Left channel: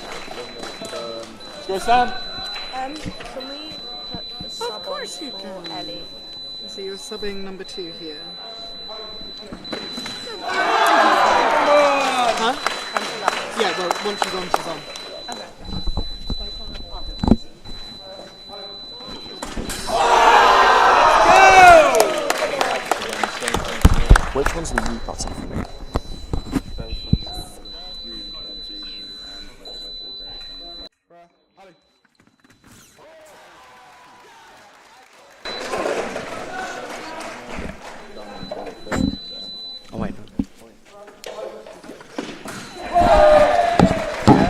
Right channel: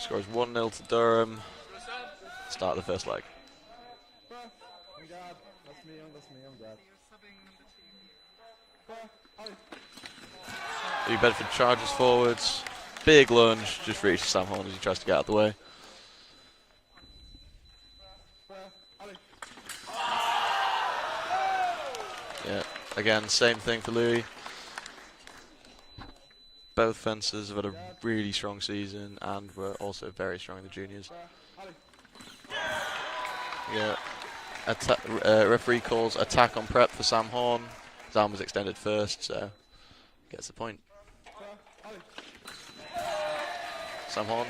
Scores 1-0 for Durham. Go Sam! Start the first leg. Can we put the sub Of course on you for can. Ellie? So you're subbing number 2 here. Big loan. Yeah, well, Good reach for Sam Horn. Tries to get out of the way. Again, same thing for Louis. Which one's the new button for me? Both fencers have had a really strong season and were also very strong in the juniors. Yeah. Referee calls attack on prep for Sam Horn. Sam was extended first, so gets the point.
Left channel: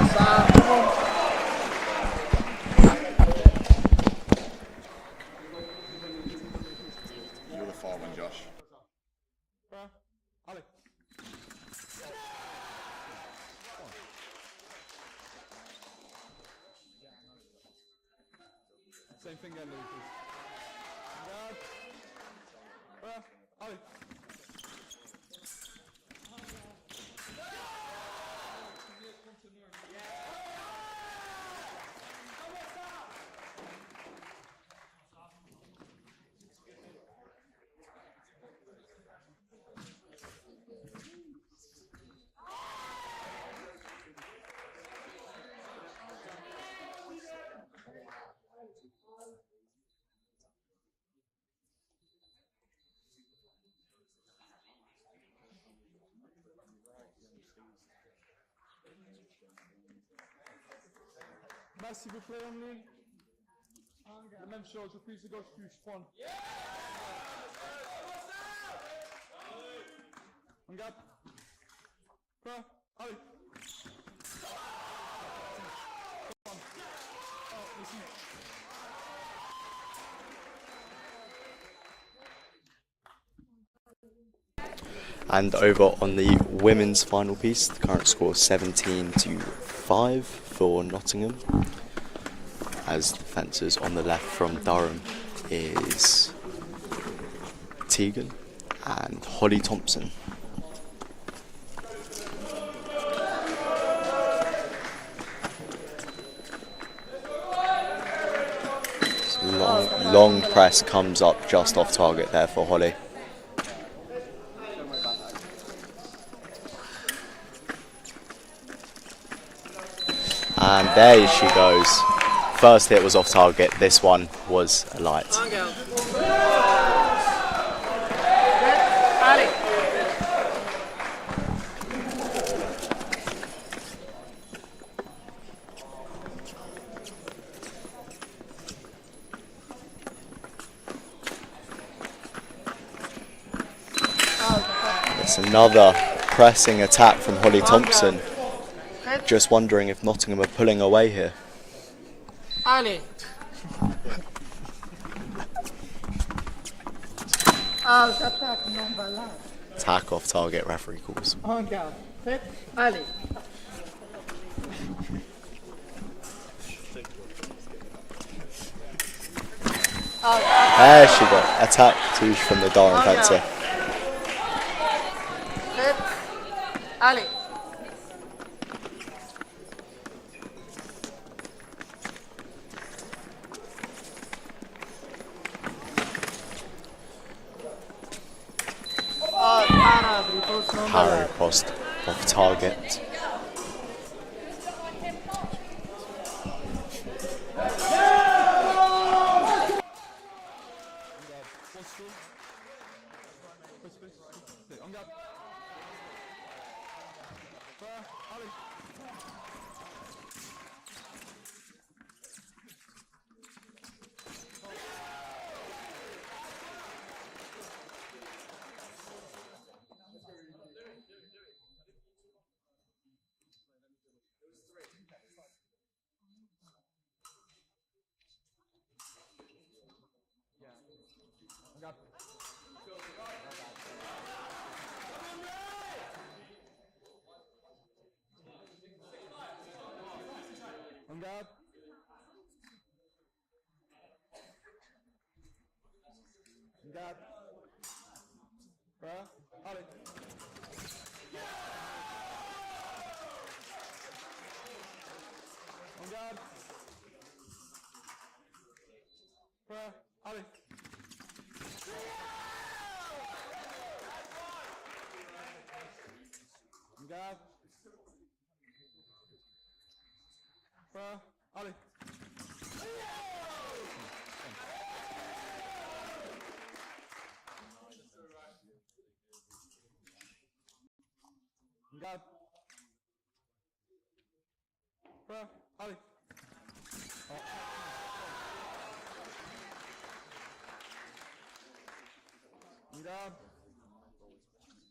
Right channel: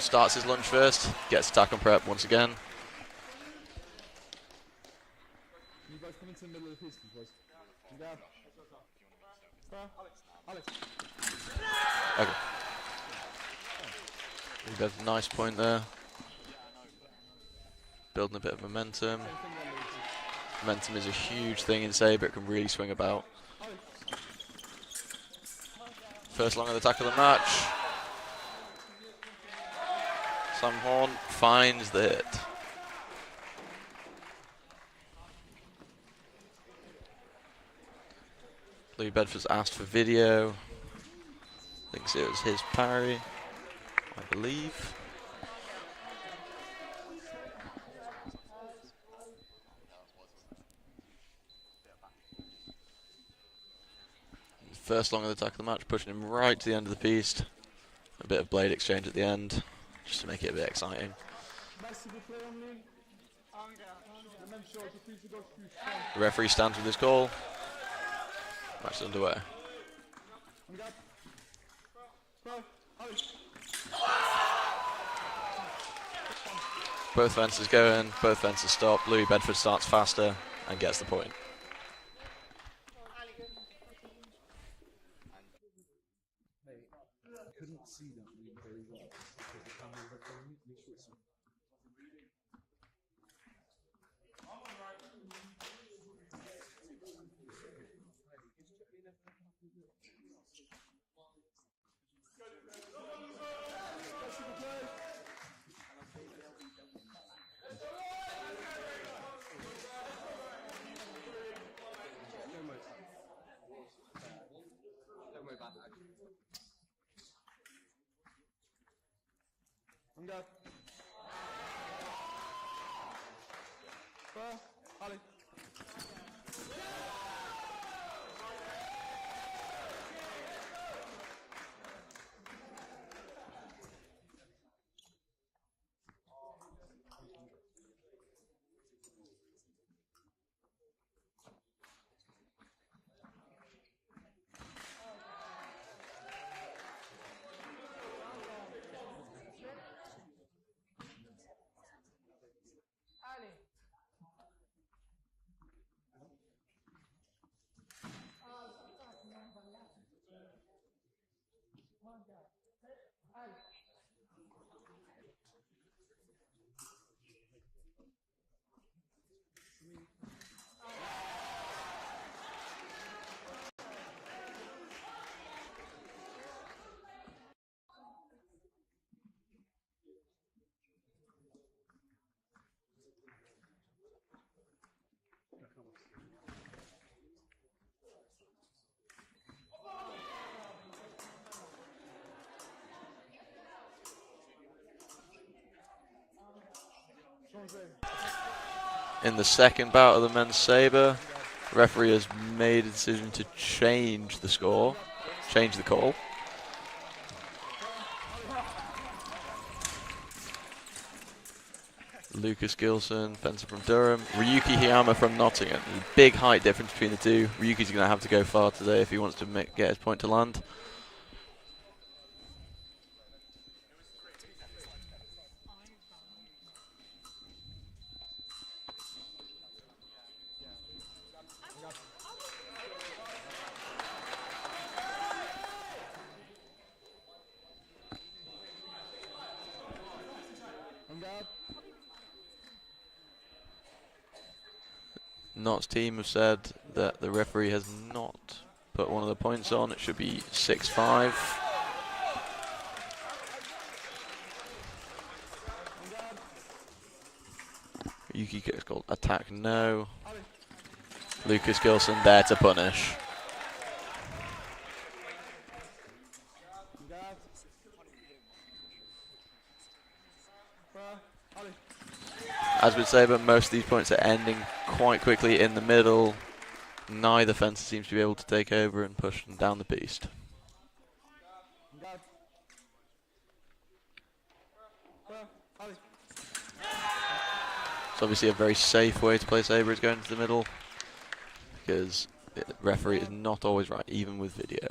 Starts on first, gets attack on prep once again. You're the farmer, Josh. Okay. We've got a nice point there. Building a bit of momentum. Momentum is a huge thing in saber, it can really swing about. First long of the attack of the match. Sam Horn finds the hit. Louis Bedford's asked for video. Thinks it was his parry, I believe. First long of the attack of the match, pushing him right to the end of the piece. A bit of blade exchange at the end, just to make it a bit exciting. The referee stands with his call. Match underway. Both fences going, both fences stop. Louis Bedford starts faster and gets the point. And over on the women's final piece, the current score is 17-5 for Nottingham. As the fencers on the left from Durham is Tegan and Holly Thompson. So long press comes up just off target there for Holly. And there she goes. First hit was off target, this one was a light. It's another pressing attack from Holly Thompson. Just wondering if Nottingham are pulling away here. Ali. Attack off target, referee calls. Ali. There she got attack touche from the Durham fencer. Ali. Para, repose number. Parry post off target. In the second bout of the men's saber, the referee has made a decision to change the score, change the call. Lucas Gilson, fencer from Durham. Ryuki Hiyama from Nottingham. Big height difference between the two. Ryuki's going to have to go far today if he wants to get his point to land. Knott's team have said that the referee has not put one of the points on. It should be 6-5. Yuki gets called attack no. Lucas Gilson there to punish. As with Saber, most of these points are ending quite quickly in the middle. Neither fencer seems to be able to take over and push them down the piste. It's obviously a very safe way to play Saber is going to the middle, because the referee is not always right, even with video.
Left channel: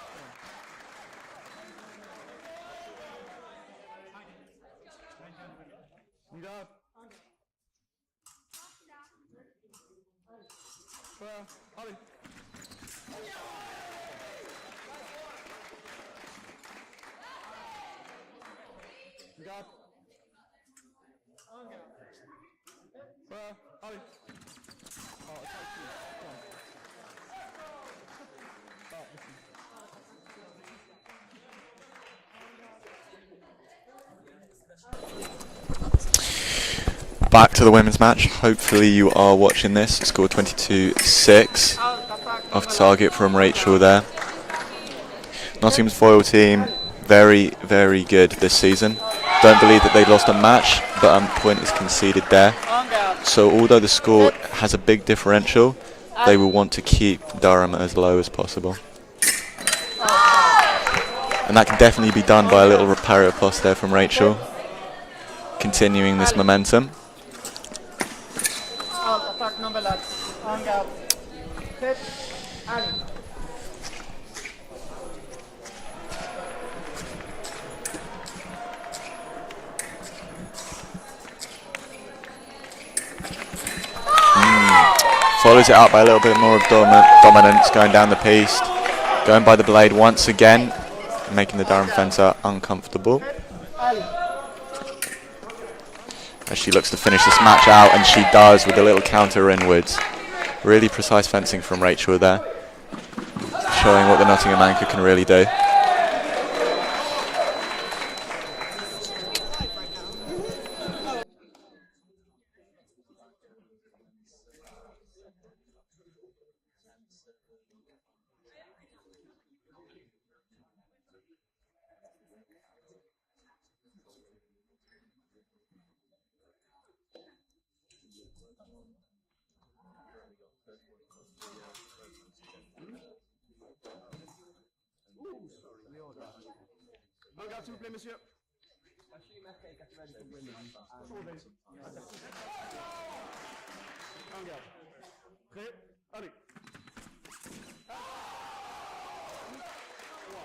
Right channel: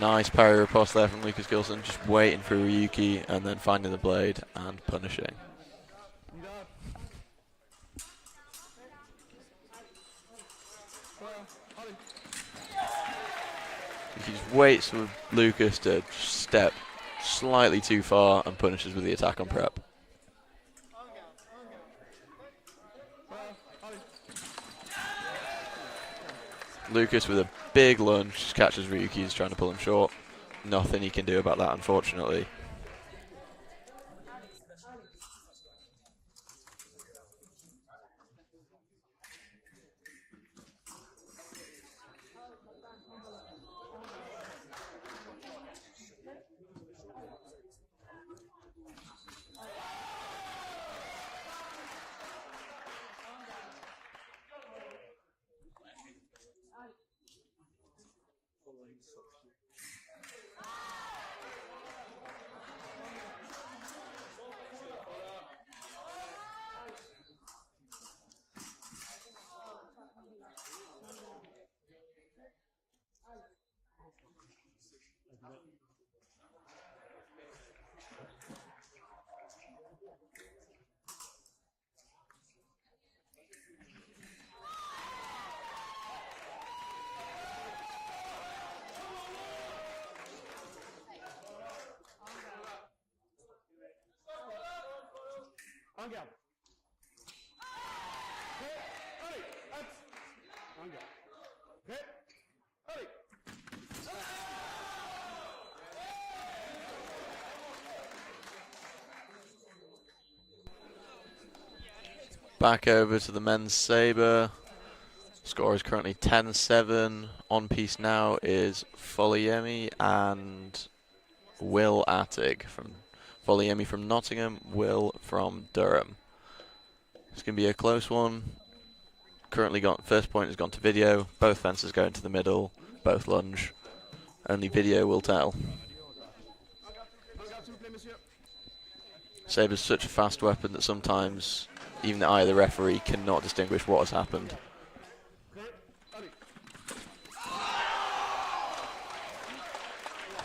Nice parry riposte there from Lucas Gilson, just waiting for Ryuki and then finding the blade and punishing. He just waits for Lucas to step slightly too far and punishes with the attack on prep. Lucas with a big lunge just catches Ryuki, he's trying to pull him short. Nothing he can do about that, unfortunately. Back to the women's match. Hopefully you are watching this. Score 22-6 off target from Rachel there. Nottingham's foil team, very, very good this season. Don't believe that they lost a match, but a point is conceded there. So although the score has a big differential, they will want to keep Durham as low as possible. And that can definitely be done by a little parry riposte there from Rachel. Continuing this momentum. Follows it up by a little bit more of dominance, going down the piste, going by the blade once again, making the Durham fencer uncomfortable. As she looks to finish this match out, and she does with a little counter inwards. Really precise fencing from Rachel there, showing what the Nottingham anchor can really do. Back over to the men's saber. Score is currently 10-7. On piste now is Foliemi and Will Attig. Foliemi from Nottingham, Will from Durham. It's going to be a close one. Currently first point has gone to video. Both fencers go into the middle. Both lunge. Only video will tell. Saber's such a fast weapon that sometimes even the eye of the referee cannot distinguish what has happened.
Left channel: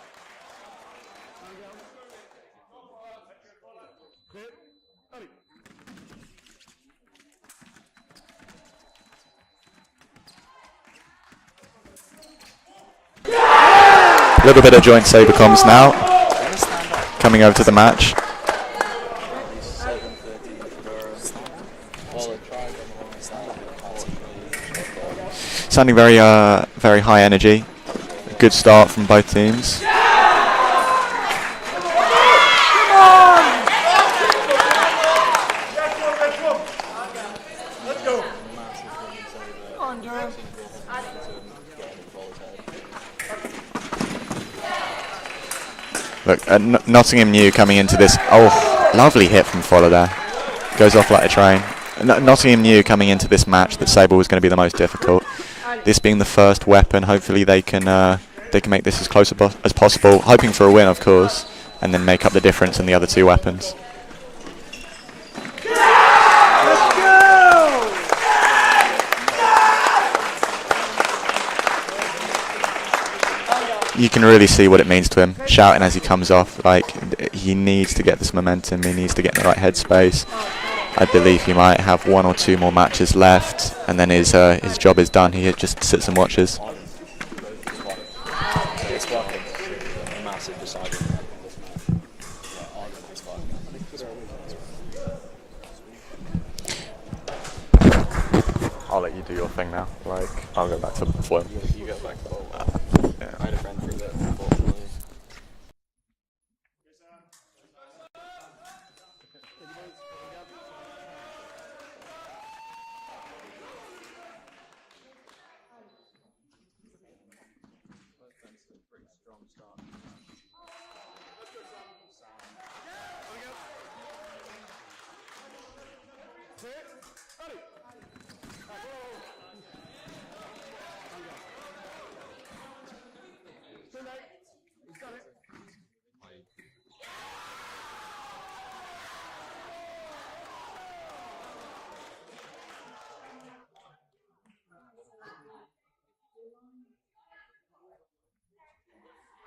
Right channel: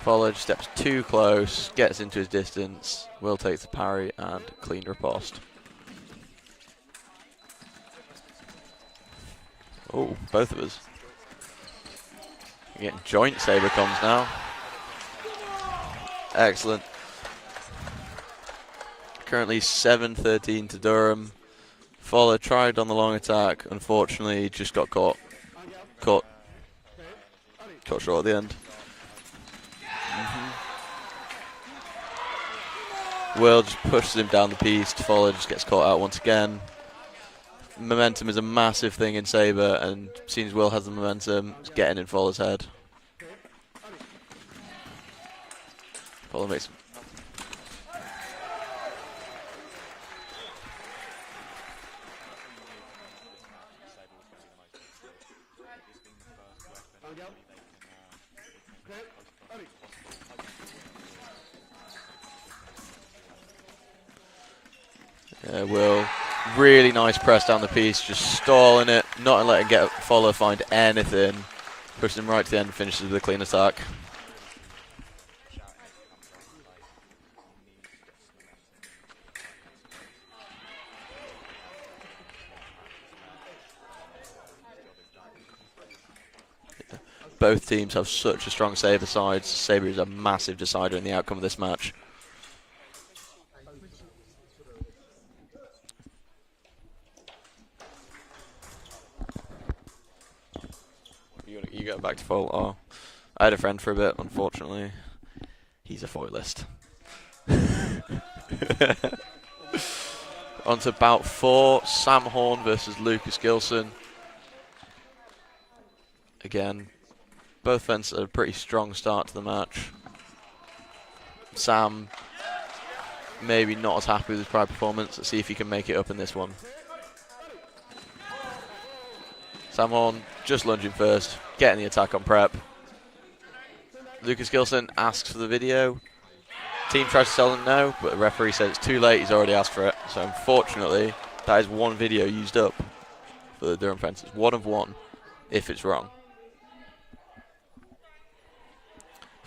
Followed, steps too close, gets into his distance. Will takes the parry and clean riposte. Oh, both of us. Getting joint saber. A little bit of joint saber comms now. Excellent. Coming over to the match. Currently 7-13 to Durham. Voller tried on the long attack, unfortunately just got caught. Sounding very very high energy. That was right at the end. Good start from both teams. Will pushes him down the piece, Voller just gets caught out once again. Momentum is a massive thing in saber, and seems Will has the momentum, it's getting in Voller's head. Look, Nottingham New coming into this. Oh, lovely hit from Voller there. Goes off like a train. Nottingham New coming into this match that saber was going to be the most difficult. This being the first weapon, hopefully they can make this as close as possible, hoping for a win, of course, and then make up the difference in the other two weapons. There you go. Really nice press down the piece, just scoring it, not letting get Voller find anything. Pushing him right to the end, finishes with an attack. You can really see what it means to him, shouting as he comes off. Like, he needs to get this momentum, he needs to get in the right headspace. I believe he might have 1 or 2 more matches left, and then his job is done. He just sits and watches. Both teams have such a strong saber side. Saber is a massive decider in the outcome of this match. I'll let you do your thing now. Like, I'll go back to foil. You go back to foil. Oh. Yeah. I had a friend for a bit, unfortunately. He's a foilist. On to bout 4, Sam Horn versus Lucas Gilson. Again, both fences had a pretty strong start to the match. Sam maybe not as happy with his prior performance. Let's see if he can make it up in this one. Sam Horn just lunging first, getting the attack on prep. Lucas Gilson asks for the video. Team tries to tell him no, but the referee says it's too late, he's already asked for it. So unfortunately, that is one video used up for the Durham fences. 1 of 1, if it's wrong.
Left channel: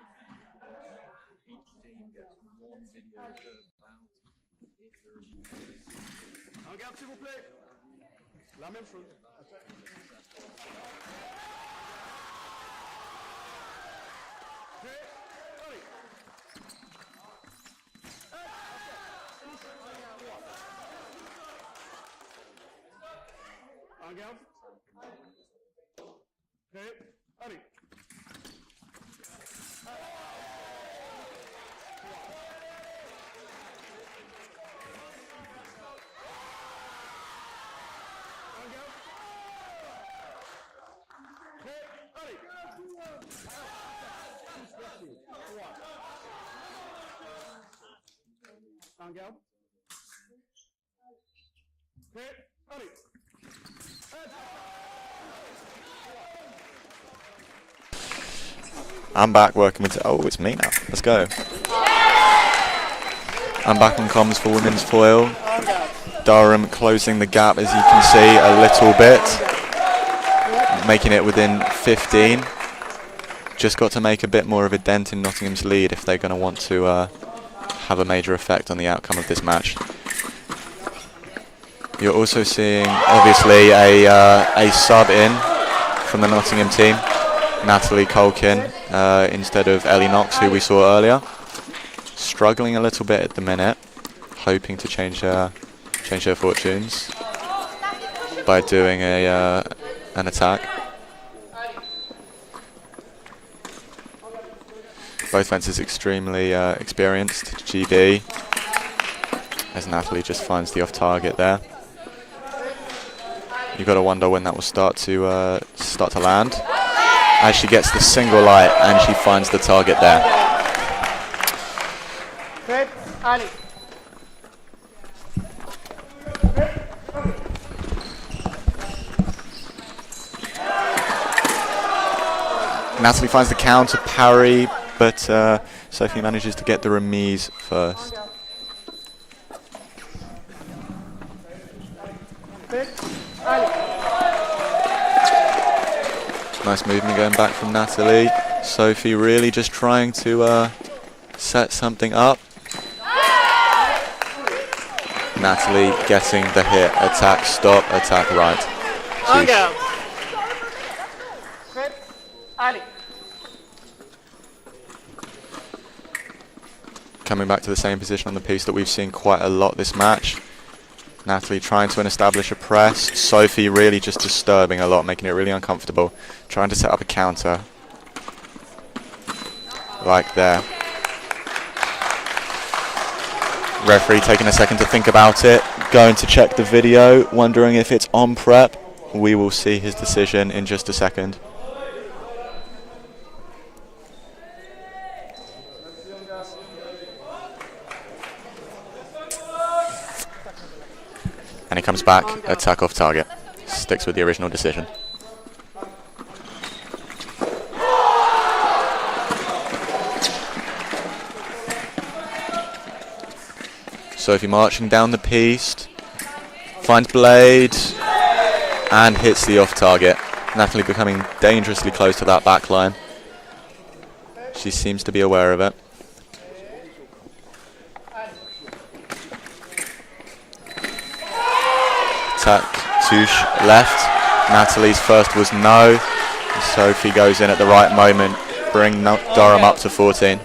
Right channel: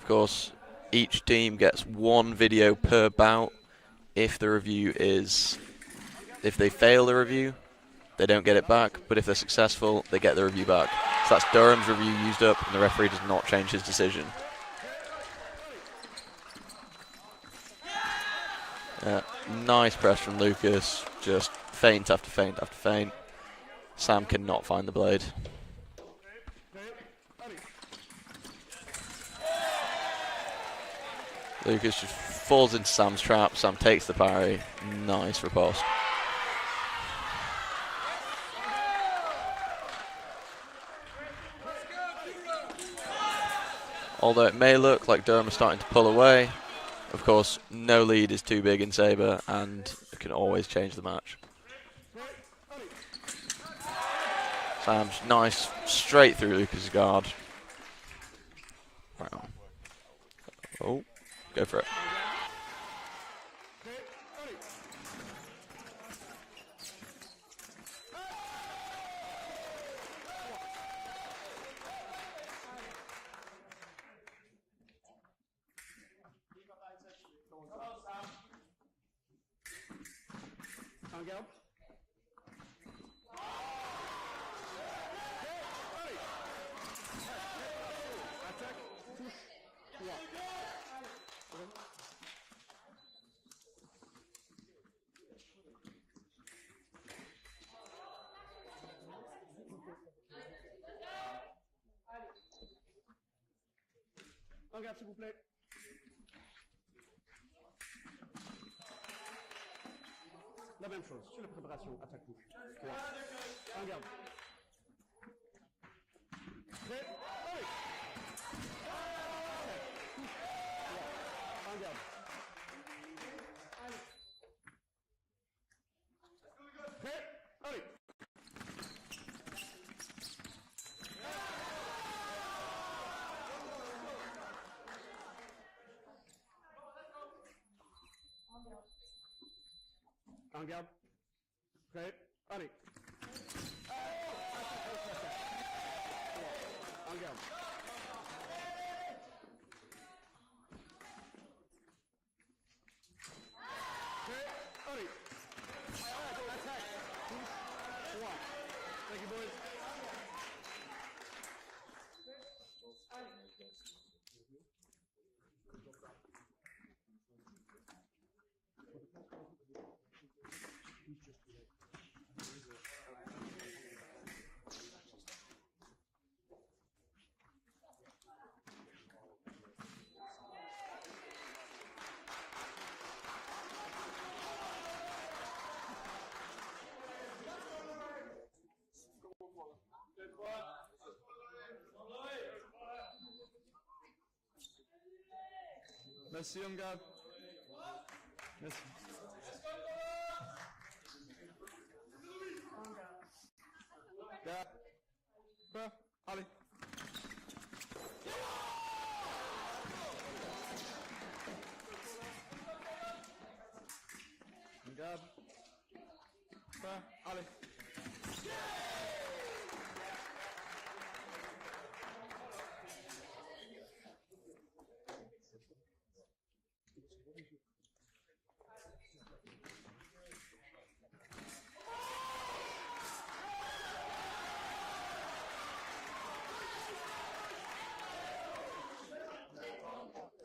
Of course, each team gets 1 video per bout. If the review is, if they fail the review, they don't get it back, but if they're successful, they get the review back. So that's Durham's review used up, and the referee does not change his decision. Yeah, nice press from Lucas, just feint after feint after feint. Sam cannot find the blade. Lucas just falls into Sam's trap, Sam takes the parry, nice riposte. Although it may look like Durham is starting to pull away, of course, no lead is too big in saber, and it can always change the match. Sam's nice, straight through Lucas' guard. I'm back working with... Oh, it's me now. Let's go. I'm back on comms for women's foil. Durham closing the gap, as you can see, a little bit. Making it within 15. Just got to make a bit more of a dent in Nottingham's lead if they're going to want to have a major effect on the outcome of this match. You're also seeing, obviously, a sub in from the Nottingham team, Natalie Colkin, instead of Ellie Knox, who we saw earlier. Struggling a little bit at the minute, hoping to change her fortunes by doing an attack. Both fences extremely experienced. GB, as Natalie just finds the off target there. You've got to wonder when that will start to land. As she gets the single light and she finds the target there. Natalie finds the counter parry, but Sophie manages to get the remise first. Nice movement going back from Natalie. Sophie really just trying to set something up. Natalie getting the hit. Attack, stop, attack, right. Sheesh. Coming back to the same position on the piece that we've seen quite a lot this match. Natalie trying to establish a press. Sophie really just disturbing a lot, making it really uncomfortable. Trying to set up a counter. Like there. Referee taking a second to think about it. Going to check the video, wondering if it's on prep. We will see his decision in just a second. And he comes back, attack off target. Sticks with the original decision. Sophie marching down the piste, finds blade, and hits the off target. Natalie becoming dangerously close to that back line. She seems to be aware of it. Attack, touche, left. Natalie's first was no. And Sophie goes in at the right moment, bring Durham up to 14.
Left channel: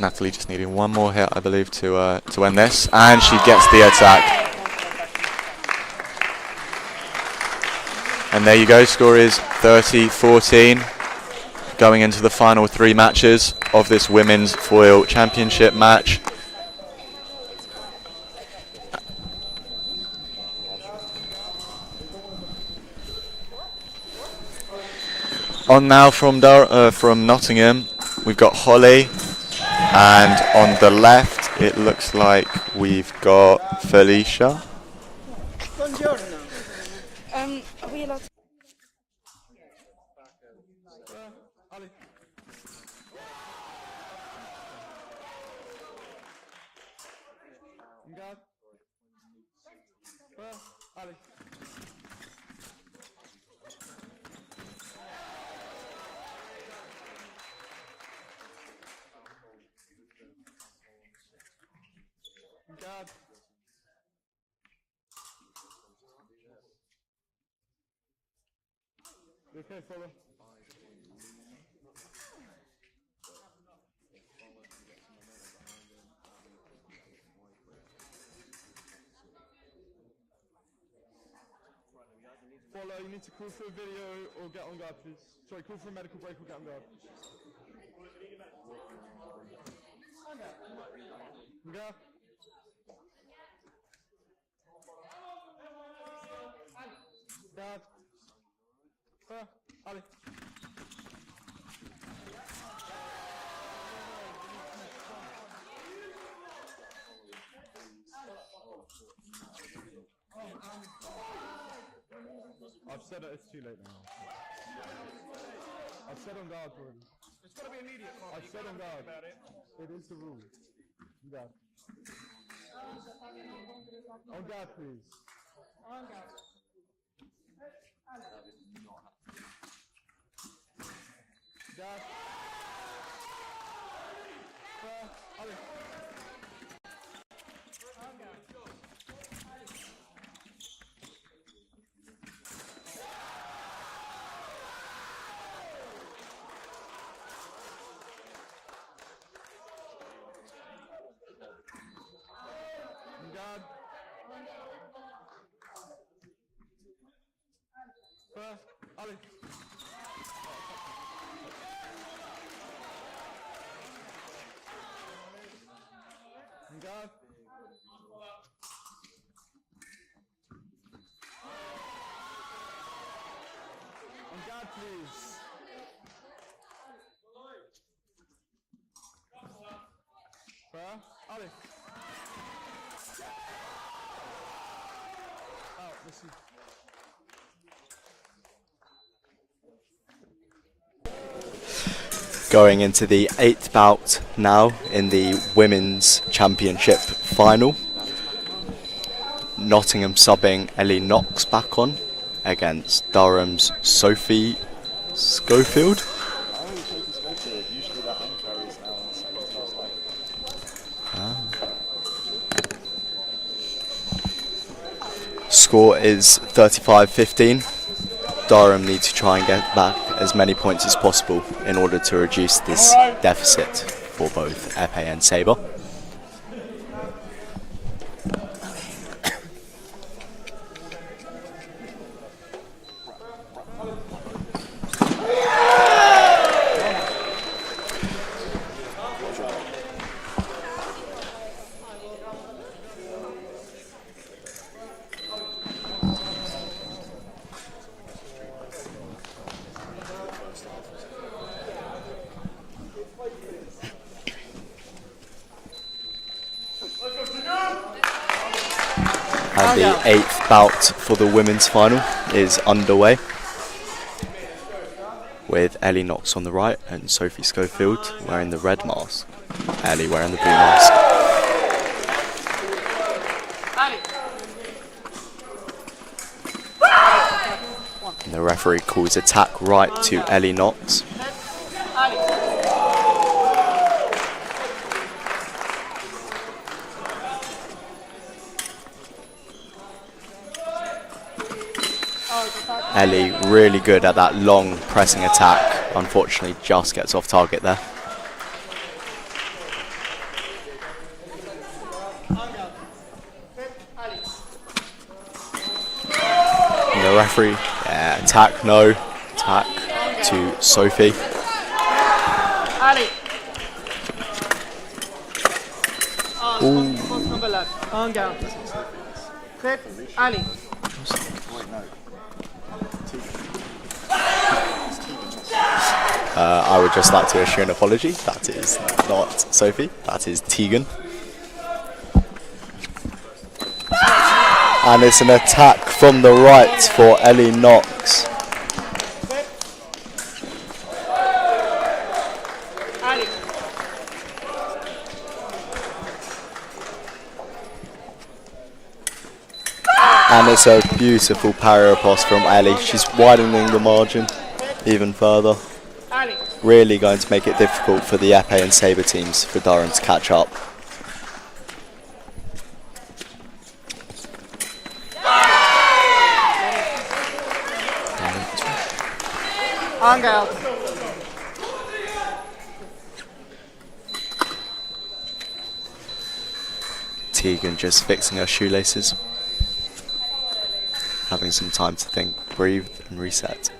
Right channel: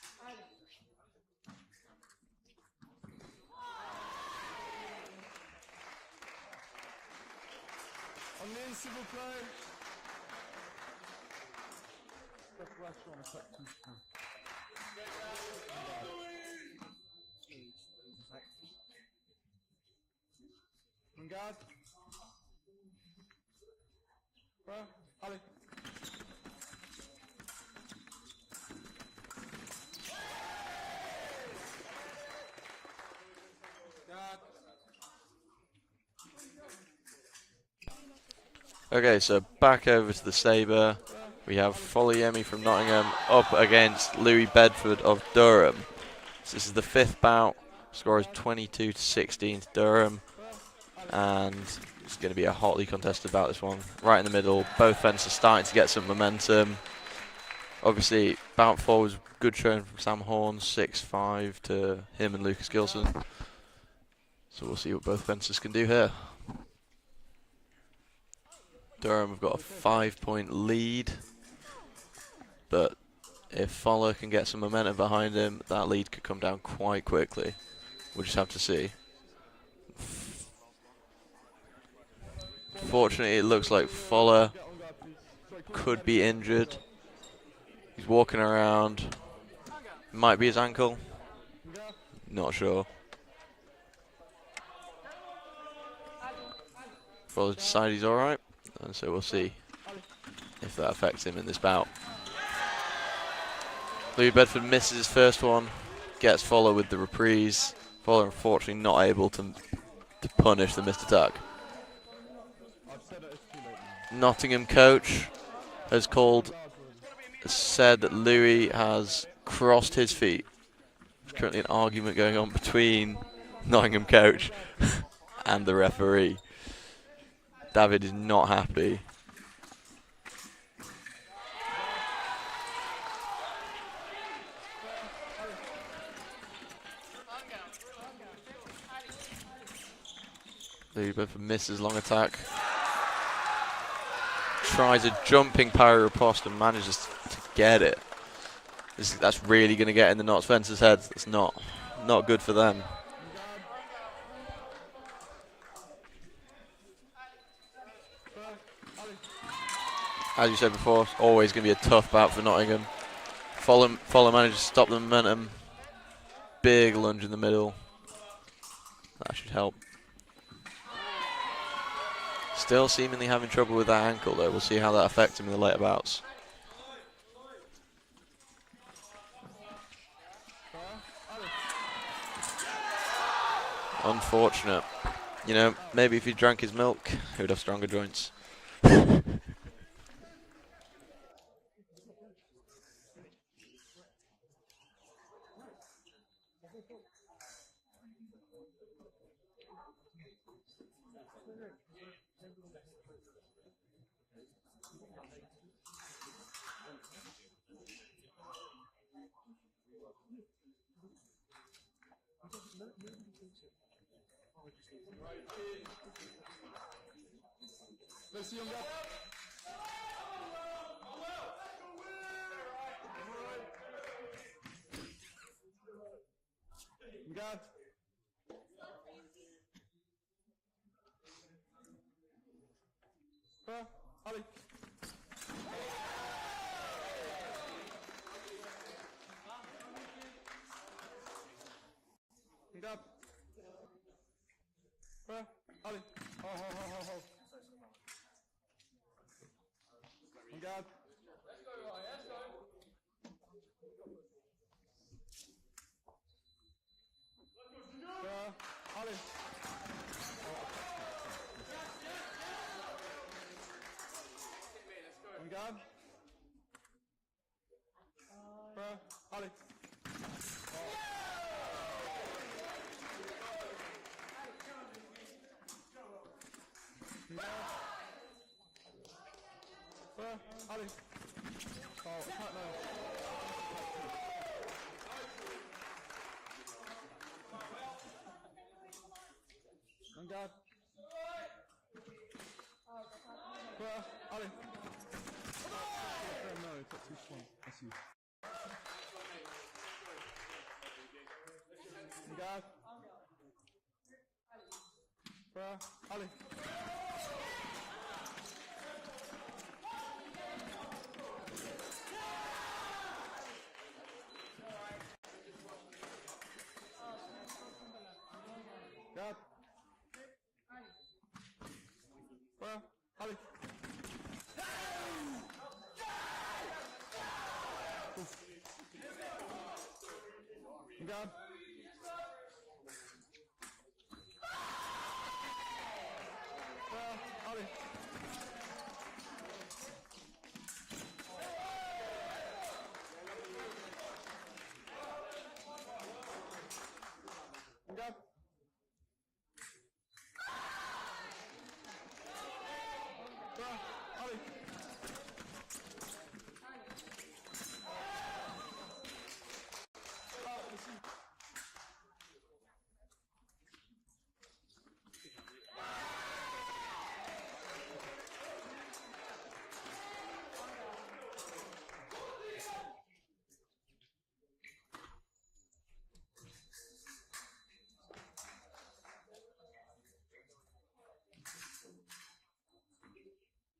Natalie just needing one more hit, I believe, to end this, and she gets the attack. And there you go, score is 30-14. Going into the final 3 matches of this Women's Foil Championship match. On now from Nottingham, we've got Holly, and on the left it looks like we've got Felicia. Okay, so back over to the saber. We have Foliemi from Nottingham up against Louis Bedford of Durham. So this is the 5th bout. Score is 22-16 to Durham. And it's going to be a hotly contested bout, this one. Right in the middle. Both fences starting to get some momentum. Obviously, bout 4 was good showing from Sam Horn, 6-5 to him and Lucas Gilson. So we'll see what both fences can do here. Durham have got a 5-point lead, but if Fowler can get some momentum behind him, that lead could come down quite quickly. We'll just have to see. Fortunately, it looks like Fowler could be injured. He's walking around. Might be his ankle. Not sure. Fowler's decided he's alright. And so we'll see if that affects him in this bout. Louis Bedford misses his first one, gets Fowler with the reprise. Fowler unfortunately not able to punish the missed attack. Nottingham coach has said that Louis has crossed his feet. There's currently an argument going on between Nottingham coach and the referee. David is not happy. Louis Bedford misses long attack. Tries a jumping parry riposte and manages to get it. That's really going to get in the Notts fence's heads. It's not good for them. As you said before, it's always going to be a tough bout for Nottingham. Fowler manages to stop the momentum. Big lunge in the middle. That should help. Still seemingly having trouble with that ankle though. We'll see how that affects him in the later bouts. Unfortunate. You know, maybe if he drank his milk, he would have stronger joints. Going into the 8th bout now in the Women's Championship final. Nottingham subbing Ellie Knox back on against Durham's Sophie Schofield. Score is 35-15. Durham need to try and get back as many points as possible in order to reduce this deficit. for both epee and saber. And the 8th bout for the women's final is underway, with Ellie Knox on the right and Sophie Schofield wearing the red mask. Ellie wearing the blue mask. And the referee calls attack right to Ellie Knox. Ellie really good at that long pressing attack. Unfortunately, just gets off target there. And the referee, yeah, attack, no. Attack to Sophie. Ooh. I would just like to issue an apology. That is not Sophie, that is Tegan. And it's an attack from the right for Ellie Knox. And it's a beautiful parry riposte from Ellie. She's widening the margin even further. Really going to make it difficult for the epee and saber teams for Durham to catch up. Tegan just fixing her shoelaces, having some time to think, breathe and reset.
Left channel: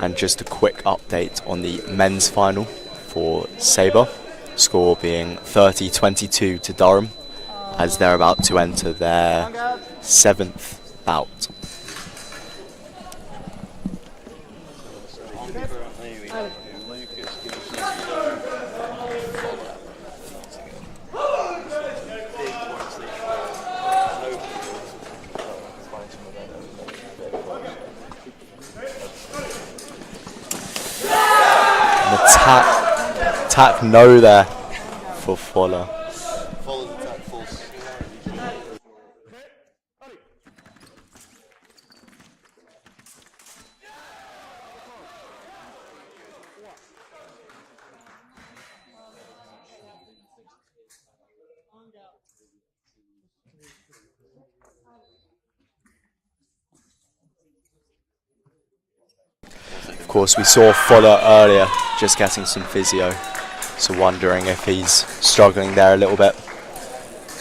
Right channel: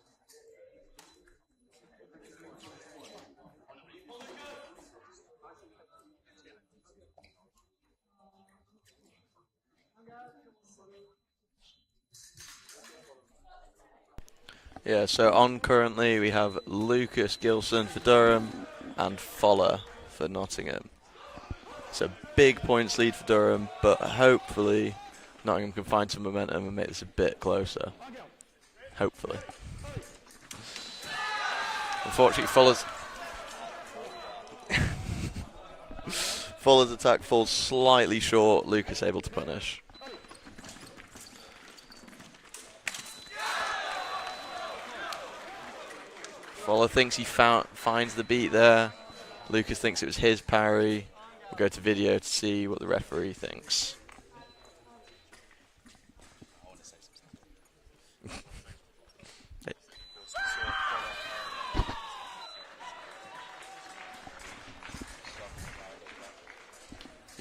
And just a quick update on the men's final for saber, score being 30-22 to Durham, as they're about to enter their 7th bout. Yeah, so on currently we have Lucas Gilson for Durham and Fowler for Nottingham. It's a big points lead for Durham, but hopefully Nottingham can find some momentum and make this a bit closer. Hopefully. Attack no there for Fowler. Fowler's attack falls slightly short, Lucas able to punish. Fowler thinks he finds the beat there. Lucas thinks it was his parry. We'll go to video to see what the referee thinks. Of course, we saw Fowler earlier just getting some physio, so wondering if he's struggling there a little bit.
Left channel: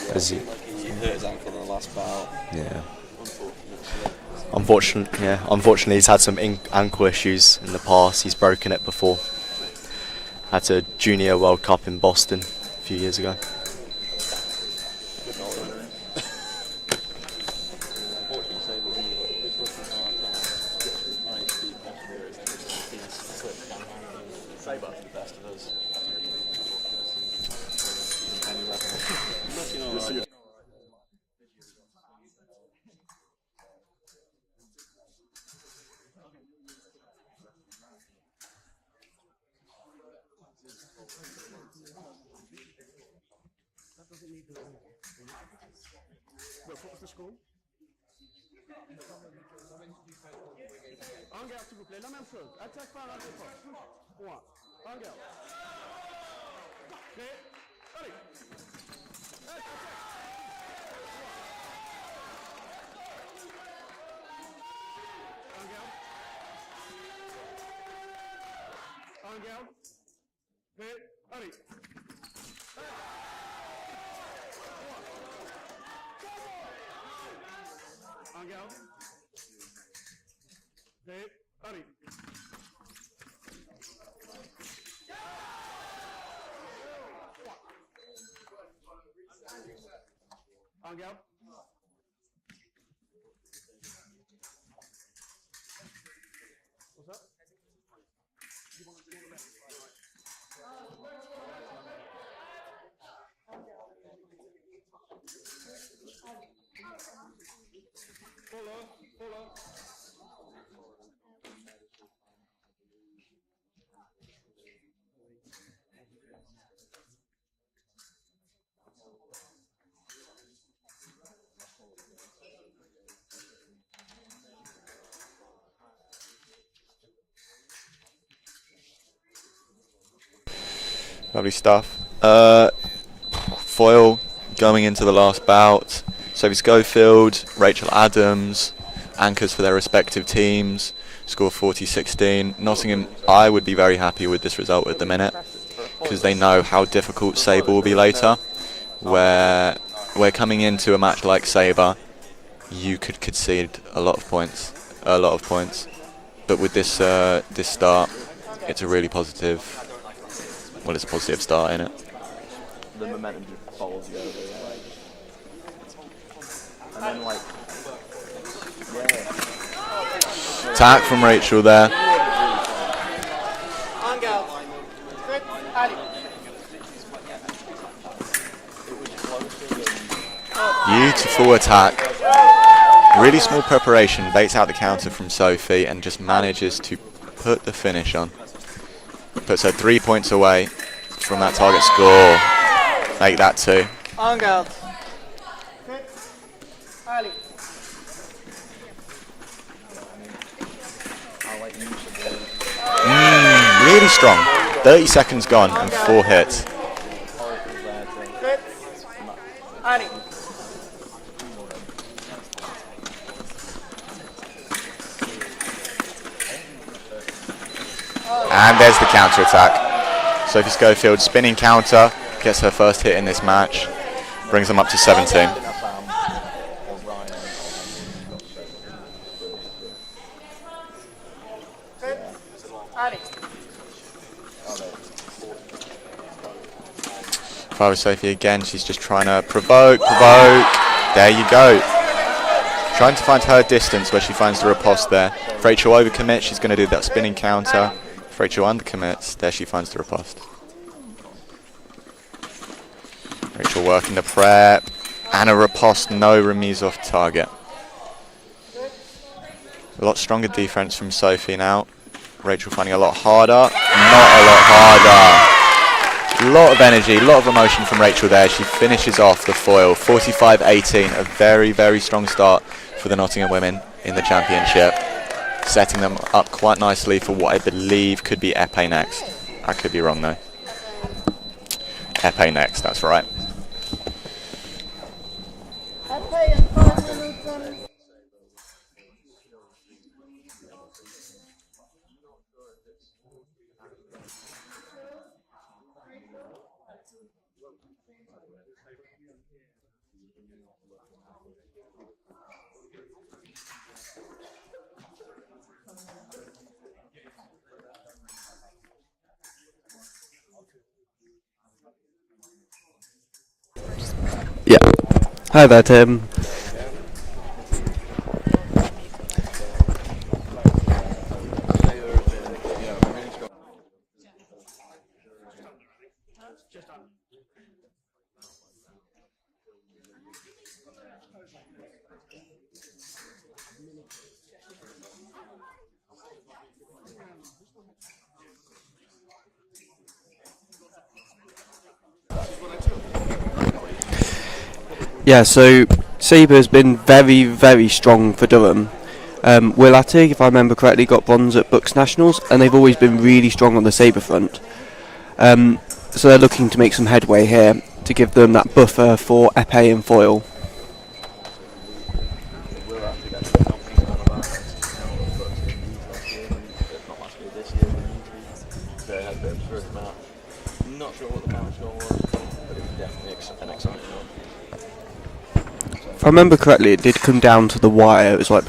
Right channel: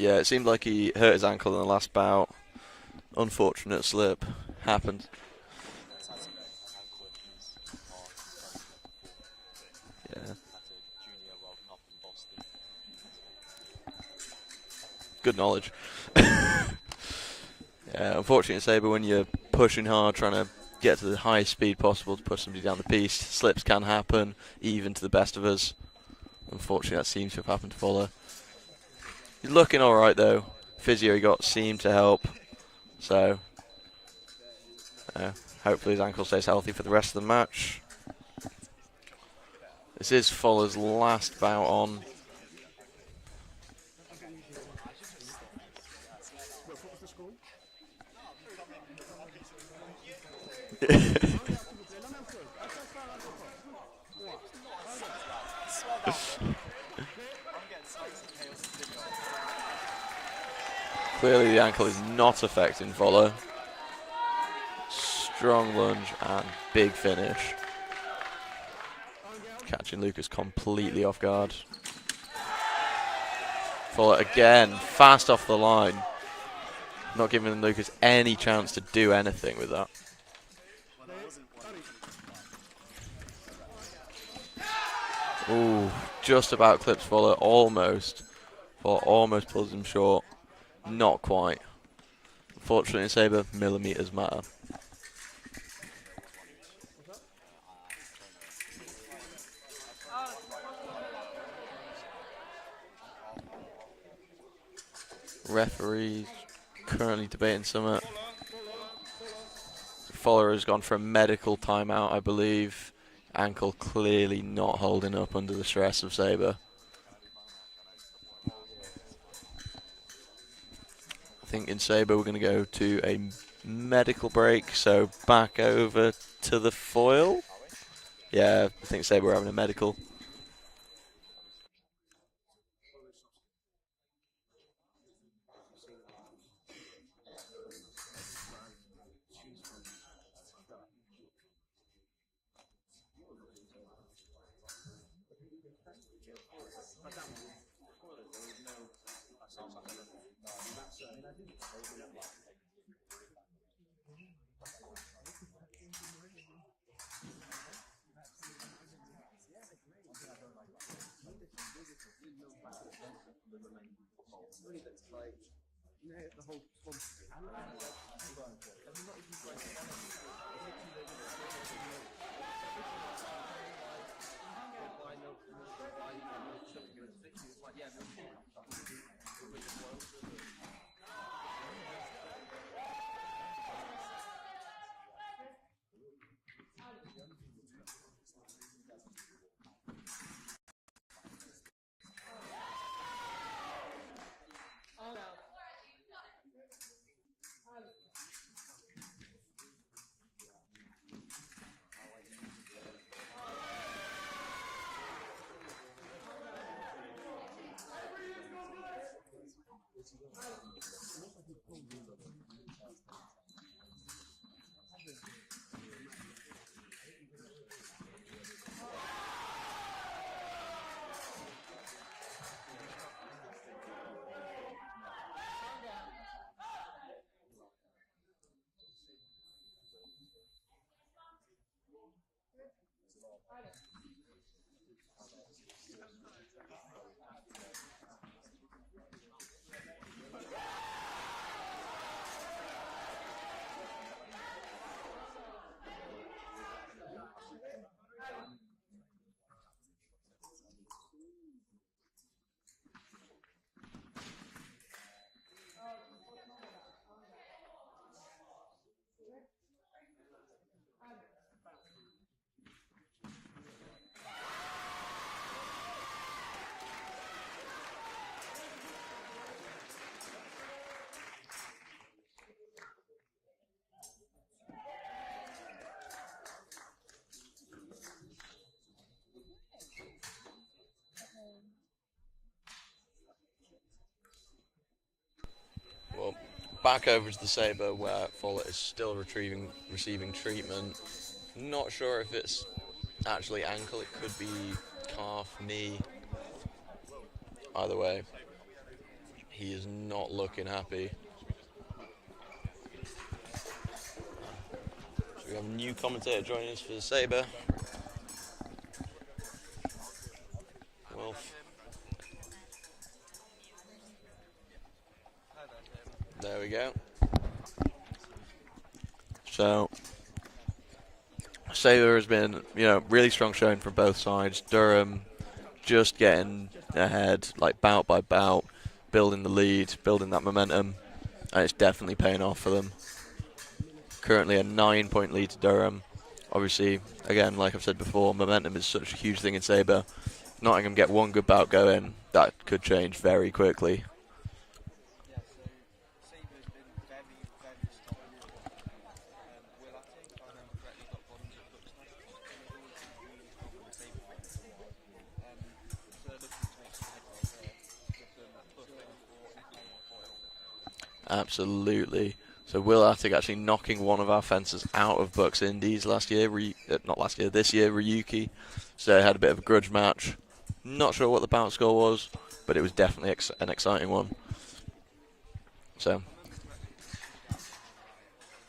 Yeah, it seemed like he hurt his ankle in the last bout. Yeah. Unfortunate slip. Unfortunately, he's had some ankle issues in the past. He's broken it before. At a Junior World Cup in Boston a few years ago. Good knowledge. Yeah, unfortunately, Saber, when you're pushing hard, trying to get to the highest speed possible to push somebody down the piece, slips can happen, even to the best of us. Unfortunately, that seems to have happened to Fuller. He's looking all right though. Physio he got seemed to help. So, hopefully his ankle stays healthy for the rest of the match. This is Fuller's last bout on. Clearly the ankle is not affecting Fuller. strong lunge and big finish. Catching Lucas completely off guard. Fuller again, fast off the line. Not giving Lucas any chance to do anything with that. Ooh, just about clips Fuller, almost. Fuller almost pulls him short. Not quite. Unfortunately in saber, millimeters matter. Referee currently debating something. Fuller has gone for a medical timeout, I believe. Ankle clearly not holding up under the stress of saber. I think in saber we're going to go to a medical break, so back over to the foil. Yeah, I think saber we're having a medical. Lovely stuff. Foil going into the last bout. Sophie Schofield, Rachel Adams, anchors for their respective teams. Score 40-16. Nottingham, I would be very happy with this result at the minute because they know how difficult saber will be later. Where we're coming into a match like saber, you could concede a lot of points. But with this this start, it's a really positive. Well, it's a positive start, isn't it? The momentum just follows you over. And then, like, Attack from Rachel there. Beautiful attack. Really small preparation, baits out the counter from Sophie and just manages to put the finish on. Puts her 3 points away from that target score. Make that 2. Really strong. 30 seconds gone and 4 hits. And there's the counter attack. Sophie Schofield spinning counter, gets her first hit in this match, brings them up to 17. Fire Sophie again, she's just trying to provoke. There you go. Trying to find her distance where she finds the riposte there. If Rachel overcommits, she's going to do that spinning counter. If Rachel undercommits, there she finds the riposte. Rachel working the prep. And a riposte, no remise off target. A lot stronger defense from Sophie now. Rachel finding a lot harder. Not a lot harder. A lot of energy, a lot of emotion from Rachel there. She finishes off the foil, 45-18, a very, very strong start for the Nottingham women in the championship, setting them up quite nicely for what I believe could be epee next. I could be wrong though. Epee next, that's right. Back over to the saber where Fuller is still receiving treatment. Not sure if it's actually ankle, it could be calf, knee. Either way, he is not looking happy. So we have a new commentator joining us for the saber. Wolf. Yeah. Hi there, Tim. There we go. So, saber has been, really strong showing from both sides. Durham just getting ahead, like bout by bout, building the lead, building that momentum, and it's definitely paying off for them. Currently a 9-point lead to Durham. Obviously, again, like I've said before, momentum is such a huge thing in saber. Nottingham get one good bout going, that could change very quickly. Yeah, so saber has been very, very strong for Durham. Will Attig, if I remember correctly, got bronze at BUCS Nationals, and they've always been really strong on the saber front. So they're looking to make some headway here to give them that buffer for epee and foil. Absolutely. So Will Attig actually knocking one of our fencers out of BUCS Indies last year, not last year, this year, Ryuki. So they had a bit of a grudge match. Not sure what the bout score was, but it was definitely an exciting one. So If I remember correctly, it did come down to the wire. It was like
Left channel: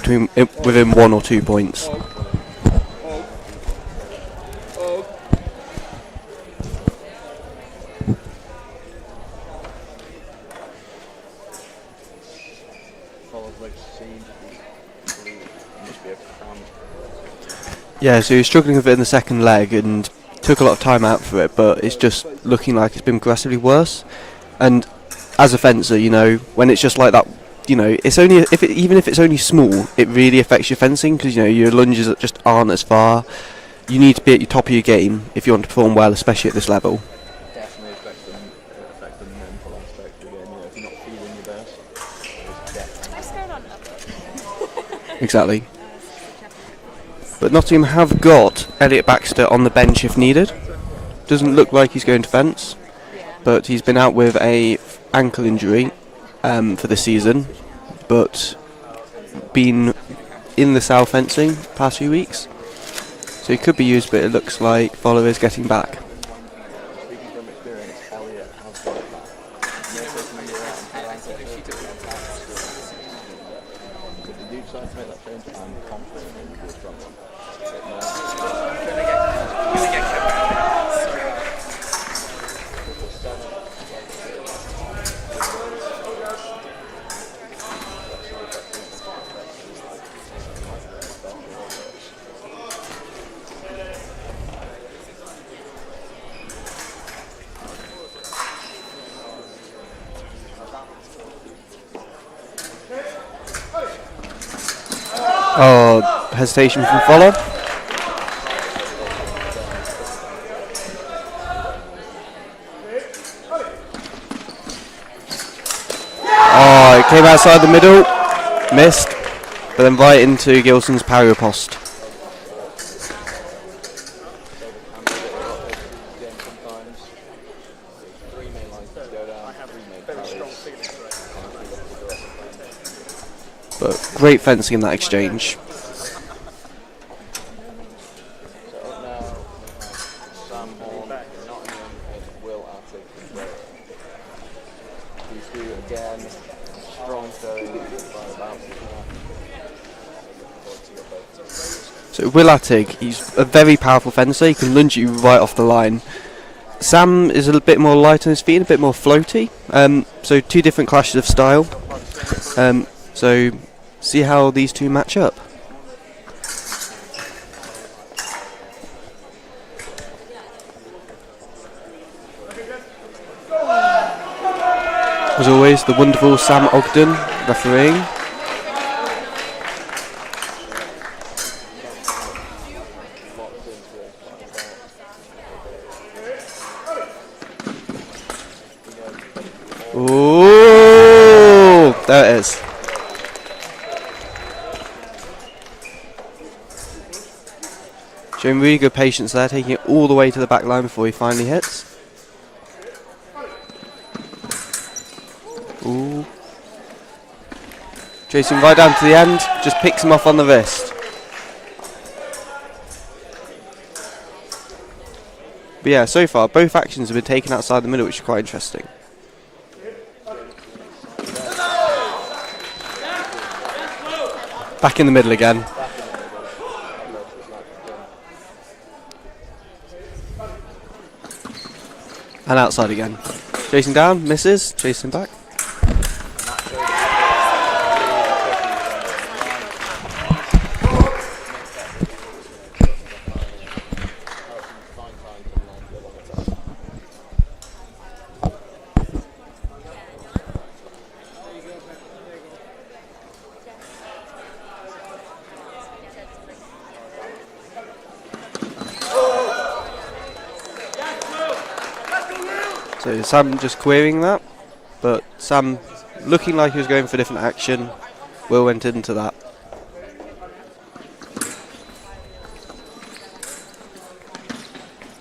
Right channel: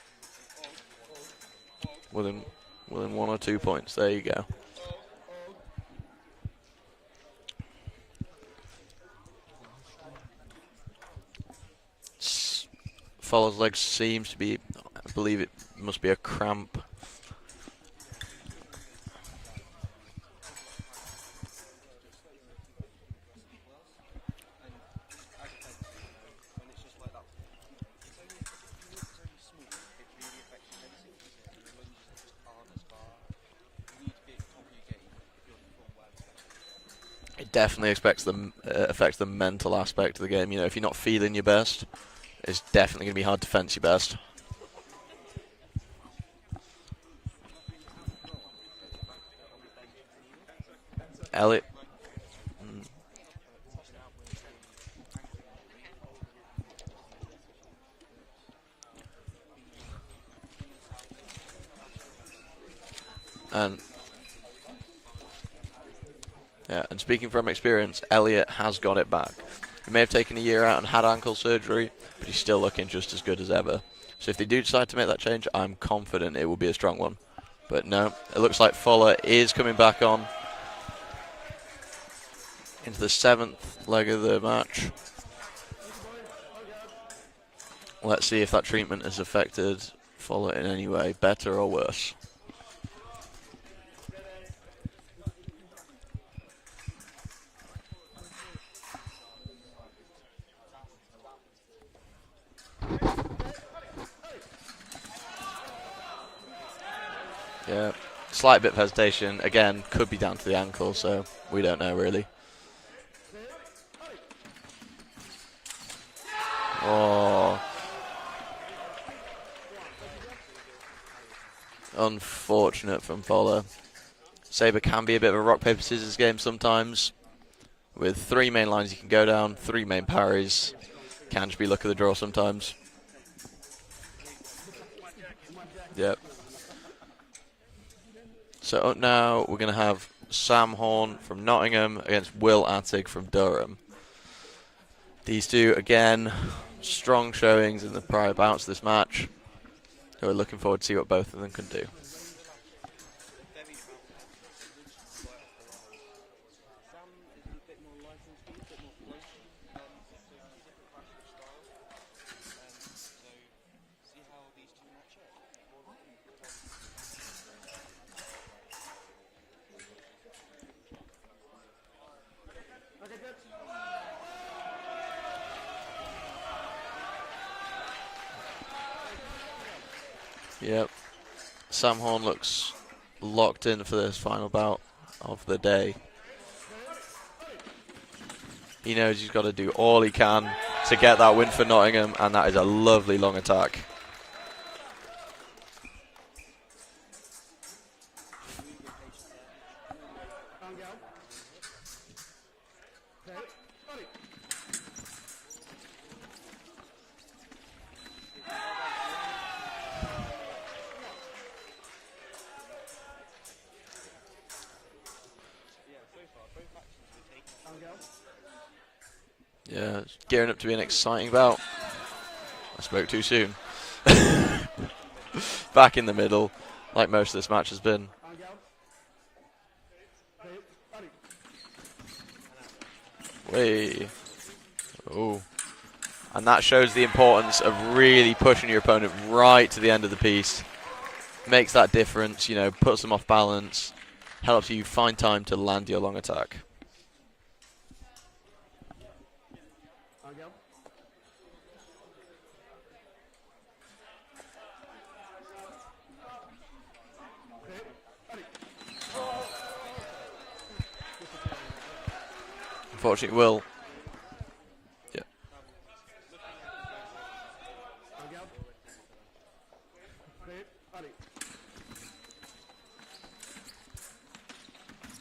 within 1 or 2 points. within 1 or 2 points, there you go. Follows leg seems to be, I believe it must be a cramp. Yeah, so he was struggling with it in the second leg and took a lot of time out for it, but it's just looking like it's been progressively worse. And as a fencer, you know, when it's just like that, you know, it's only even if it's only small, it really affects your fencing because, you know, your lunges just aren't as far. You need to be at your top of your game if you want to perform well, especially at this level. It definitely affects the mental aspect of the game. You know, if you're not feeling your best, it's definitely going to be hard to fence your best. Exactly. But Nottingham have got Elliot Baxter on the bench if needed. Doesn't look like he's going to fence, but he's been out with a ankle injury for this season, but been in the south fencing past few weeks. So he could be used, but it looks like Follow is getting back. Yeah, and speaking from experience, Elliot has got it back. He may have taken a year out and had ankle surgery. He's still looking just as good as ever. So if they do decide to make that change, I'm confident it will be a strong one. But no, it looks like Fuller is coming back on. The 7th leg of the match. Let's see if that treatment has affected Fuller in any way, better or worse. Oh, hesitation from Fuller. Slight bit of hesitation. Again, could be down to the ankle, so we don't know really. Oh, it came outside the middle, missed, but then right into Gilson's parry post. Unfortunate from Fuller. Saber can be a bit of a rock, paper, scissors game sometimes. With 3 main lines you can go down, 3 main parries. Can just be luck of the draw sometimes. But great fencing in that exchange. Yep. So up now we're going to have Sam Horn from Nottingham against Will Attig from Durham. These two, again, strong showings in the prior bouts this match. So we're looking forward to see what both of them can do. So Will Attig, he's a very powerful fencer. He can lunge you right off the line. Sam is a bit more light on his feet, a bit more floaty. So 2 different clashes of style. So see how these two match up. As always, the wonderful Sam Ogden refereeing. Yep. Sam Horn looks locked in for this final bout of the day. He knows he's got to do all he can. Ooh, there it That is. is a lovely long attack. Showing really good patience there, taking it all the way to the back line before he finally hits. Ooh. Chasing right down to the end, just picks him off on the wrist. But yeah, so far both actions have been taken outside the middle, which is quite interesting. Yeah, it's gearing up to be an exciting bout. Spoke too soon. Back in the middle again. Back in the middle, like most of this match has been. And outside again. Hey. Chasing down, misses, chasing back. Ooh. And that shows the importance of really pushing your opponent right to the end of the piece. Makes that difference, you know, puts them off balance, helps you find time to land your long attack. So Sam just querying that, but Sam looking like he was going for a different action. Will went into that.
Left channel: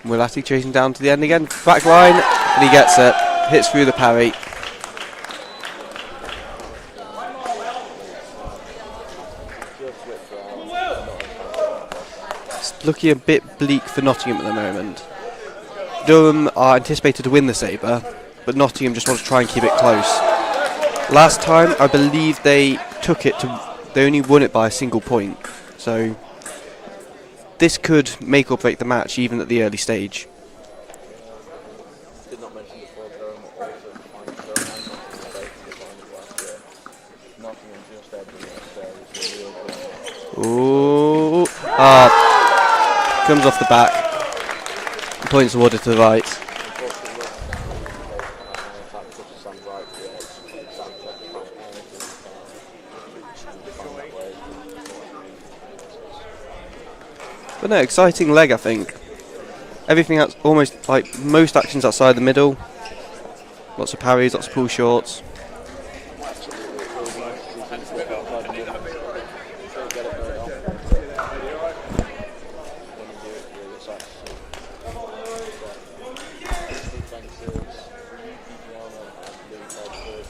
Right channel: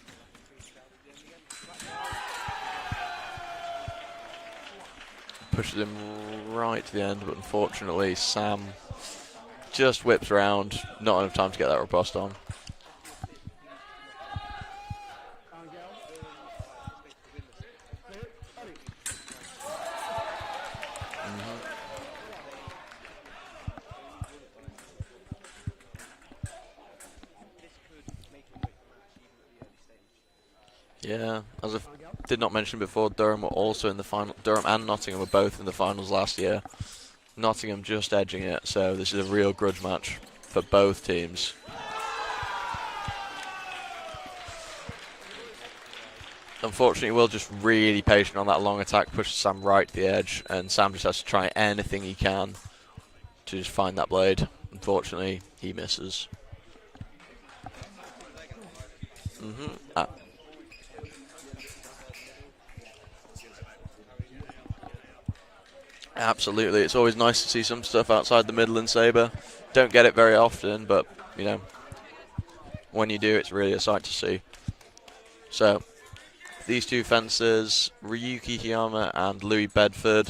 Willati chasing down to the end again. Back line, and he gets it. Hits through the parry. pushes him right to the end, but unfortunately Sam just whips around, not enough time to get that riposte on. It's looking a bit bleak for Nottingham at the moment. Durham are anticipated to win the saber, but Nottingham just want to try and keep it close. Last time, I believe they took it to. They only won it by a single point, so this could make or break the match even at the early stage. Yeah, as I did not mention before, Durham were also in the final. Durham and Nottingham were both in the finals last year. Nottingham just edging it, so this is a real grudge match for both teams. Comes off the back. Points awarded to the right. Unfortunately, Will just really patient on that long attack, pushes Sam right to the edge, and Sam just has to try anything he can to just find that blade. Unfortunately, he misses. But no, exciting leg, I think. Everything else, almost like most actions outside the middle. Lots of parries, lots of pull shorts. Absolutely, it's always nice to see some stuff outside the middle in saber. Don't get it very often, but you know, when you do, it's really a sight to see. So, these two fencers, Ryuki Hiyama and Louis Bedford,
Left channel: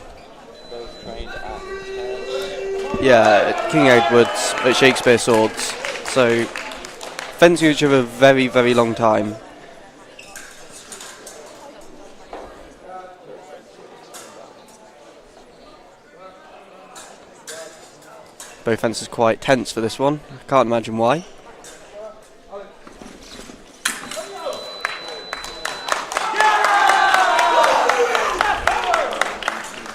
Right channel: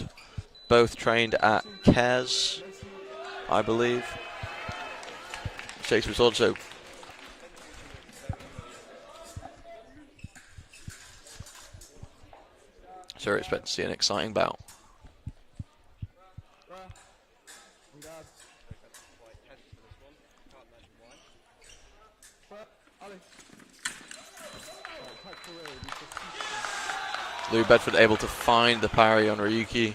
both trained at Kes. Yeah, at King Edward's at Shakespeare Swords. So, fencing each other a very, very long time. So, we're expecting to see an exciting bout. Both fencers quite tense for this one. I can't imagine why. Will Bedford able to find the parry on Ryuki.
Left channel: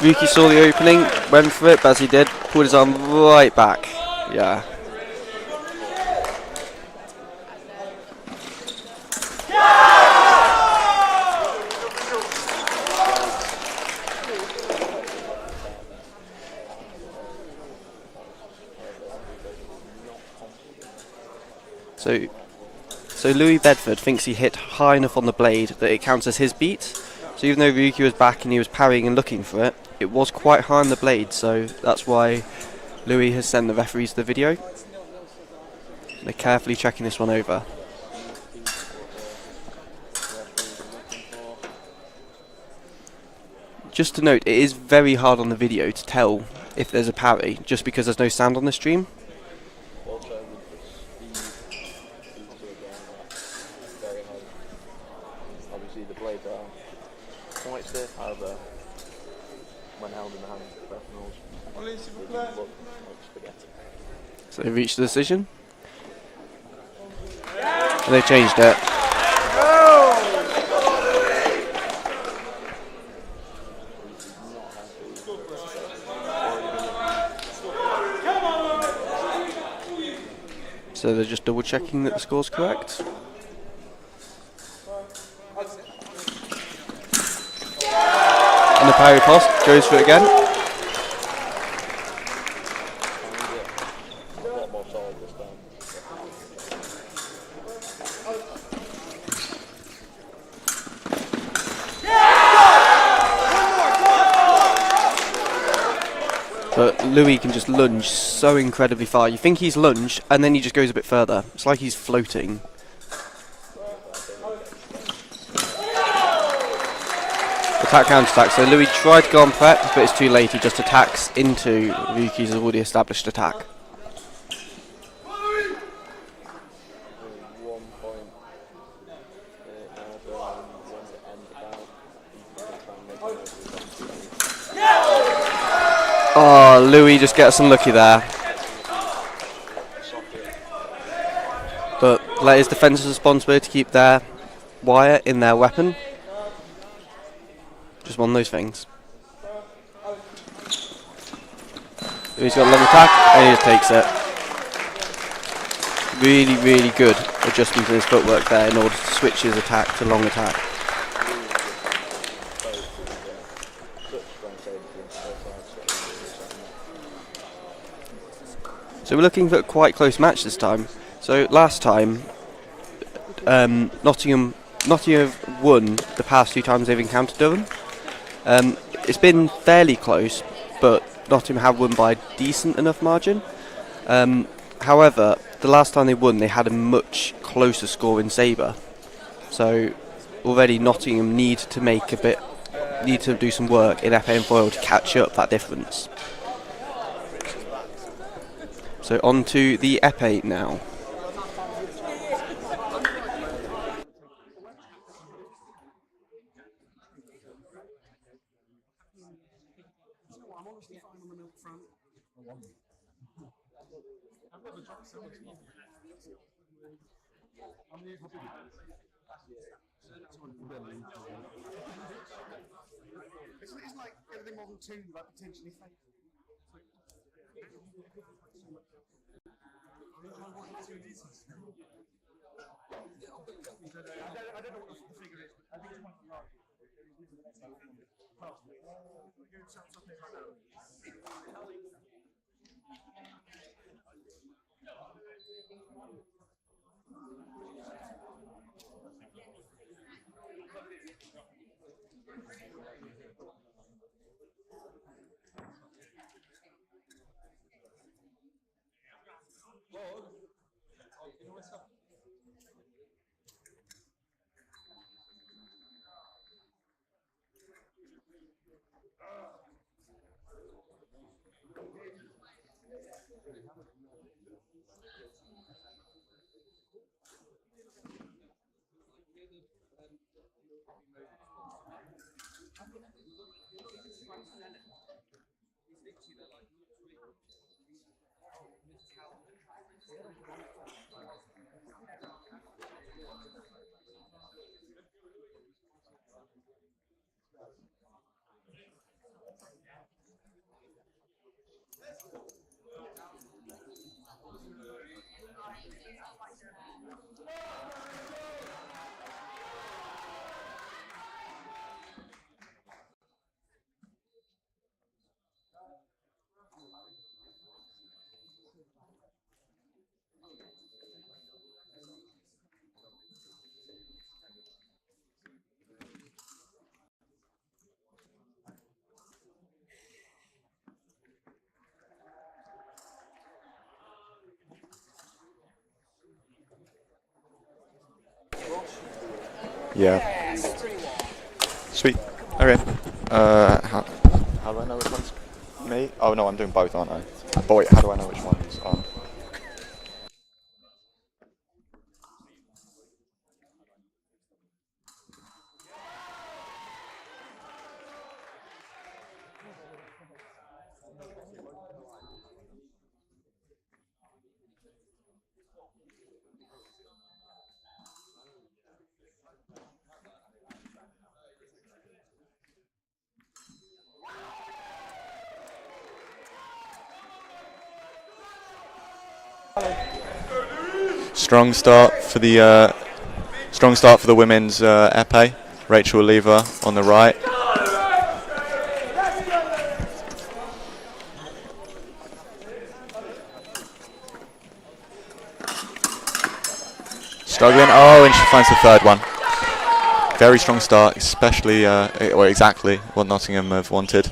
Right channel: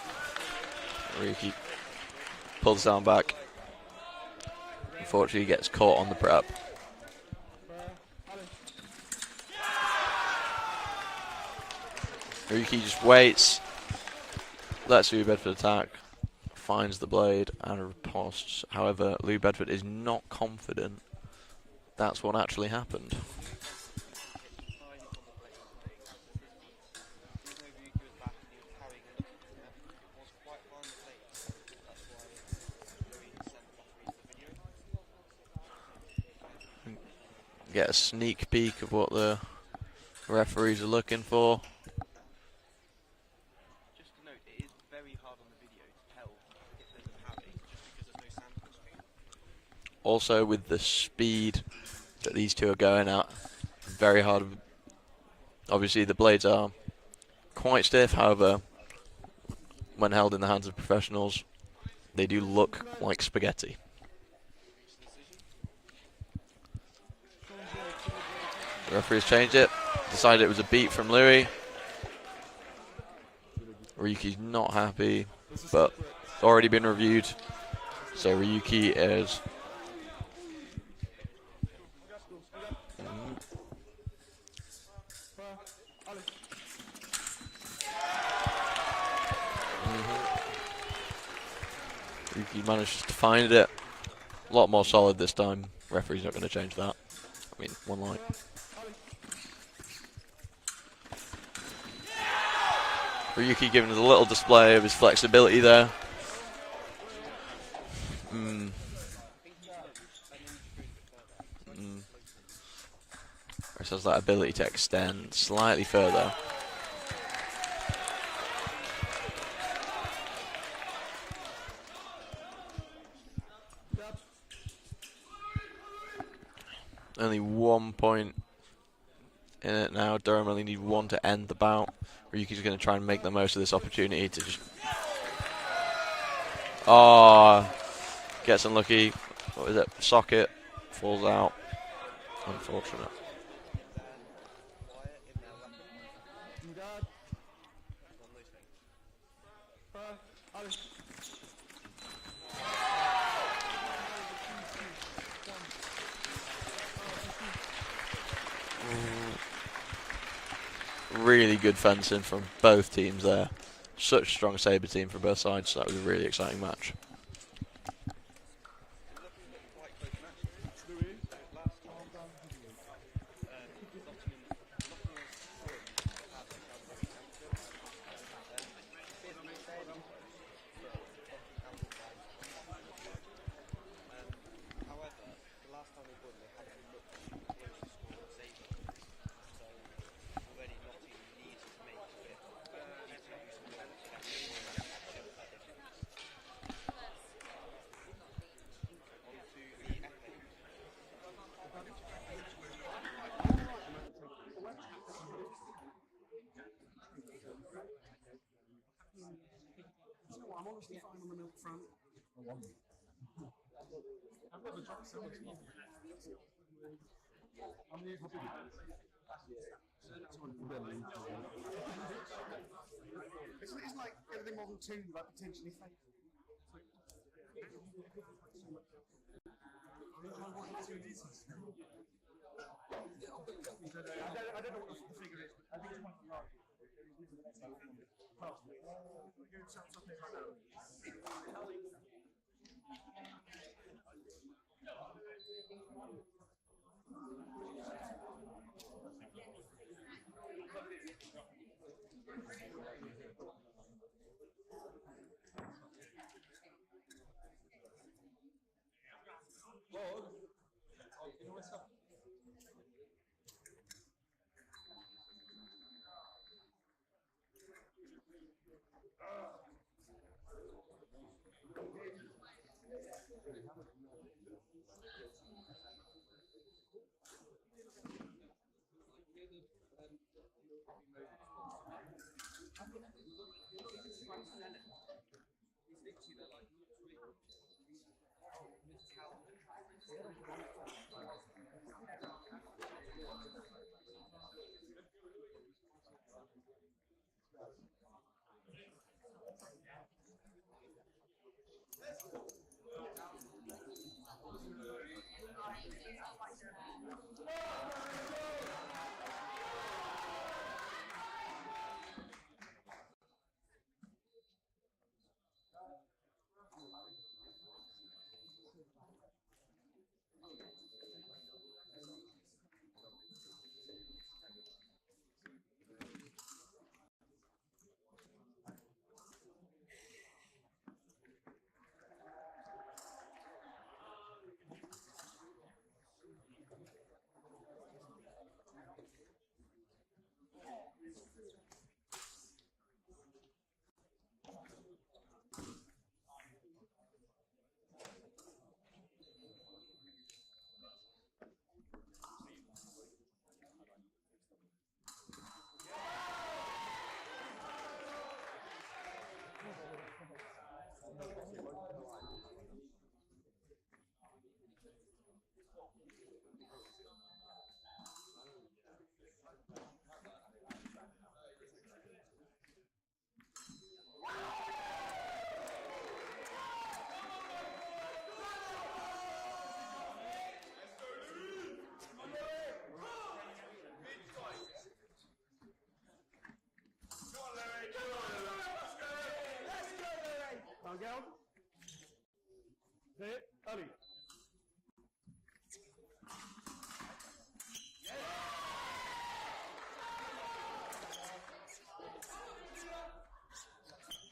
Ryuki saw the opening, went for it, but as he did, pulled his arm right back. Yeah. Unfortunately, he gets caught on the prep. Ryuki just waits, lets Louis Bedford attack, finds the blade and riposts. However, Louis Bedford is not confident that's what actually happened. So Louis Bedford thinks he hit high enough on the blade that it counts as his beat. So even though Ryuki was back and he was parrying and looking for it, it was quite high on the blade, so that's why Louis has sent the referees the video. They're carefully checking this one over. Get a sneak peek of what the referees are looking for. Just to note, it is very hard on the video to tell if there's a parry, just because there's no sound on the stream. Also, with the speed that these two are going at, very hard. Obviously, the blades are quite stiff, however, when held in the hands of professionals, they do look like spaghetti. So they've reached the decision. And they changed it. Referee changed it, decided it was a beat from Louis. Ryuki's not happy, but already been reviewed. So Ryuki is. So they're just double checking that the score's correct. And the parry post goes for it again. Ryuki managed to find it. A lot more solid this time. Referee's not going to change that. Yeah, one more. Ryuki giving a little display of his flexibility there. But Louis can just lunge so incredibly far. You think he's lunged, and then he just goes a bit further. It's like he's floating. This has that ability to extend slightly further. Attack, counter-attack. So Louis tried to go on prep, but it's too late. He just attacks into Ryuki's already established attack. Only 1 point in it now. Durham only need one to end the bout. Ryuki's going to try and make the most of this opportunity to. Oh, Louis just gets unlucky there. Gets unlucky. What is it? Socket. Falls out. But that is defence's responsibility to keep their wire in their weapon. Just one of those things. Louis got a long attack and he just takes it. Really, really good adjustment in his footwork there in order to switch his attack to long attack. Really good fencing from both teams there. Such a strong saber team from both sides, so that was a really exciting match. So we're looking for a quite close match this time. So last time, Nottingham have won the past 2 times they've encountered Durham. It's been fairly close, but Nottingham have won by a decent enough margin. However, the last time they won, they had a much closer score in saber. So already Nottingham need to do some work in epee and foil to catch up that difference. So on to the epee now. It's like everything more than two, like potentially fake. I don't know what the figure is, but I think it's one large. Yeah. Sweet. Okay. How do I know which one's me? Oh no, I'm doing both, aren't I? But wait, how do I know which one's on? Strong start for the women's epee. Rachel Lever on the right. Struggling. Oh, and she finds the third one. Very strong start, especially well, exactly what Nottingham have wanted.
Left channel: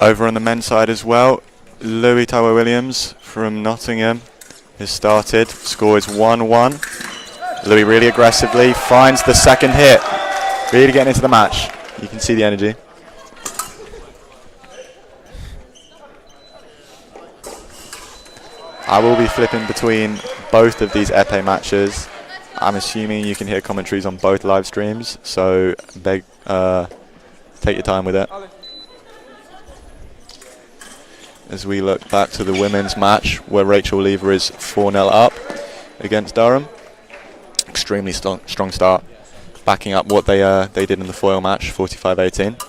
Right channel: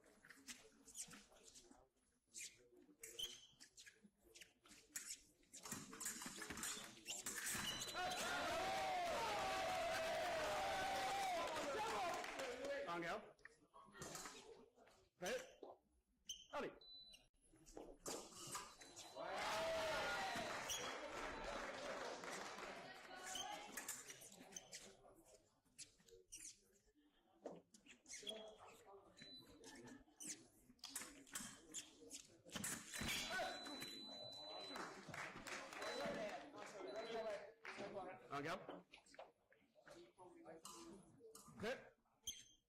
Over on the men's side as well, Louis Tower Williams from Nottingham has started. Score is 1-1. Louis really aggressively finds the second hit. Really getting into the match. You can see the energy. I will be flipping between both of these epee matches. I'm assuming you can hear commentaries on both live streams, so take your time with it. As we look back to the women's match where Rachel Lever is 4-0 up against Durham. Extremely strong start, backing up what they did in the foil match, 45-18.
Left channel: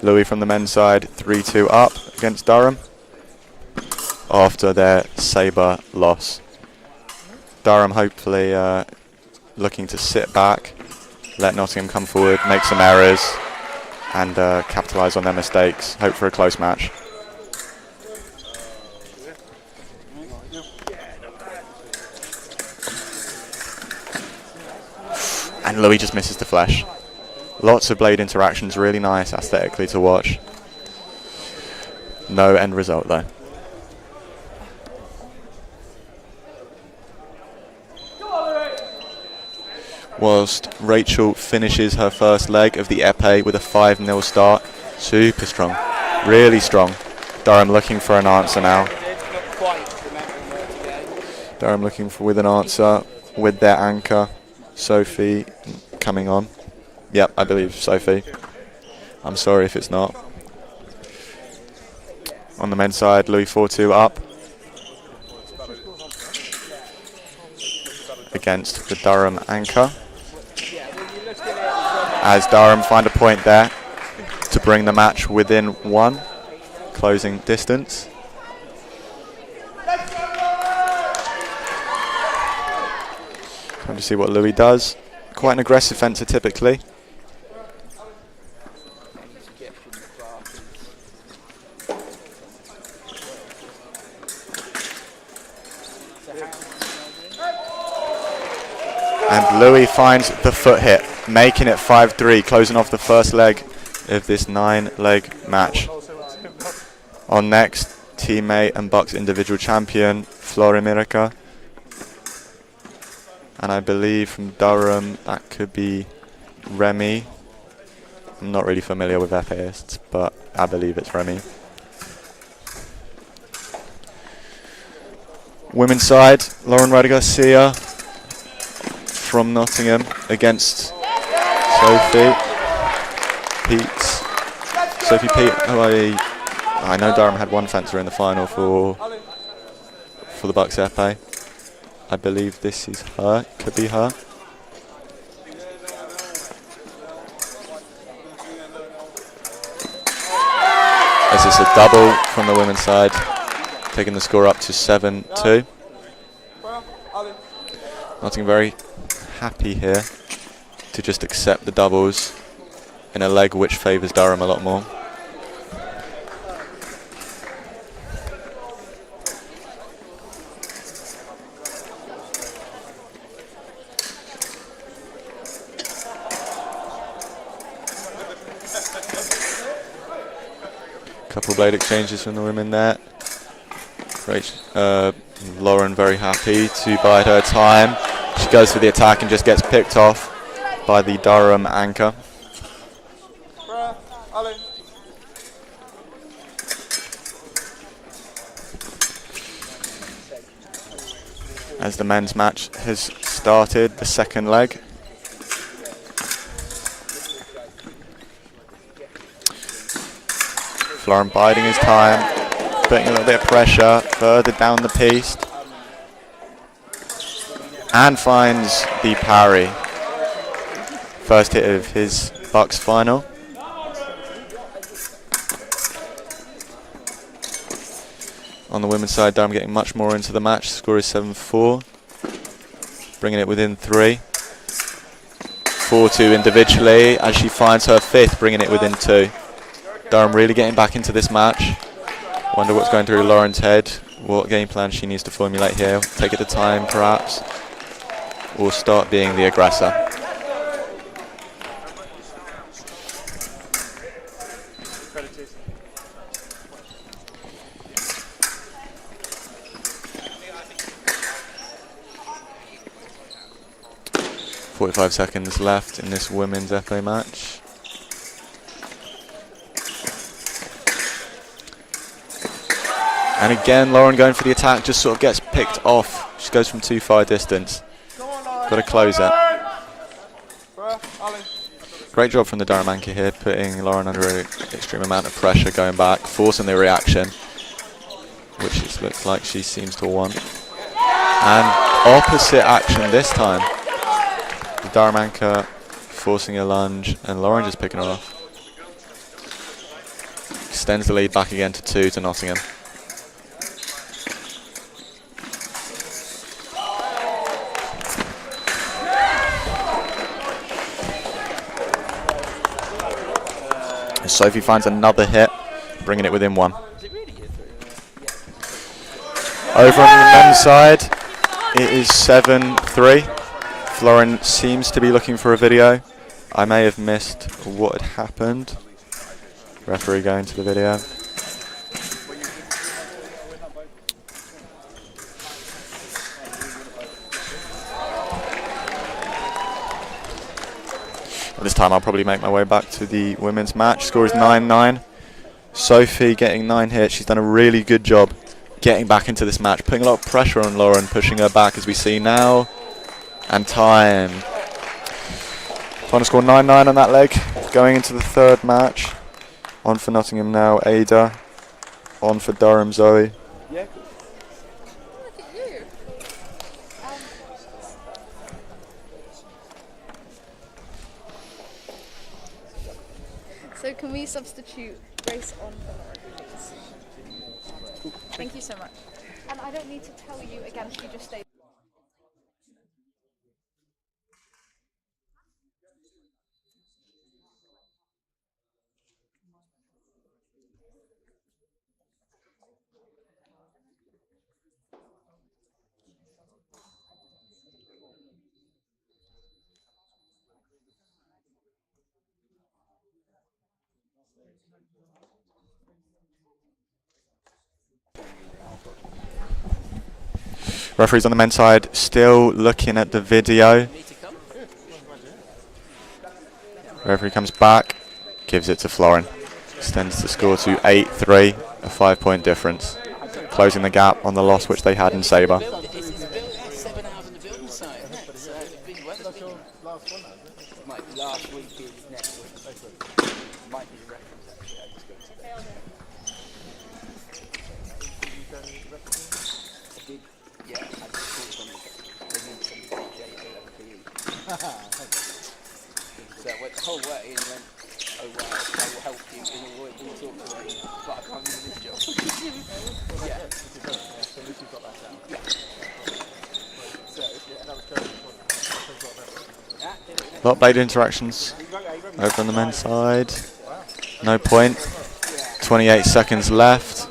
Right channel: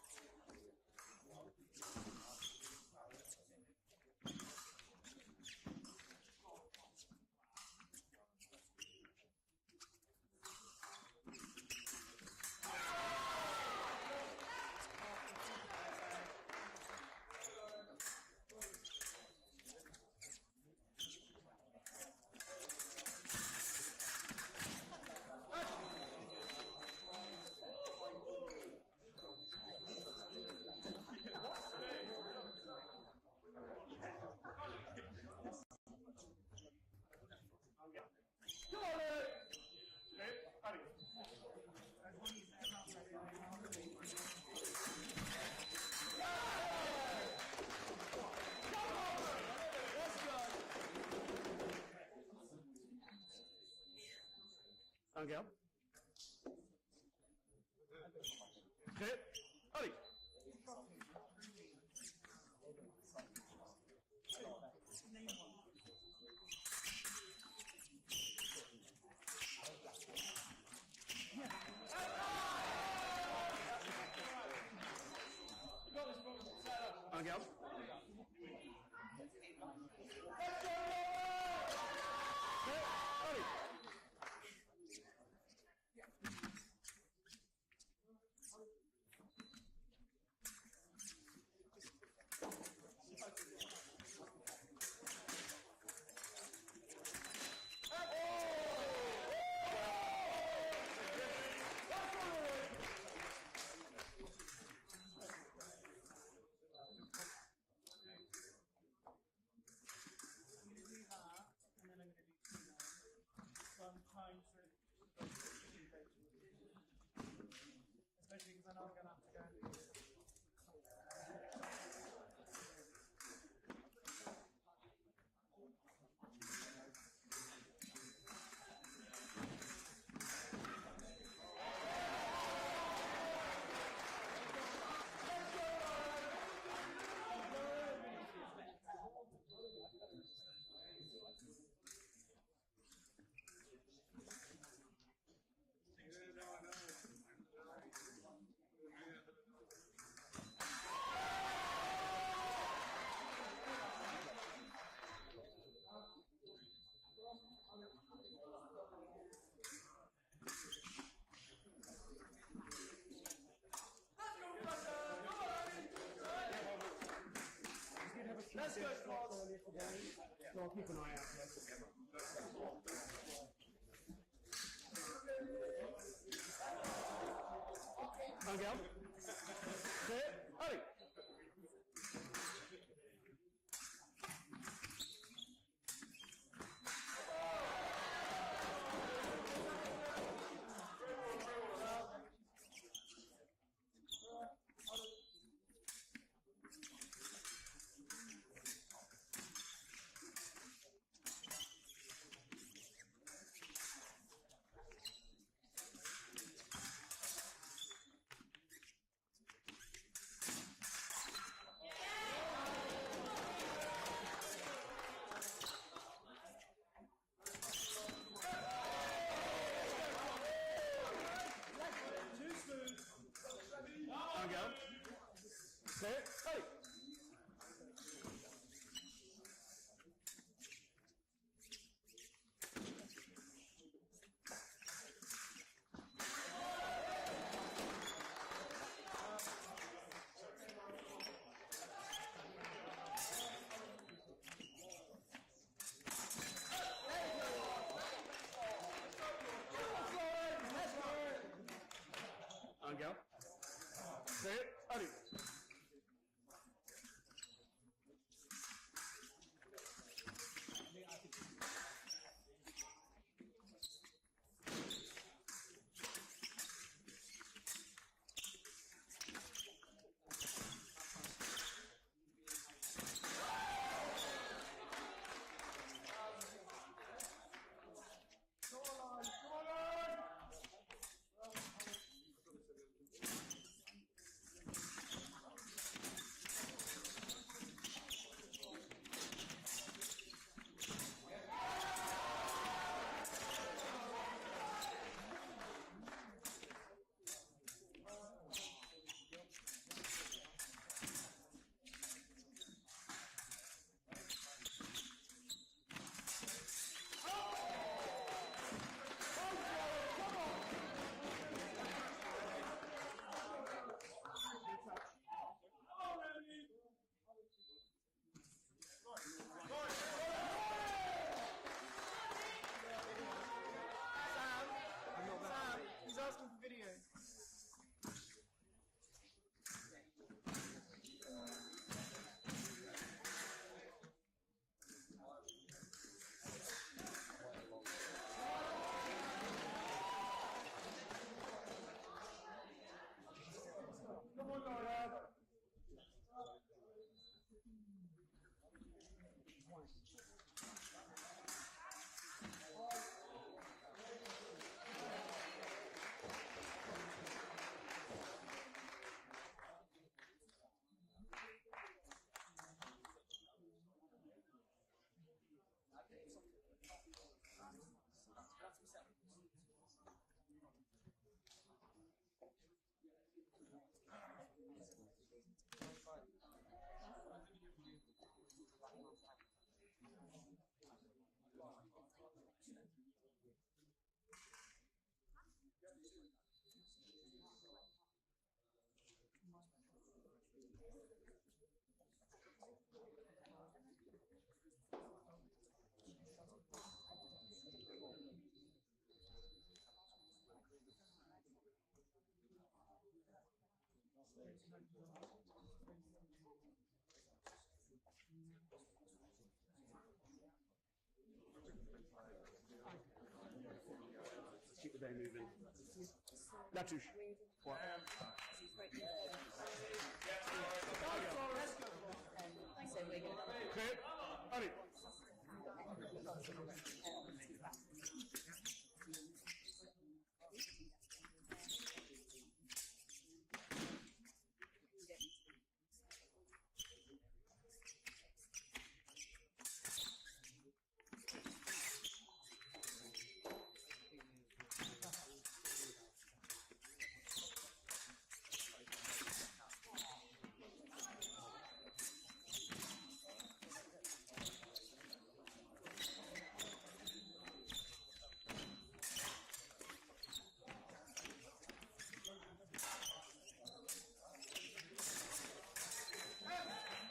Louis from the men's side, 3-2 up against Durham after their saber loss Durham hopefully looking to sit back, let Nottingham come forward, make some errors, and capitalise on their mistakes. Hope for a close match. And Louis just misses the flesh. Lots of blade interactions, really nice aesthetically to watch. No end result though. Whilst Rachel finishes her first leg of the epee with a 5-0 start. Super strong, really strong. Durham looking for an answer now. Durham looking with an answer with their anchor, Sophie, coming on. Yep, I believe Sophie. I'm sorry if it's not. On the men's side, Louis 4-2 up against the Durham anchor. As Durham find a point there to bring the match within 1, closing distance. Time to see what Louis does. Quite an aggressive fencer typically. And Louis finds the foot hit, making it 5-3, closing off the first leg of this 9-leg match. On next, teammate and BUCS individual champion, Florimirica. And I believe from Durham, that could be Remy. I'm not really familiar with FAists, but I believe it's Remy. Women's side, Lauren Garcia from Nottingham against Sophie Pete, who I know Durham had one fencer in the final for the BUCS epee. I believe this is her, could be her. This is a double from the women's side, taking the score up to 7-2. Nottingham very happy here to just accept the doubles in a leg which favours Durham a lot more. Couple blade exchanges from the women there. Lauren very happy to bide her time. She goes for the attack and just gets picked off by the Durham anchor. As the men's match has started, the second leg. Florin biding his time, putting a little bit of pressure further down the piece. And finds the parry. First hit of his BUCS final. On the women's side, Durham getting much more into the match. Score is 7-4. Bringing it within 3. 4-2 individually as she finds her 5th, bringing it within 2. Durham really getting back into this match. Wonder what's going through Lauren's head. What game plan she needs to formulate here. Take it to time, perhaps. Or start being the aggressor. .45 seconds left in this women's epee match. And again, Lauren going for the attack, just sort of gets picked off. She goes from too far distance. Got to close it. Great job from the Durham anchor here, putting Lauren under an extreme amount of pressure, going back, forcing the reaction, which it looks like she seems to want. And opposite action this time. The Durham anchor forcing a lunge, and Lauren just picking her off. Extends the lead back again to 2 to Nottingham. Sophie finds another hit, bringing it within 1. Over on the men's side, it is 7-3. Florin seems to be looking for a video. I may have missed what had happened. Referee going to the video. This time I'll probably make my way back to the women's match. Score is 9-9. Sophie getting 9 hits. She's done a really good job getting back into this match, putting a lot of pressure on Lauren, pushing her back as we see now. And time. Final score 9-9 on that leg. Going into the third match. On for Nottingham now, Ada. On for Durham, Zoe. So can we substitute Grace on for Laura, please? Thank you so much. And I don't need to tell you again, she just stayed. Referees on the men's side still looking at the video. Referee comes back, gives it to Florin. Extends the score to 8-3, a 5-point difference. Closing the gap on the loss which they had in saber. A lot of blade interactions over on the men's side. No point. 28 seconds left.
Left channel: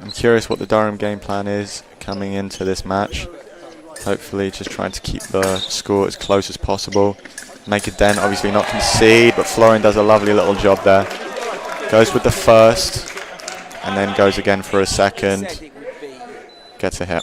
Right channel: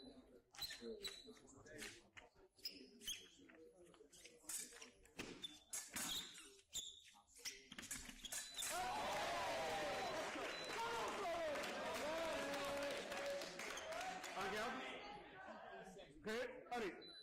I'm curious what the Durham game plan is coming into this match. Hopefully just trying to keep the score as close as possible. Make a dent, obviously not concede, but Florin does a lovely little job there. Goes with the first, and then goes again for a second. Gets a hit.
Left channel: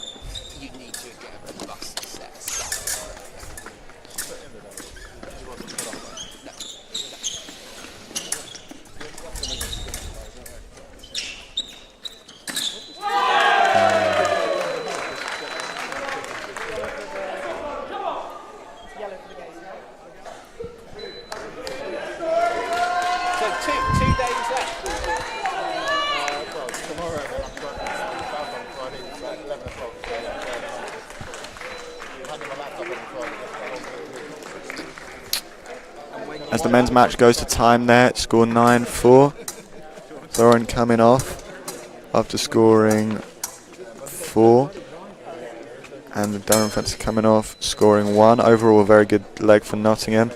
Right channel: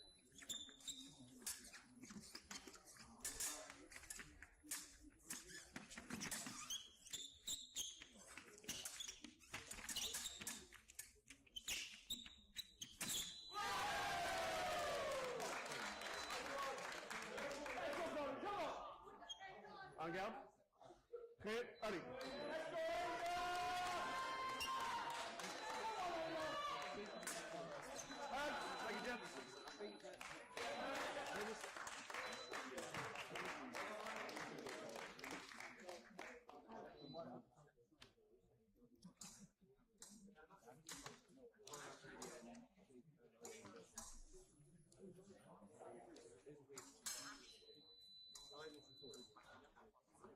As the men's match goes to time there, score 9-4. Thorin coming off after scoring 4. And the Durham fence coming off, scoring 1. Overall, a very good leg for Nottingham.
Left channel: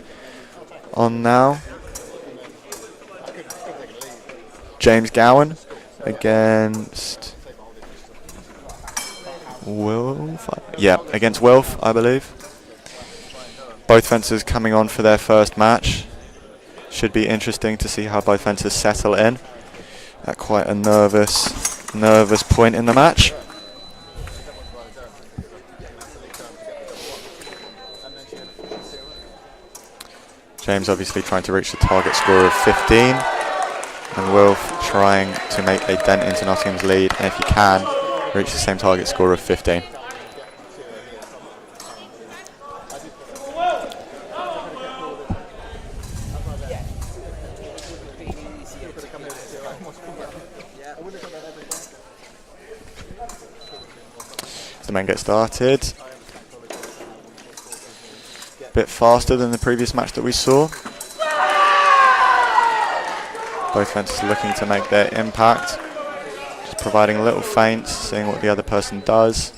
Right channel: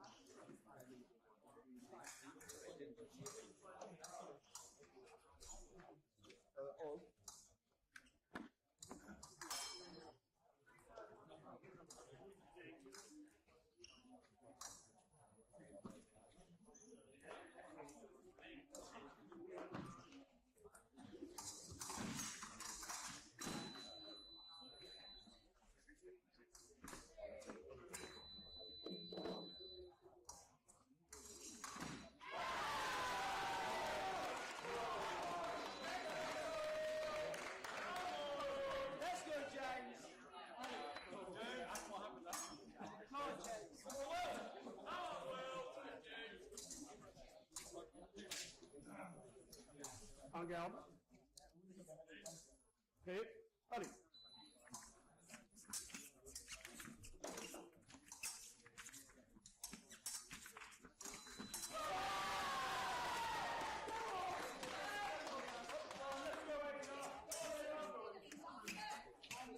On now, James Gowan against Wilf. Yeah, against Wilf, I believe. Both fencers coming on for their first match. Should be interesting to see how both fencers settle in at quite a nervous point in the match. James obviously trying to reach the target score of 15, and Wilf trying to make a dent into Nottingham's lead, and if he can, reach the same target score of 15. The men get started. A bit faster than the previous match that we saw. Both fences looking to make their impact. Just Just providing little feints, seeing what the other person does.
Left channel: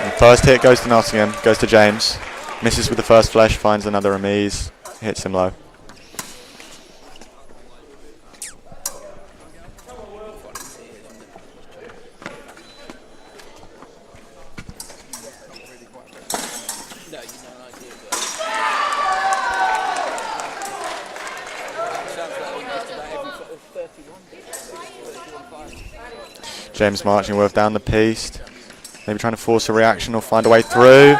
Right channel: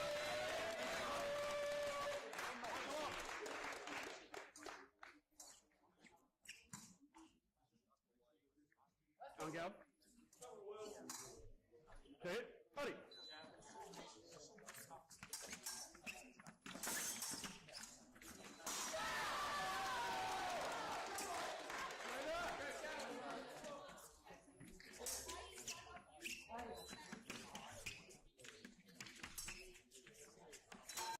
And first hit goes to Nottingham, goes to James. Misses with the first flesh, finds another remise, hits him low. James marching Wilf down the piece. Maybe trying to force a reaction or find a way through.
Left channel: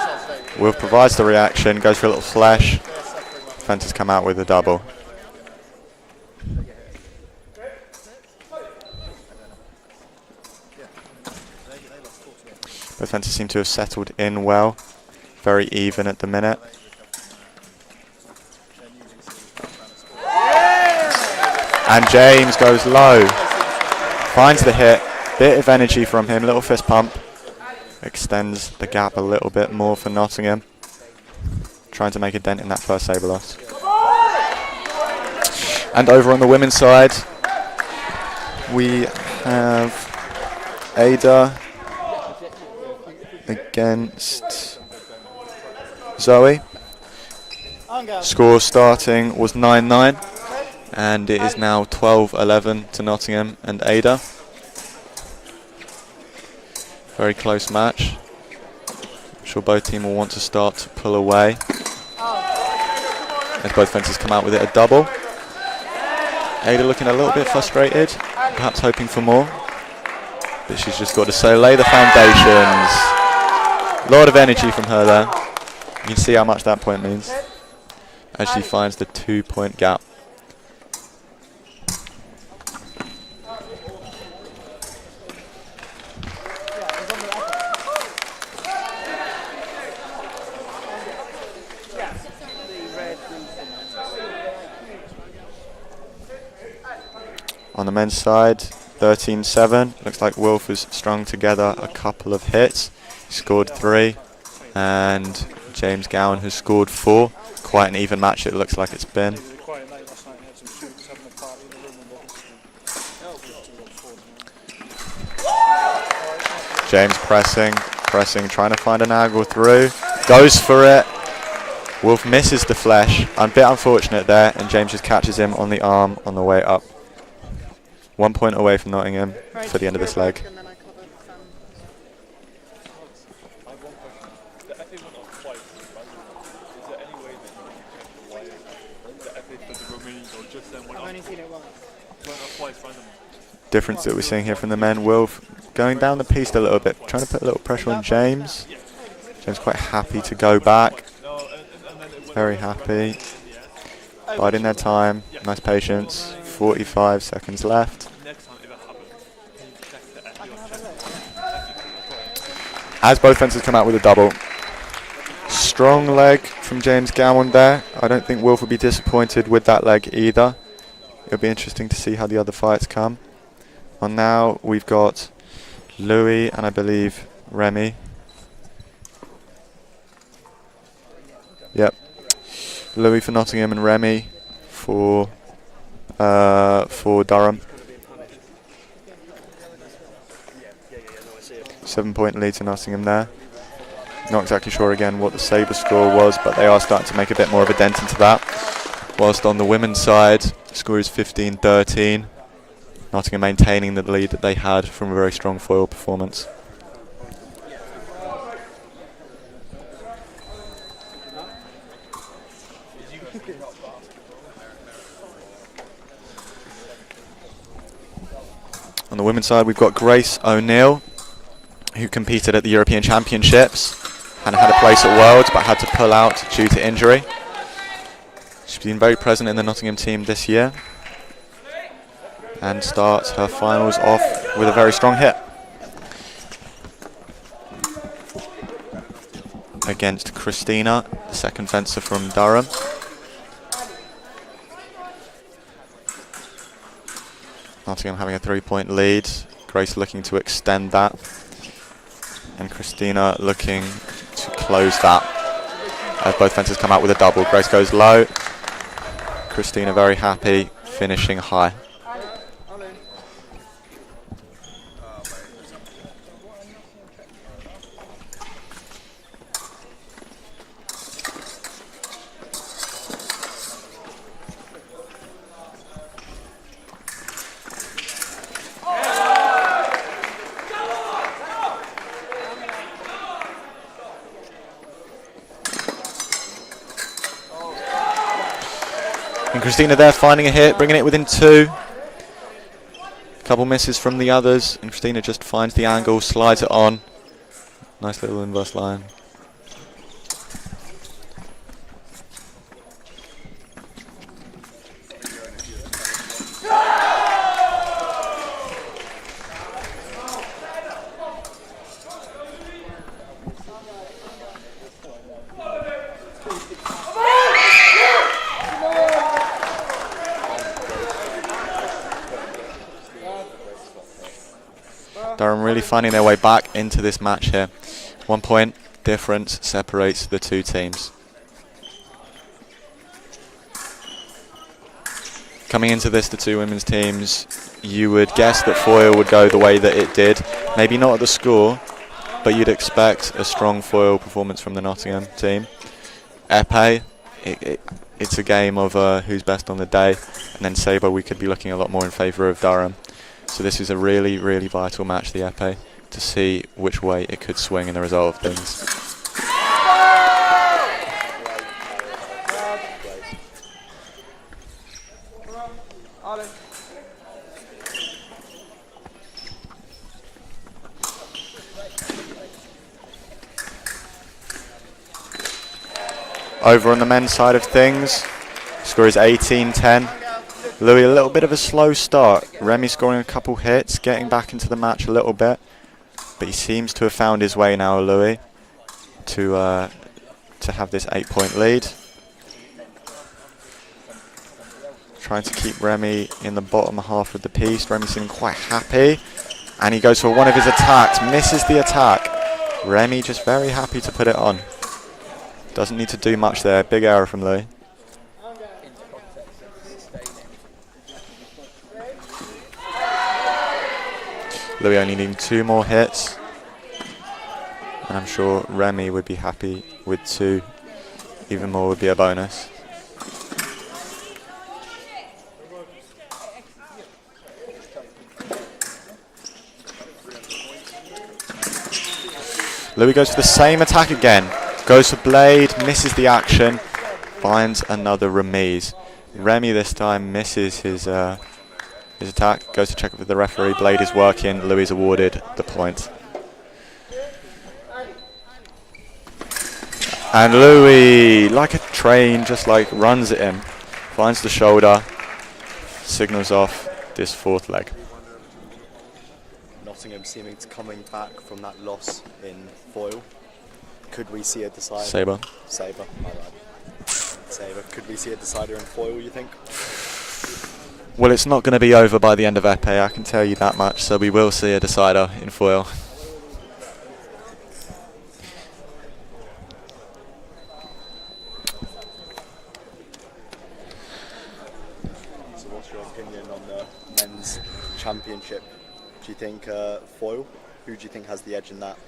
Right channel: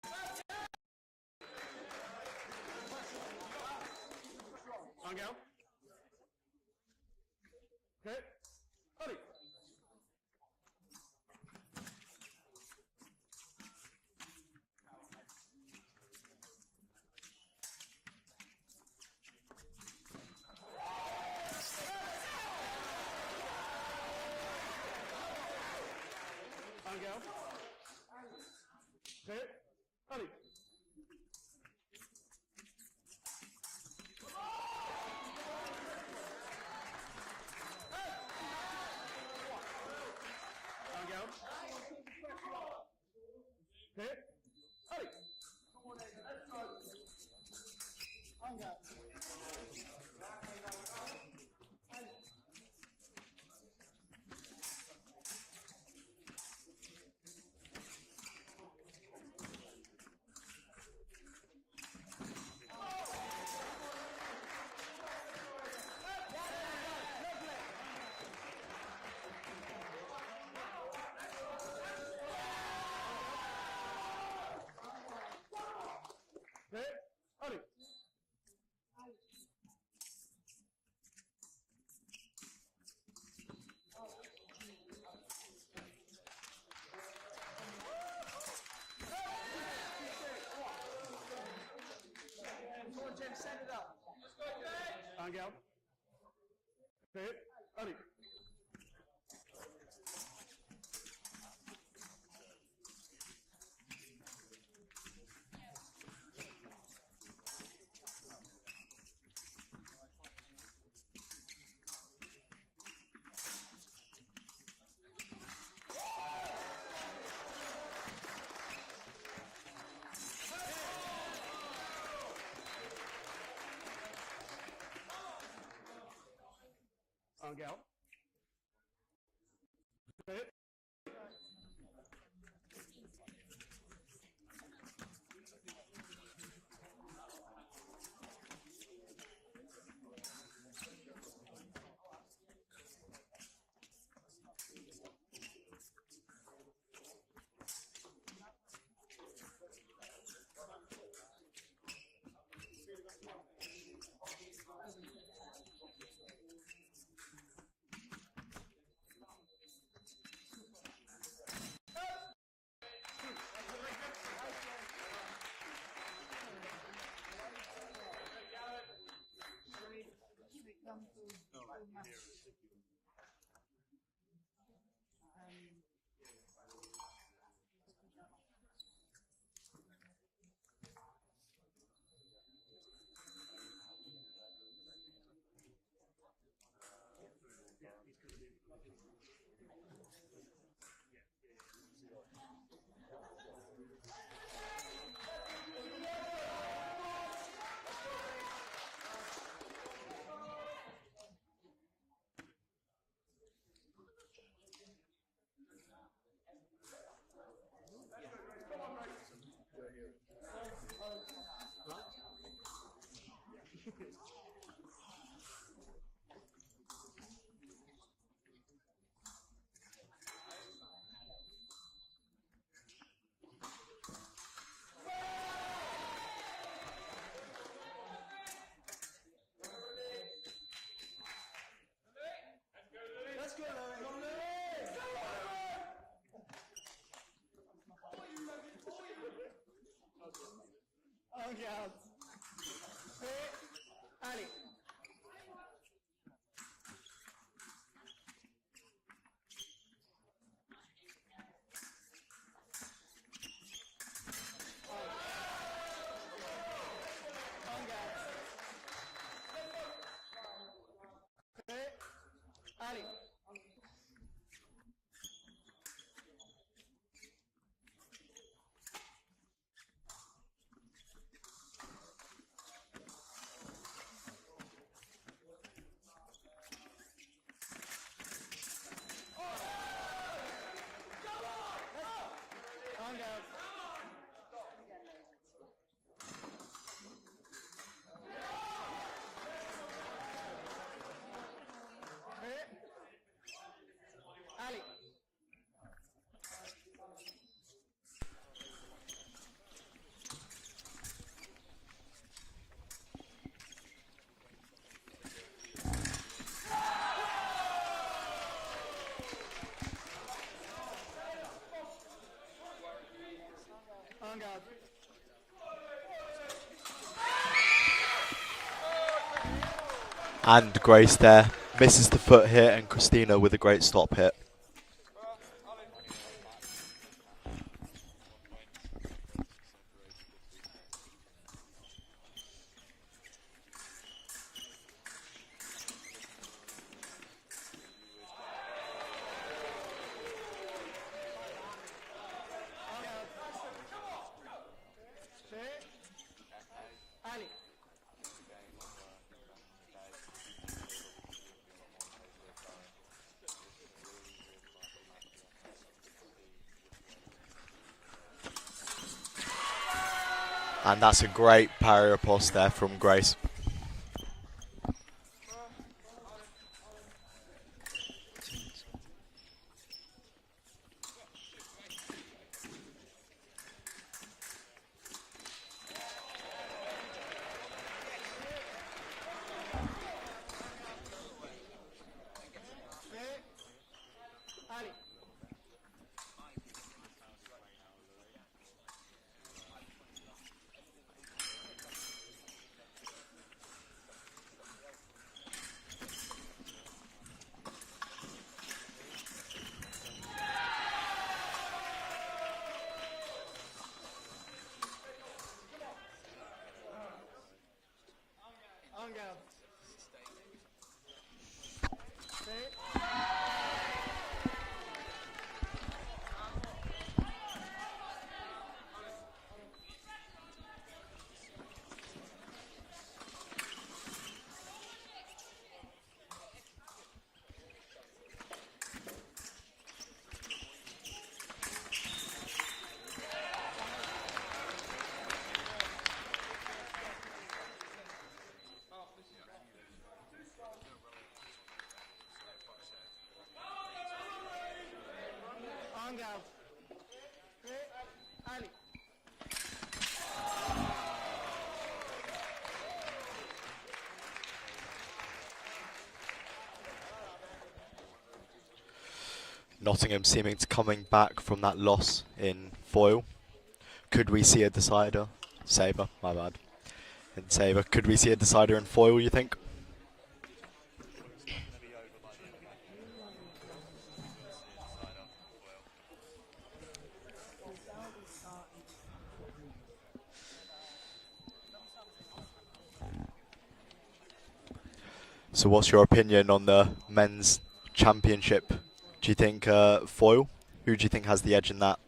Wilf provides the reaction, goes for a little flesh. Defenders come out with a double. Both fences seem to have settled in well. Very even at the minute. And James goes low. Finds the hit. Bit of energy from him, little fist pump. Extends the gap a little bit more for Nottingham. Trying to make a dent in that first saber loss. And over on the women's side, we have Ada against Zoe. Score starting was 9-9, and it is now 12-11 to Nottingham and Ada. Very close match. I'm sure both teams will want to start to pull away. As both fences come out with it a double. Ada looking a little bit frustrated, perhaps hoping for more. But she's just got to say, lay the foundations. A lot of energy from her there. You can see how much that point means as she finds the 2-point gap. On the men's side, 13-7. Looks like Wilf has strung together a couple of hits. He scored 3, and James Gowan has scored 4. Quite an even match it looks like it's been. James pressing, trying to find an angle through. Goes for it. Wilf misses the flesh. A bit unfortunate there, and James just catches him on the arm on the way up. 1 point away from Nottingham for the end of this leg. Difference that we're seeing here from the men. Wilf going down the piece a little bit, trying to put a little pressure on James. James quite happy to go back. Very happy. Biding their time. Nice patience. 45 seconds left. As both fences come out with a double. Strong leg from James Gowan there. I don't think Wilf will be disappointed with that leg either. It'll be interesting to see how the other fights come. And now we've got Louis and I believe Remy. Yep. Louis for Nottingham and Remy for Durham. 7-point lead to Nottingham there. Not exactly sure again what the saber score was, but they are starting to make a bit more of a dent into that. Whilst on the women's side, the score is 15-13. Nottingham maintaining the lead that they had from a very strong foil performance. On the women's side, we've got Grace O'Neill, who competed at the European Championships and had a place at Worlds but had to pull out due to injury. She's been very present in the Nottingham team this year and starts her finals off with a very strong hit against Christina, the second fencer from Durham. Nottingham having a 3-point lead. Grace looking to extend that. And Christina looking to close that. As both fences come out with a double. Grace goes low. Christina very happy. finishing high. And Christina there finding a hit, bringing it within 2. Couple misses from the others, and Christina just finds the angle, slides it on. Nice little inverse line. And Grace there misses the foot hit, and Christina with a great stop hit. Durham really finding their way back into this match here. 1 point difference separates the two teams. Coming into this, the two women's teams, you would guess that foil would go the way that it did. Maybe not at the score, but you'd expect a strong foil performance from the Nottingham team. Epee, it's a game of who's best on the day, and then saber we could be looking a lot more in favour of Durham. So this is a really, really vital match, the epee, to see which way it could swing in the result of things. And that's a great parry across there from Grace. Over on the men's side of things, score is 18-10. Louis a little bit of a slow start. Remy scoring a couple hits, getting back into the match a little bit, but he seems to have found his way now, Louis, to have this 8-point lead. Trying to keep Remy in the bottom half of the piece. Remy seeming quite happy, and he goes for one of his attacks, misses the attack. Remy just very happy to put it on. Doesn't need to do much there. Big error from Louis. Louis only needing 2 more hits, and I'm sure Remy would be happy with 2. Even more would be a bonus. Louis goes for the same attack again. Goes for blade, misses the action, finds another remise. Remy this time misses his attack, goes to check it with the referee. Blade is working, Louis is awarded the point. And Louis, like a train, just like runs at him, finds the shoulder, signals off this 4th leg. Nottingham seeming to coming back from that loss in foil. Could we see a decider? Saber. Saber, my bad. Saber. Could we see a decider in foil, you think? Well, it's not going to be over by the end of epee, I can tell you that much, so we will see a decider in foil. So what's your opinion on the men's championship? Do you think foil? Who do you think has the edge in that?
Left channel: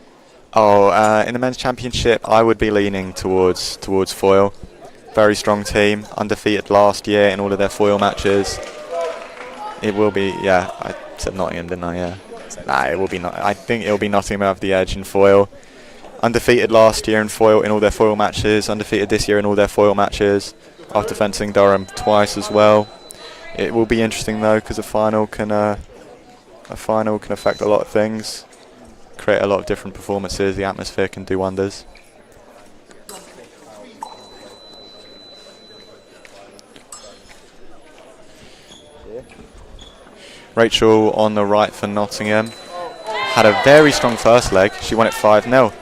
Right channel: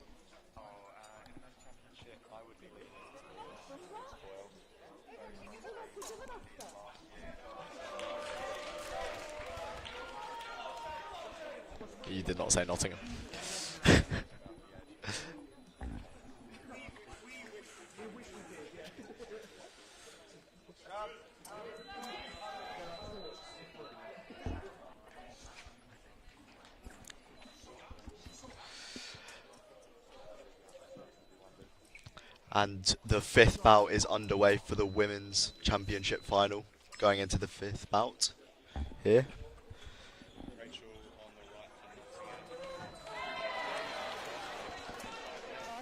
Oh, in the men's championship, I would be leaning towards foil. Very strong team, undefeated last year in all of their foil matches. It will be, yeah, I said Nottingham, didn't I? Yeah. Nah, it will be not. I think it will be Nottingham have the edge in foil. Undefeated last year in foil in all their foil matches. Undefeated this year in all their foil matches. After fencing Durham twice as well. It will be interesting though, because a final can affect a lot of things. Create a lot of different performances. The atmosphere can do wonders. And the 5th bout is underway for the women's championship final, going into the 5th bout here. Rachel on the right for Nottingham had a very strong first leg. She won it 5-0.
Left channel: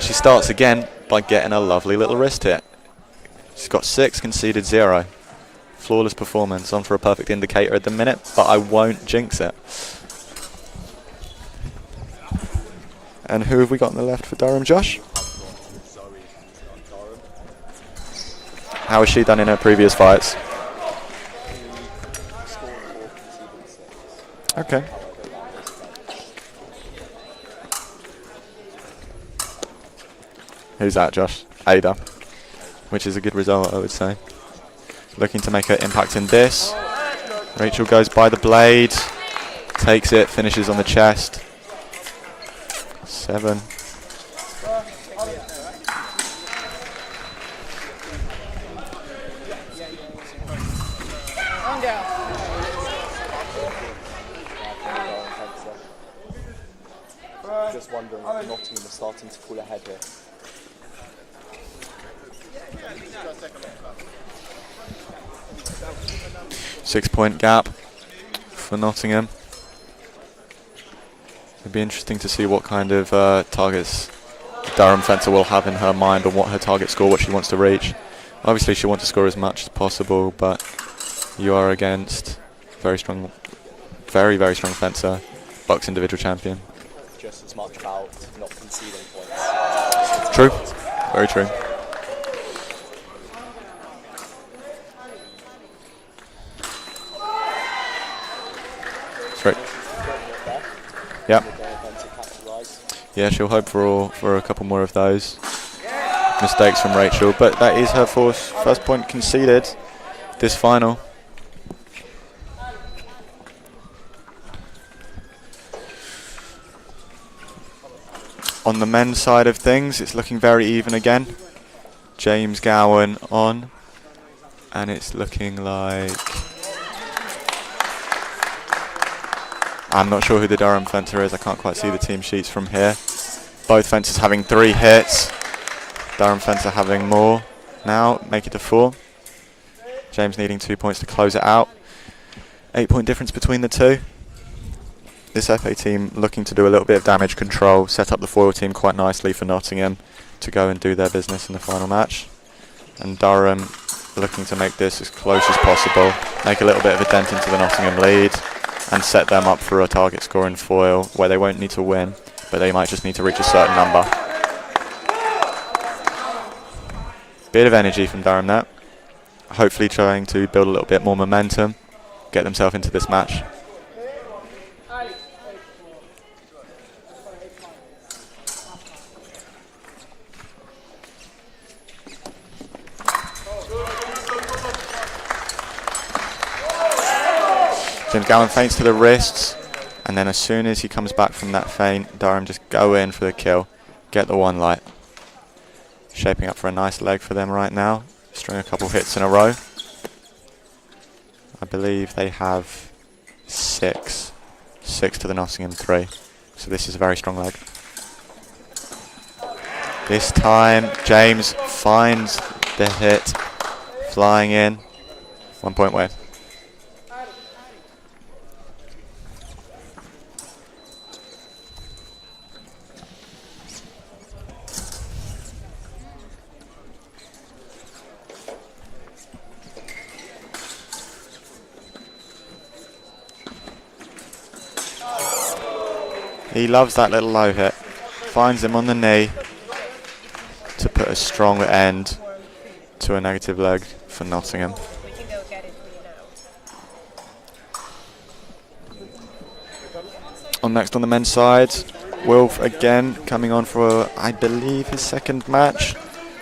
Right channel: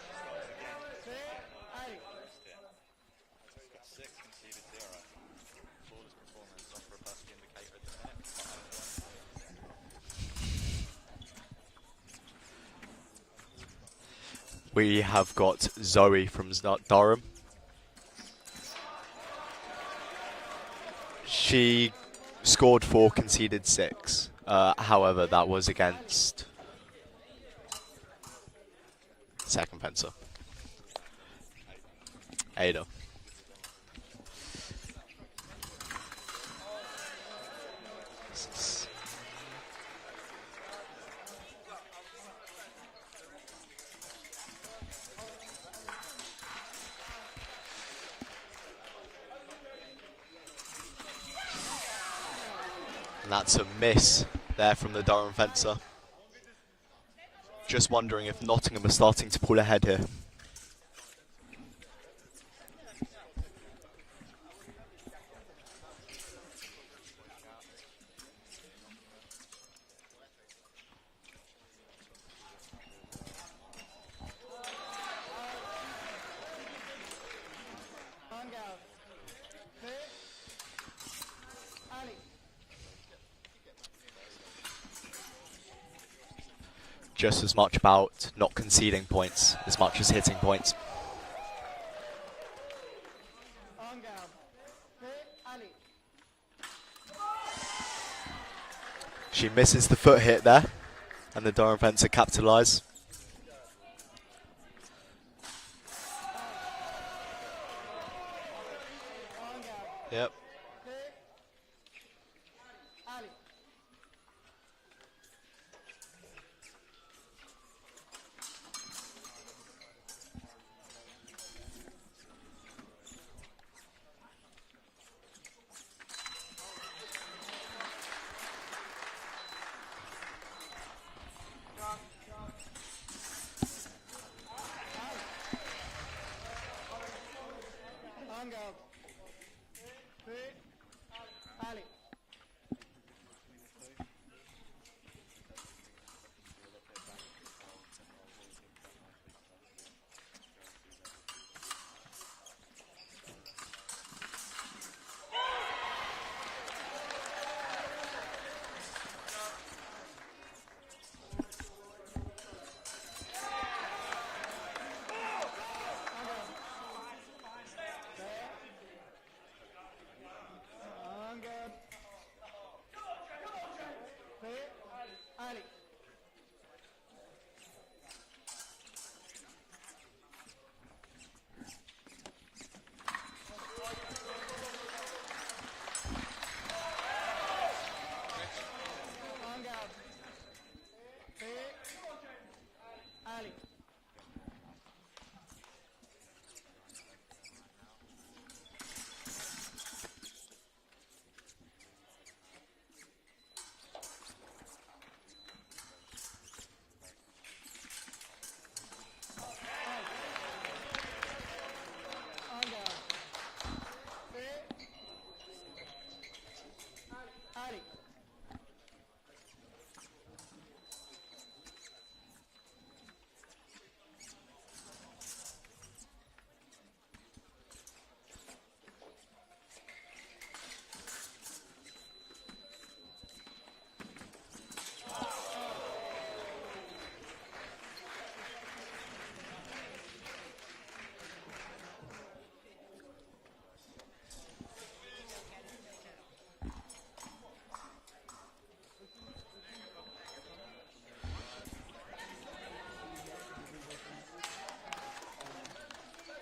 She starts again by getting a lovely little wrist hit. She's got 6, conceded 0. Flawless performance, on for a perfect indicator at the minute, but I won't jinx it. And who have we got on the left for Durham, Josh? We have got Zoe from Durham. How has she done in her previous fights? She Scored 4, conceded 6. Okay. However, that was against second fencer, Who's that, Josh? Ada, Ada. which is a good result, I would say. Looking to make her impact in this. Rachel goes by the blade, takes it, finishes on the chest. 7. That's a miss there from the Durham fencer. Just wondering if Nottingham are starting to pull ahead here. Six-point gap for Nottingham. It'd be interesting to see what kind of targets Durham fencer will have in her mind, on what her target score, what she wants to reach. Obviously, she wants to score as much as possible, but you are against very strong, very strong fencer, BUCS individual champion. Just as much about not conceding points as much as hitting True. points. Very true. She Great. misses the foot hit there. Yep. The Durham fencer capitalise. Yeah, she'll hope for a couple more of those mistakes from Rachel, but that is her first point conceded this final. On the men's side of things, it's looking very even again. James Gowan on, and it's looking like... I'm not sure who the Durham fencer is. I can't quite see the team sheets from here. Both fencers having 3 hits. Durham fencer having more now, make it to 4. James needing 2 points to close it out. 8-point difference between the two. This FA team looking to do a little bit of damage control, set up the foil team quite nicely for Nottingham to go and do their business in the final match. And Durham looking to make this as close as possible, make a little bit of a dent into the Nottingham lead, and set them up for a target score in foil where they won't need to win, but they might just need to reach a certain number. Bit of energy from Durham there. Hopefully trying to build a little bit more momentum, get themselves into this match. James Gowan feints to the wrists, and then as soon as he comes back from that feint, Durham just go in for the kill, get the one light. Shaping up for a nice leg for them right now, string a couple hits in a row. I believe they have 6 to the Nottingham 3, so this is a very strong leg. This time James finds the hit, flying in, 1 point win. He loves that little low hit. Finds him on the knee to put a strong end to a negative leg for Nottingham. Next on the men's side, Wilf again coming on for, I believe, his second match.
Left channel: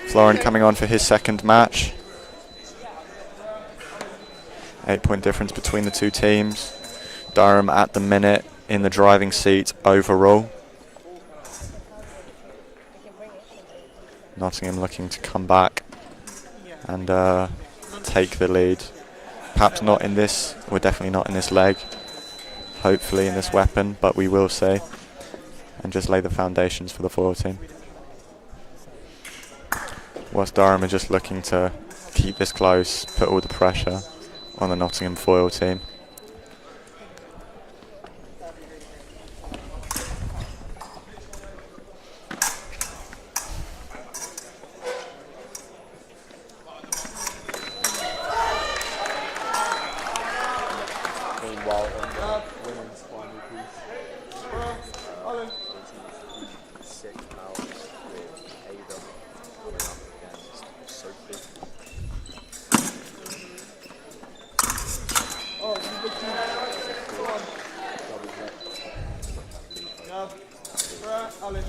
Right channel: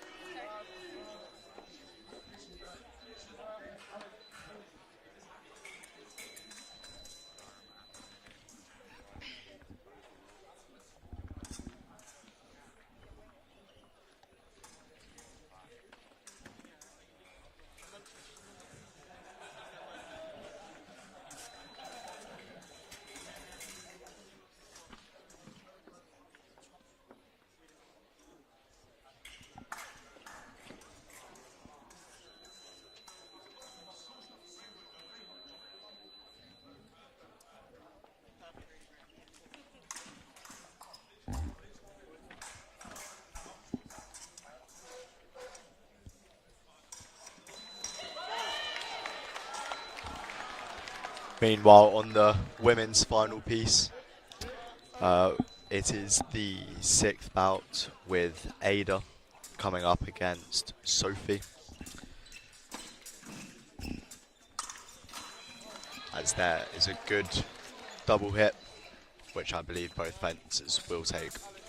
Florin coming on for his second match. 8-point difference between the two teams. Durham at the minute in the driving seat overall. Nottingham looking to come back and take the lead. Perhaps not in this, we're definitely not in this leg. Hopefully in this weapon, but we will see. And just lay the foundations for the foil team. Whilst Durham are just looking to keep this close, put all the pressure on the Nottingham foil team. Meanwhile, on the women's final piece, it is the 6th bout with Ada coming up against Sophie. double hit, which I believe both fences will take.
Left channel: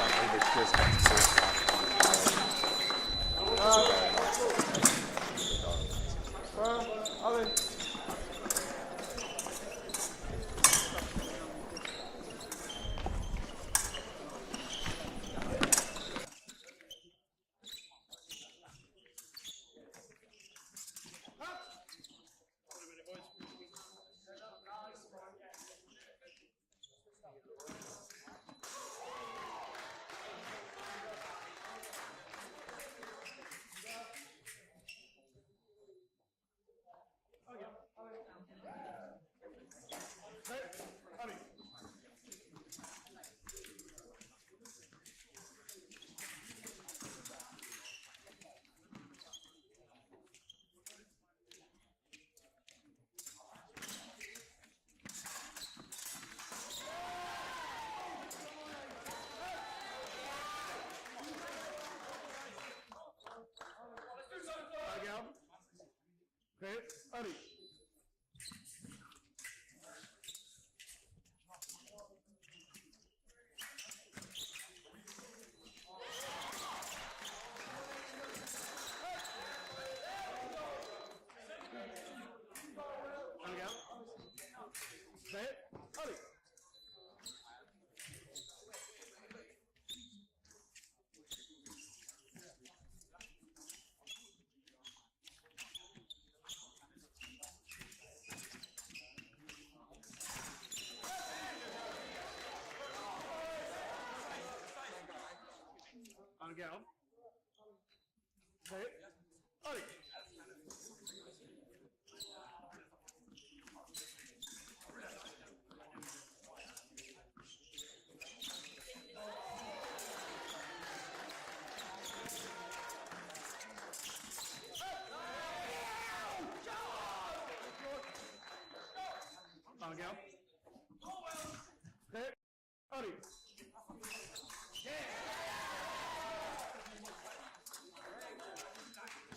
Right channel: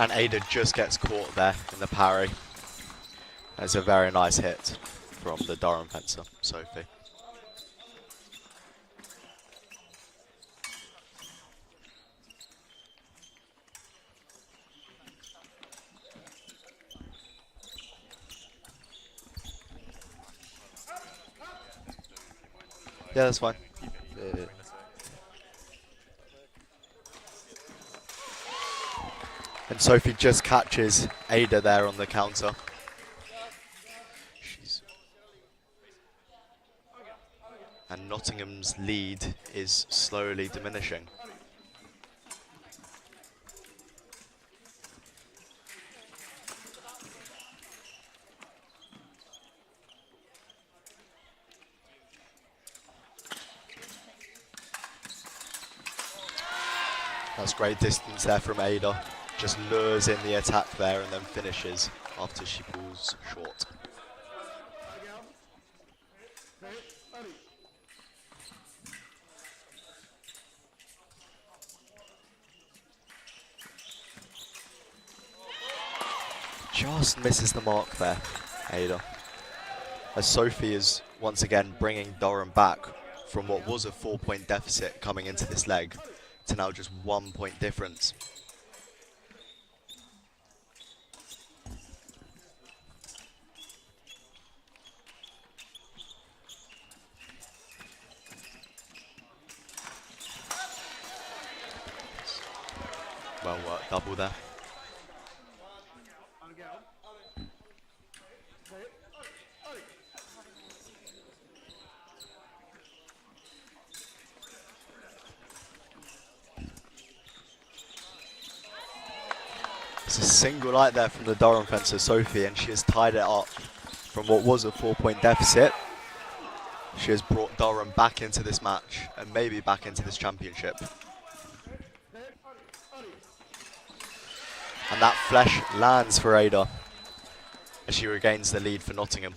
And Ada just gets caught there in the parry. It's a very nice hit from the Durham fencer, Sophie. Yeah, that's fine. And Sophie just catches Ada there on the counter. And Nottingham's lead is slowly diminishing. That's great distance there from Ada. Just lures in the attack there and then finishes after she falls short. Just misses the mark there, Ada. As Sophie is once again bringing Durham back from what was a 4-point deficit coming into this leg to now just 1-point difference. Well worked, double there. It's a single light there from the Durham fencer, Sophie, and she has tied it up from what was a 4-point deficit. She has brought Durham back into this match and maybe back into this championship. And that flesh lands for Ada as she regains the lead for Nottingham.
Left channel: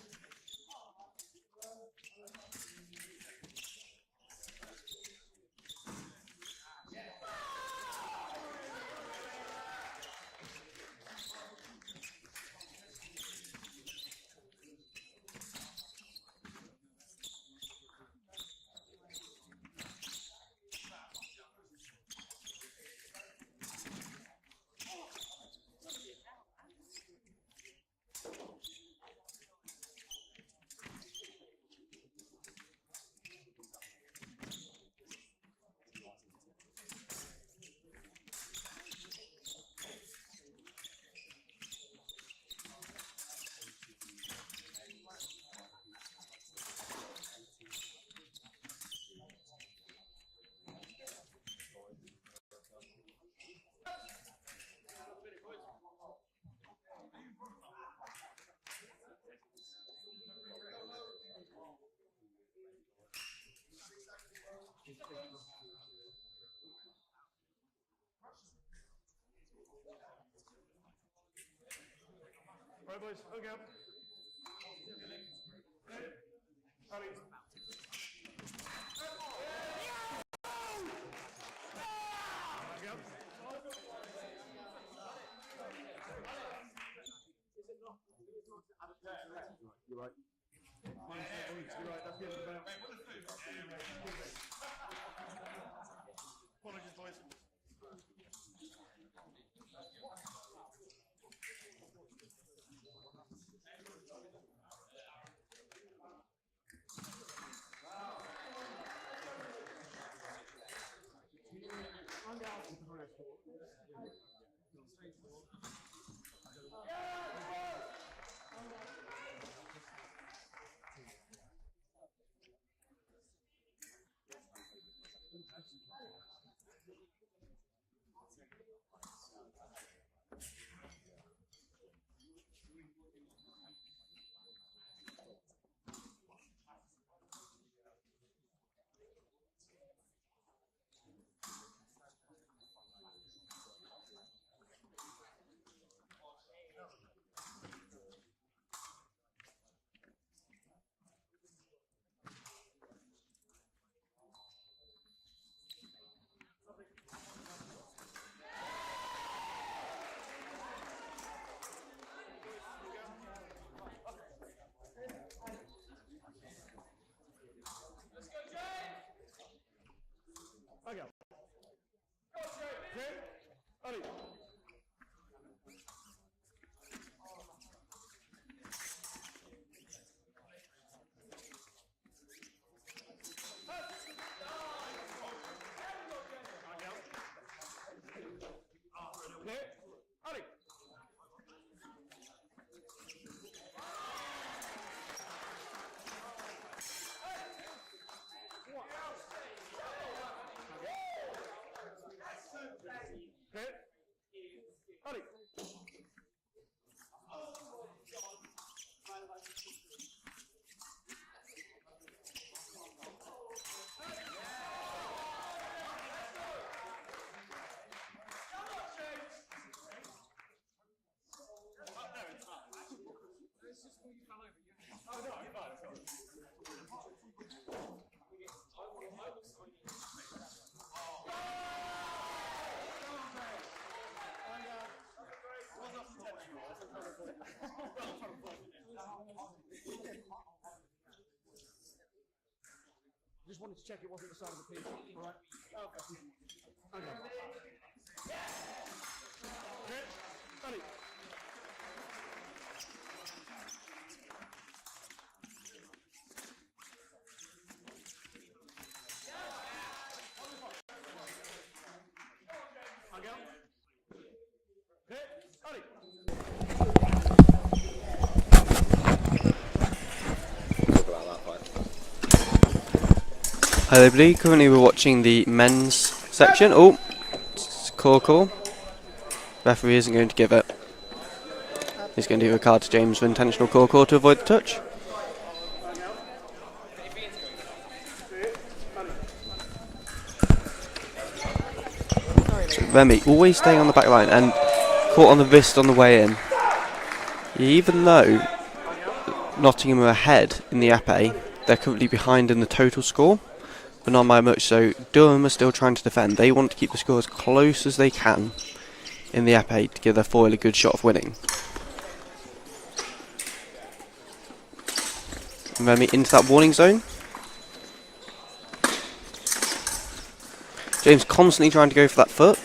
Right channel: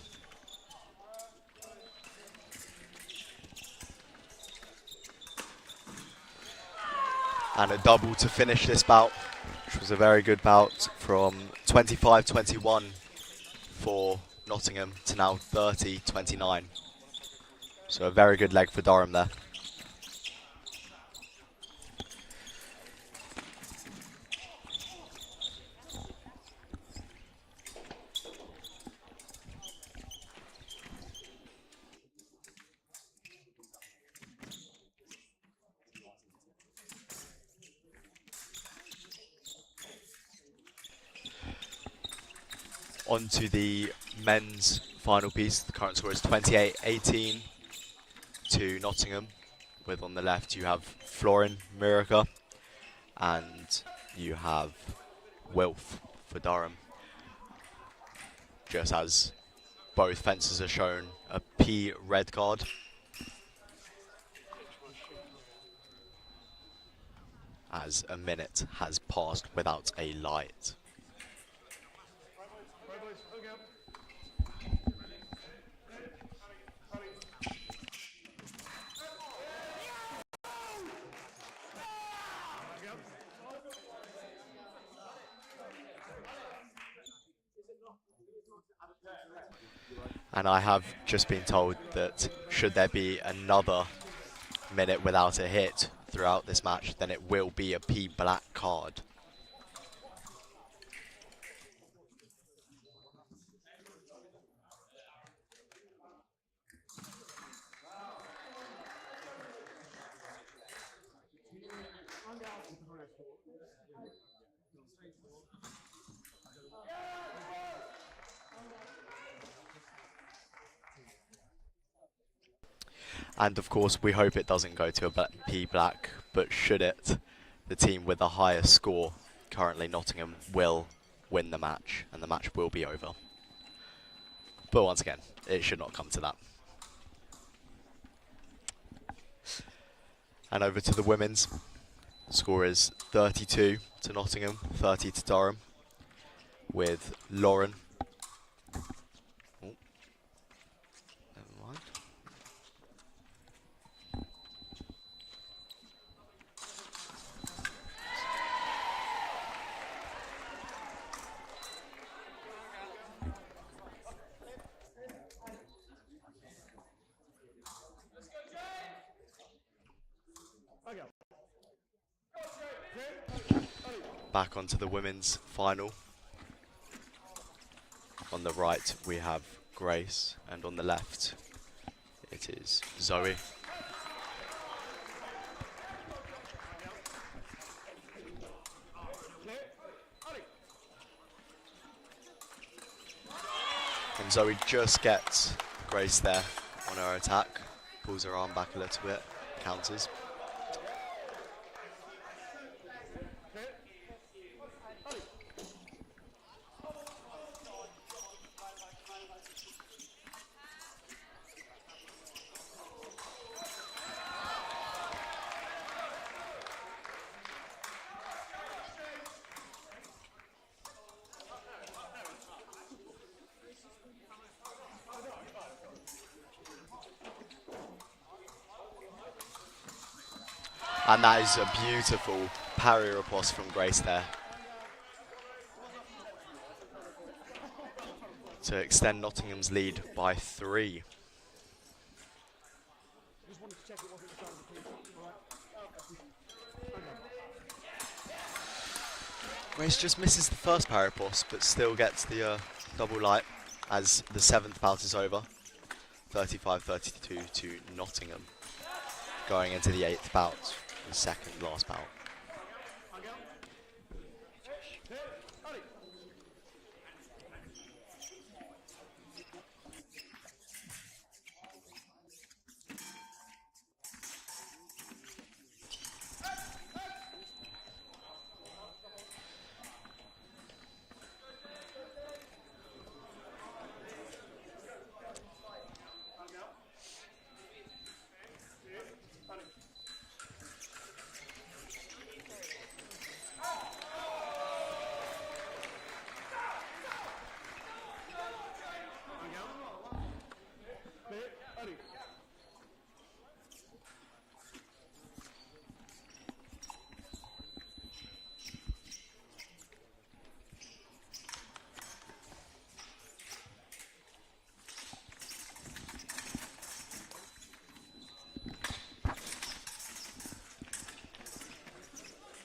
And a double to finish this bout, which was a very good bout, from 25-21 for Nottingham to now 30-29. So a very good leg for Durham there. On to the men's final piece. The current score is 28-18 to Nottingham. With on the left you have Florin Miraca and you have Wilf for Durham. Just as both fences are shown a P red card. As a minute has passed without a light. And I have just been told that should there be another minute without a hit throughout this match, then it will be a P black card. And of course, we hope it doesn't go to a P black, but should it, the team with the highest score, currently Nottingham, will win the match, and the match will be over. But once again, it should not come to that. And over to the women's. Score is 32 to Nottingham, 30 to Durham, with Lauren. Oh, never mind. Back onto the women's final. On the right we have Grace, and on the left it is Zoe. And Zoe just gets Grace there on her attack, pulls her arm back a little bit, counters. And that is a beautiful parry riposte from Grace there to extend Nottingham's lead by 3. Just wanted to check it wasn't the side of the piece. All right. Okay. Grace just misses the first parry riposte, but still gets the double light as the 7th bout is over. 35-32 to Nottingham, going into the 8th bout, the second last bout. Hi everybody, currently we're watching the men's section. Oh, it's call. Referee isn't going to give it. He's going to give a card to James for intentional call to avoid the touch. So Remy always staying on the back line and caught on the wrist on the way in. Even though Nottingham are ahead in the epee, they're currently behind in the total score, but not by much, so Durham are still trying to defend. They want to keep the score as close as they can in the epee to give their foil a good shot of winning. And Remy into that warning zone. James constantly trying to go for that foot.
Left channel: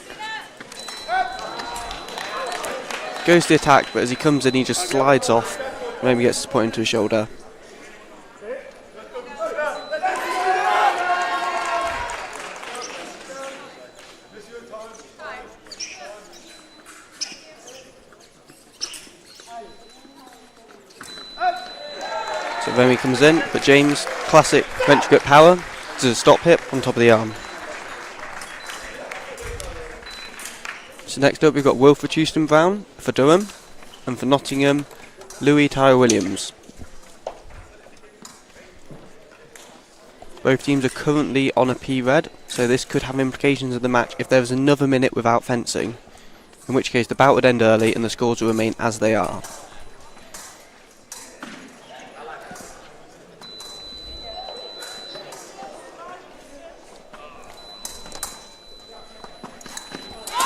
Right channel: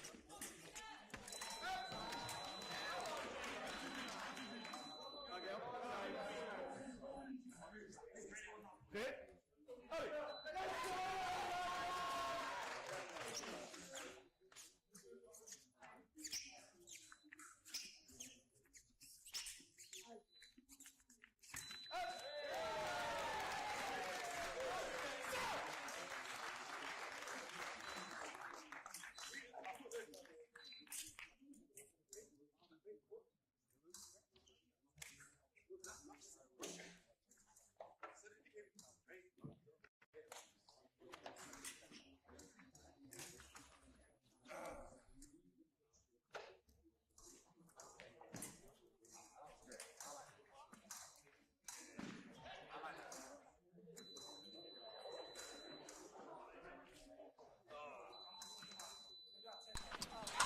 Goes to the attack, but as he comes in he just slides off. Remy gets his point into his shoulder. So Remy comes in, but James, classic French grip power, to stop hip on top of the arm. So next up we've got Wilfred Houston Brown for Durham, and for Nottingham, Louis Tyler Williams. Both teams are currently on a P red, so this could have implications of the match if there was another minute without fencing, in which case the bout would end early and the scores will remain as they are.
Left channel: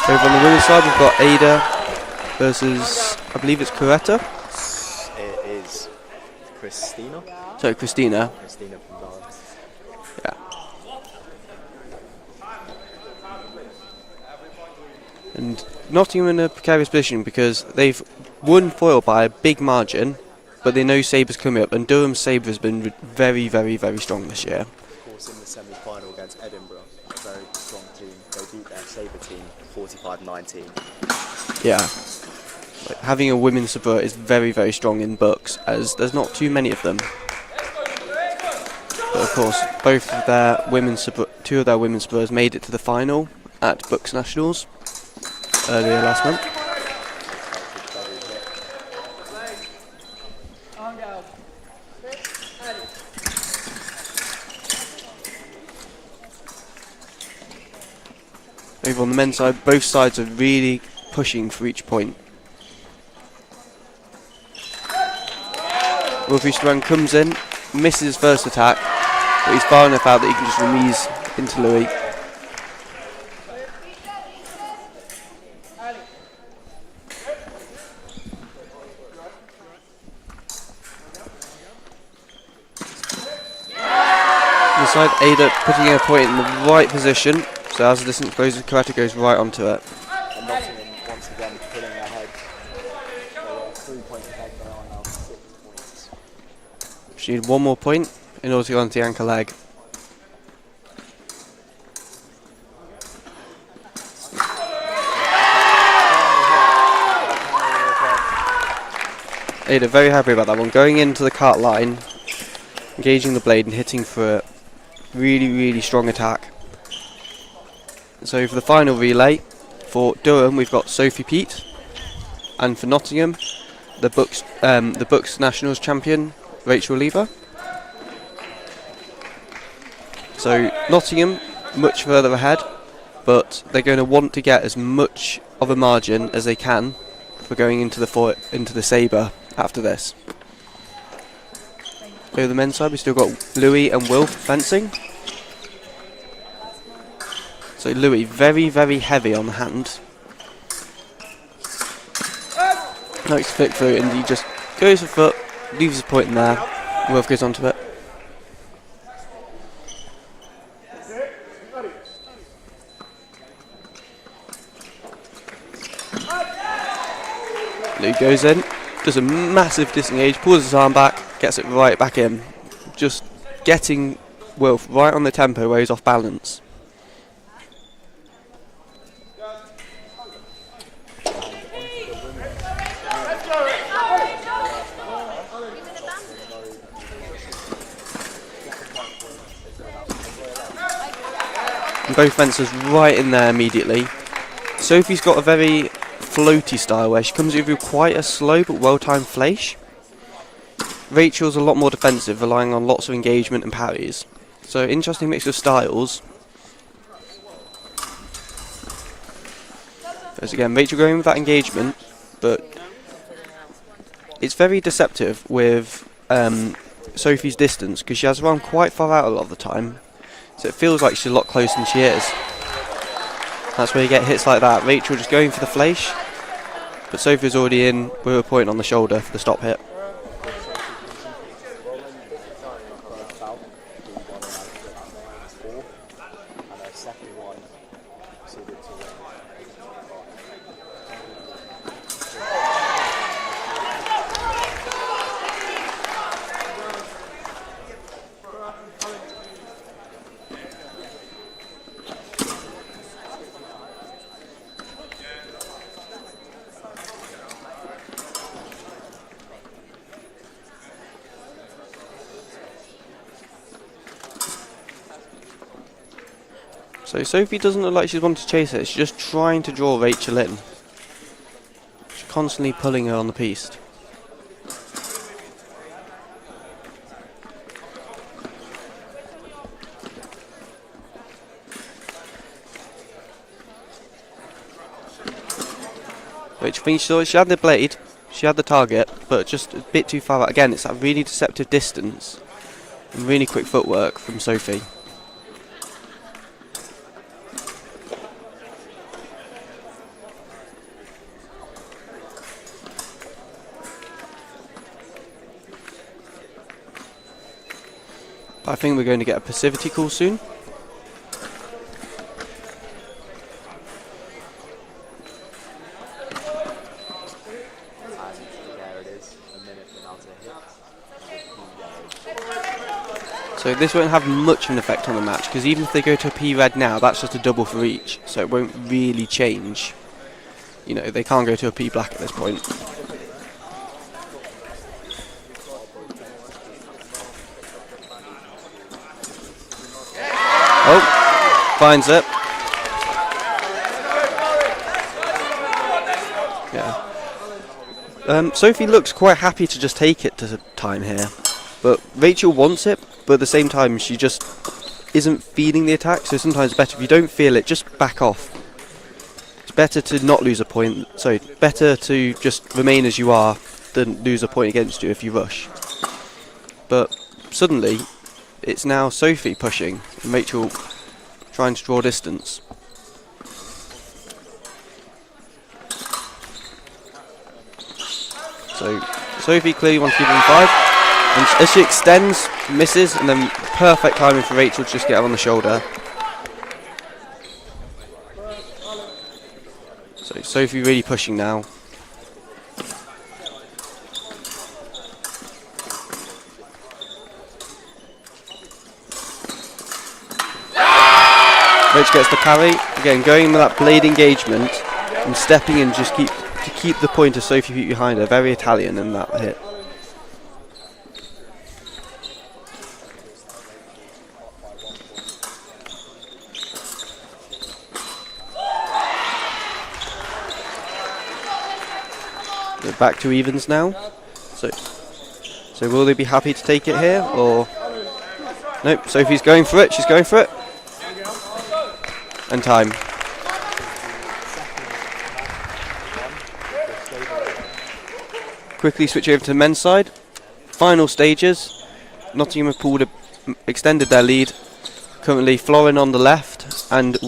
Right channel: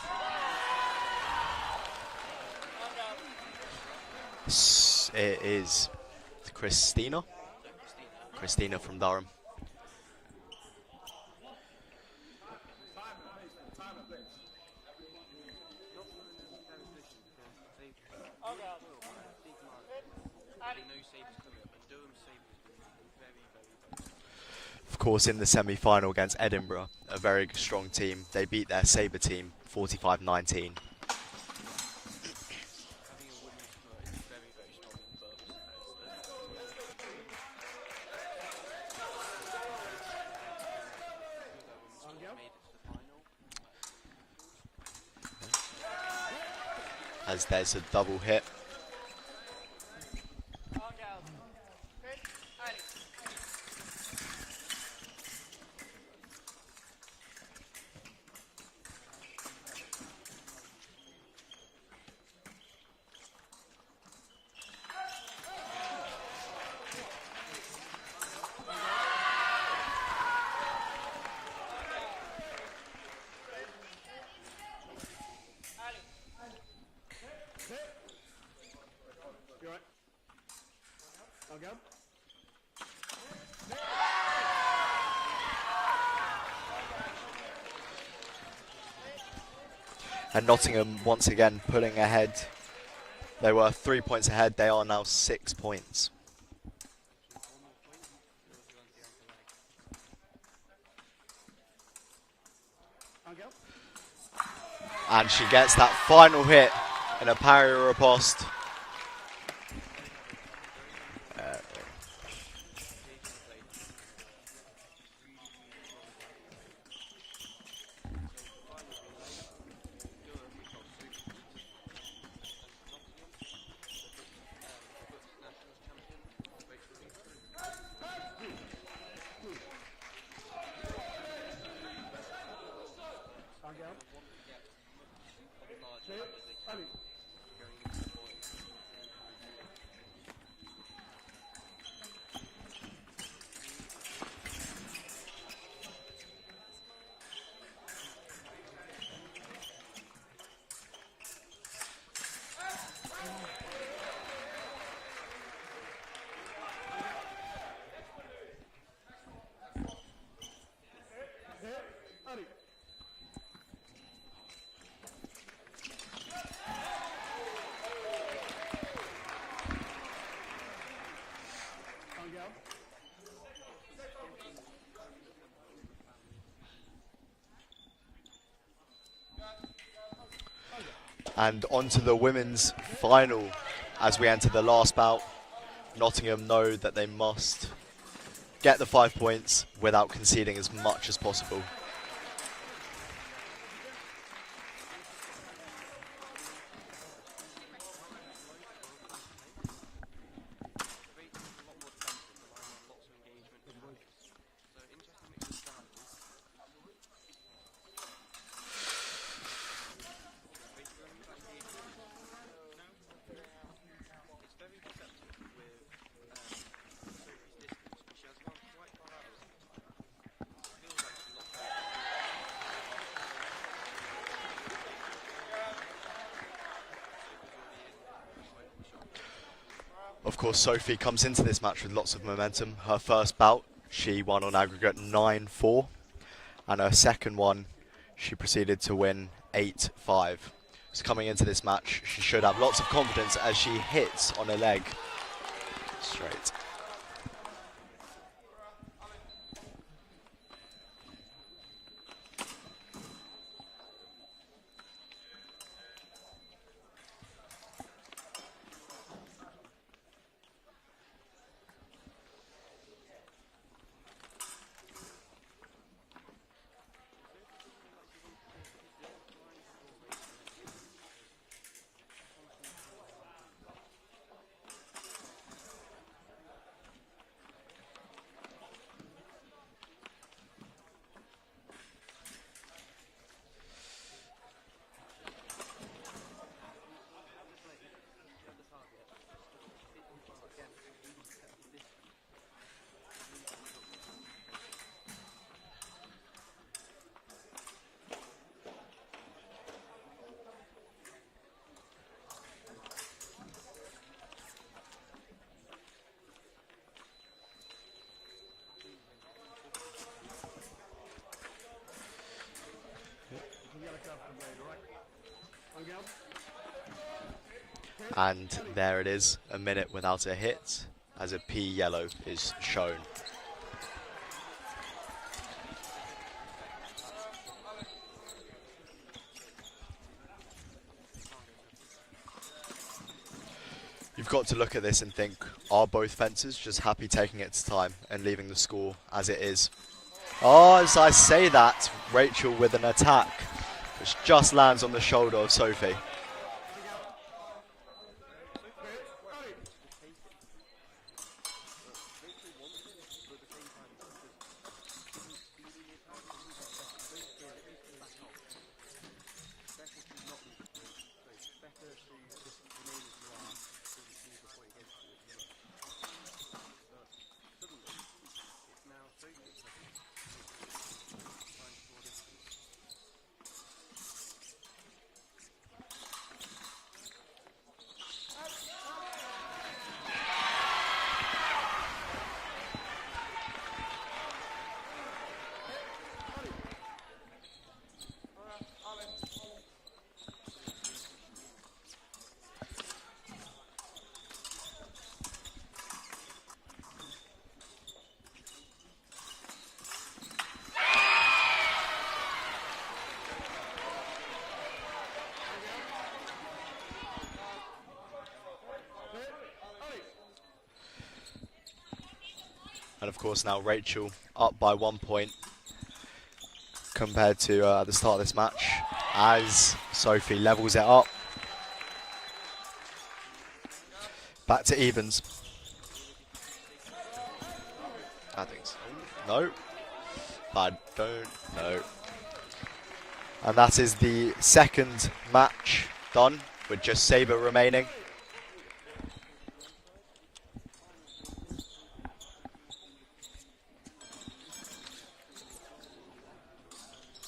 Over on the women's side we've got Ada versus, I believe it's Coretta. It is Christina. So Christina. Christina from Durham. Yeah. And Nottingham in a precarious position because they've won foil by a big margin, but they know Saber's coming up, and Durham's Saber has been very, very, very strong this year. Of course, in the semi-final against Edinburgh, a very strong team. They beat their Saber team 45-19. Yeah. Like, having a women's saber is very, very strong in BUCS, as there's not too many of them. But of course, both of their women's two of their women's sabers made it to the final at BUCS Nationals earlier last month. As there's a double hit. Over on the men's side, both sides are really pushing for each point. Wolfie Strang comes in, misses his first attack, but he's far enough out that he can just remise into Louis. On the side, Ada putting her point in the right position, so as the distance closes, karate goes right onto it. And Nottingham once again pulling ahead. They were 3 points ahead, they are now 6 points. She needed one more point in order to go onto the anchor leg. And she gets that final hit with a parry riposte. Ada very happy about that one. Going into the cart line, engaging the blade and hitting for a really, really strong attack. So for the final relay, for Durham we've got Sophie Pete, and for Nottingham, the BUCS Nationals champion, Rachel Lever. So Nottingham much further ahead, but they're going to want to get as much of a margin as they can for going into the saber after this. Over the men's side, we've still got Louis and Will fencing. So Louis very, very heavy on the hand. Likes to flick through and he just goes for foot, leaves his point in there, Wolf goes onto it. Louis goes in, does a massive disengage, pulls his arm back, gets it right back in. Just getting Wolf right on the tempo where he's off balance. And onto the women's final as we enter the last bout. Nottingham know that they must get the 5 points without conceding as much as possible. And both fencers right in there immediately. Sophie's got a very floaty style where she comes in with quite a slow but well-timed fleisch. Rachel's a lot more defensive, relying on lots of engagement and parries. So interesting mix of styles. As again, Rachel going with that engagement, but it's very deceptive with Sophie's distance because she has her arm quite far out a lot of the time, so it feels like she's a lot closer than she is. That's where you get hits like that. Rachel just going for the fleisch, but Sophie's already in with a point on the shoulder for the stop hit. Of course, Sophie comes into this match with lots of momentum. Her first bout, she won on aggregate 9-4, and her second one, she proceeded to win 8-5. So coming into this match, she should have lots of confidence as she hits on the leg. So Sophie doesn't look like she's wanting to chase it, she's just trying to draw Rachel in. She's constantly pulling her on the piece. Rachel thinks she had the blade, she had the target, but just a bit too far out. Again, it's that really deceptive distance and really quick footwork from Sophie. I think we're going to get a passivity call soon. And there it is, a minute without a hit, as a P yellow is shown. So this won't have much of an effect on the match, because even if they go to a P red now, that's just a double for each, so it won't really change. You know, they can't go to a P black at this point. You've got to look at this and think, are both fencers just happy taking its time and leaving the score as it is? Oh, I say that. Finds it. Rachel with an attack. She just lands on the shoulder of Sophie. Yeah. Sophie looks quite happy to just take it to time here. But Rachel wants it, but at the same time she just isn't feeling the attack, so sometimes it's better if you don't feel it, just back off. It's better to not lose a point, sorry, better to just remain as you are than lose a point against you if you rush. But suddenly, it's now Sophie pushing, and Rachel trying to draw distance. So Sophie clearly wants to give him 5. And as she extends, misses, and then perfect timing for Rachel to just get her on the shoulder. So Sophie really pushing now. Rachel gets the parry. Again, going in with that blade engagement and stepping in just to keep the point of Sophie feet behind her. Very Italian in that hit. And of course now Rachel up by 1 point compared to at the start of this match as Sophie levels it up. We're back to evens now. Back to evens. So will they be happy to take it here, or... Nope, Sophie's going for it, she's going for it. Fine. And time. And that is the second match done with just saber remaining. Quickly switch over to the men's side. Final stages. Nottingham have extended their lead. Currently Florin on the left and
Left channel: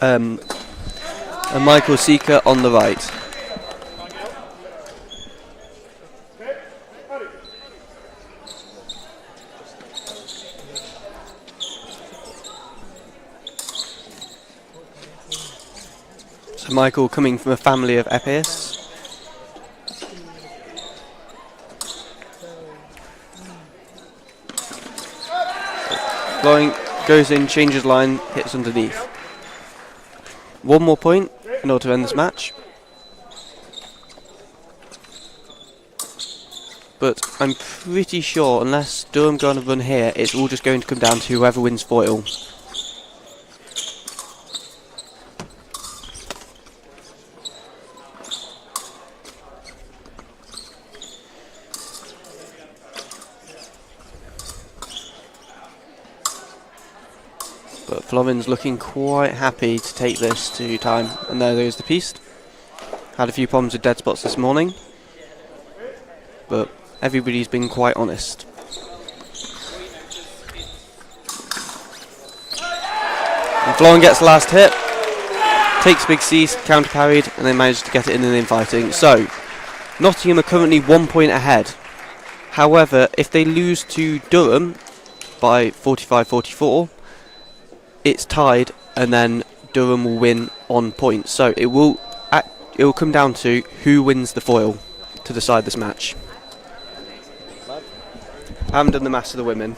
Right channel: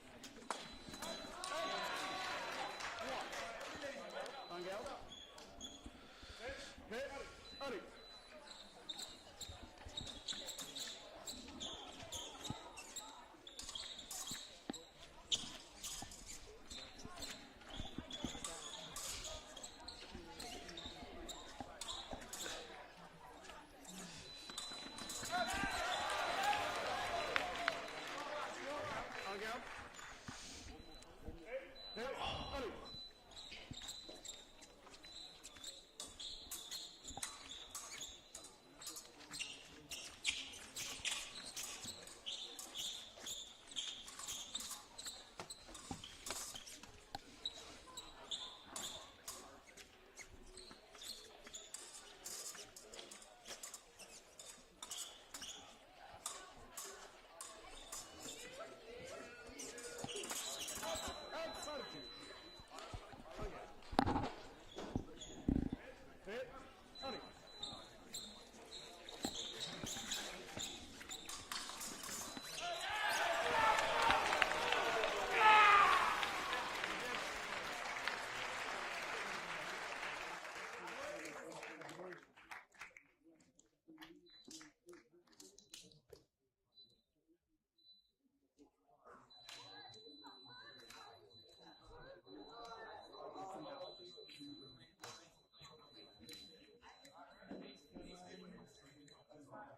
and Michael Seeker on the right. So Michael coming from a family of epeists. Florin goes in, changes line, hits underneath. 1 more point in order to end this match. But I'm pretty sure, unless Durham go on a run here, it's all just going to come down to whoever wins foil. But Florin's looking quite happy to take this to time. And there goes the piece. Had a few problems with dead spots this morning. But everybody's been quite honest. And Florin gets the last hit. Takes Big C's, counter parried, and then managed to get it in the infighting. So, Nottingham are currently 1 point ahead. However, if they lose to Durham by 45-44, it's tied, and then Durham will win on points. So it will come down to who wins the foil to decide this match. I haven't done the maths of the women.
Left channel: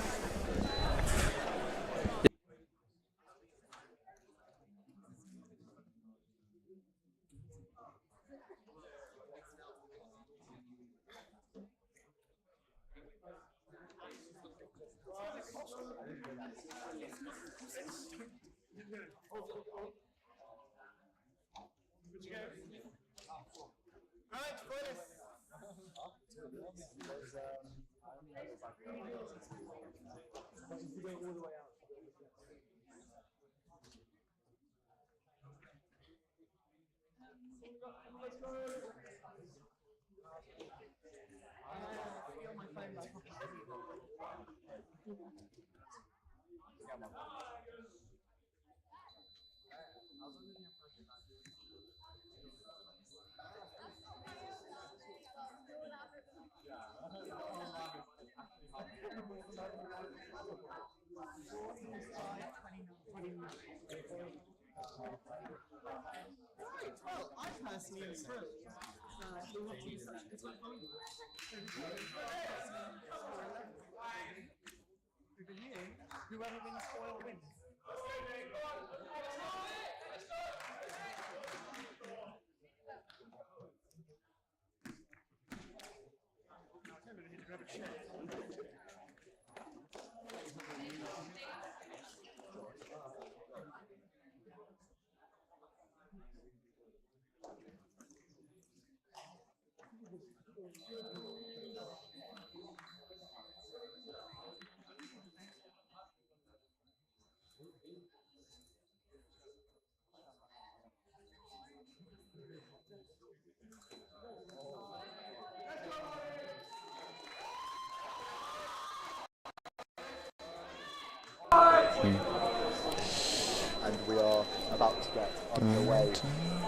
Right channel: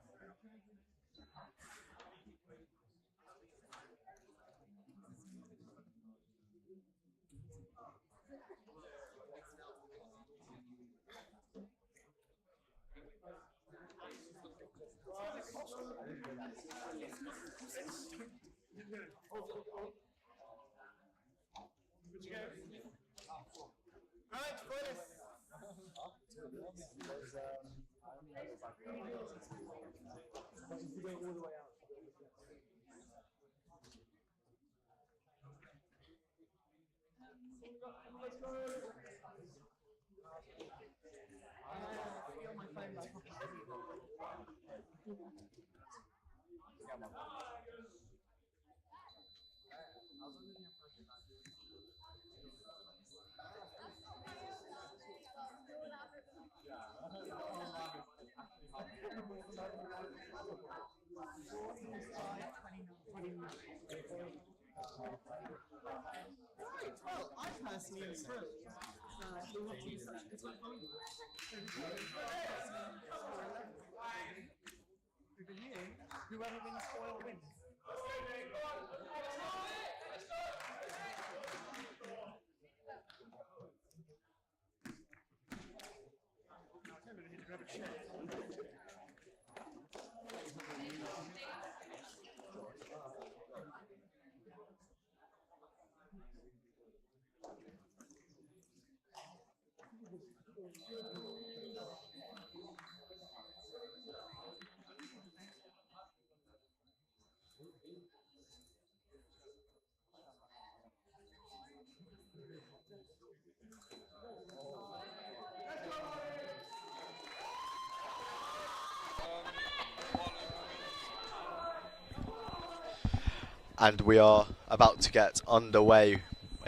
And we are about to get underway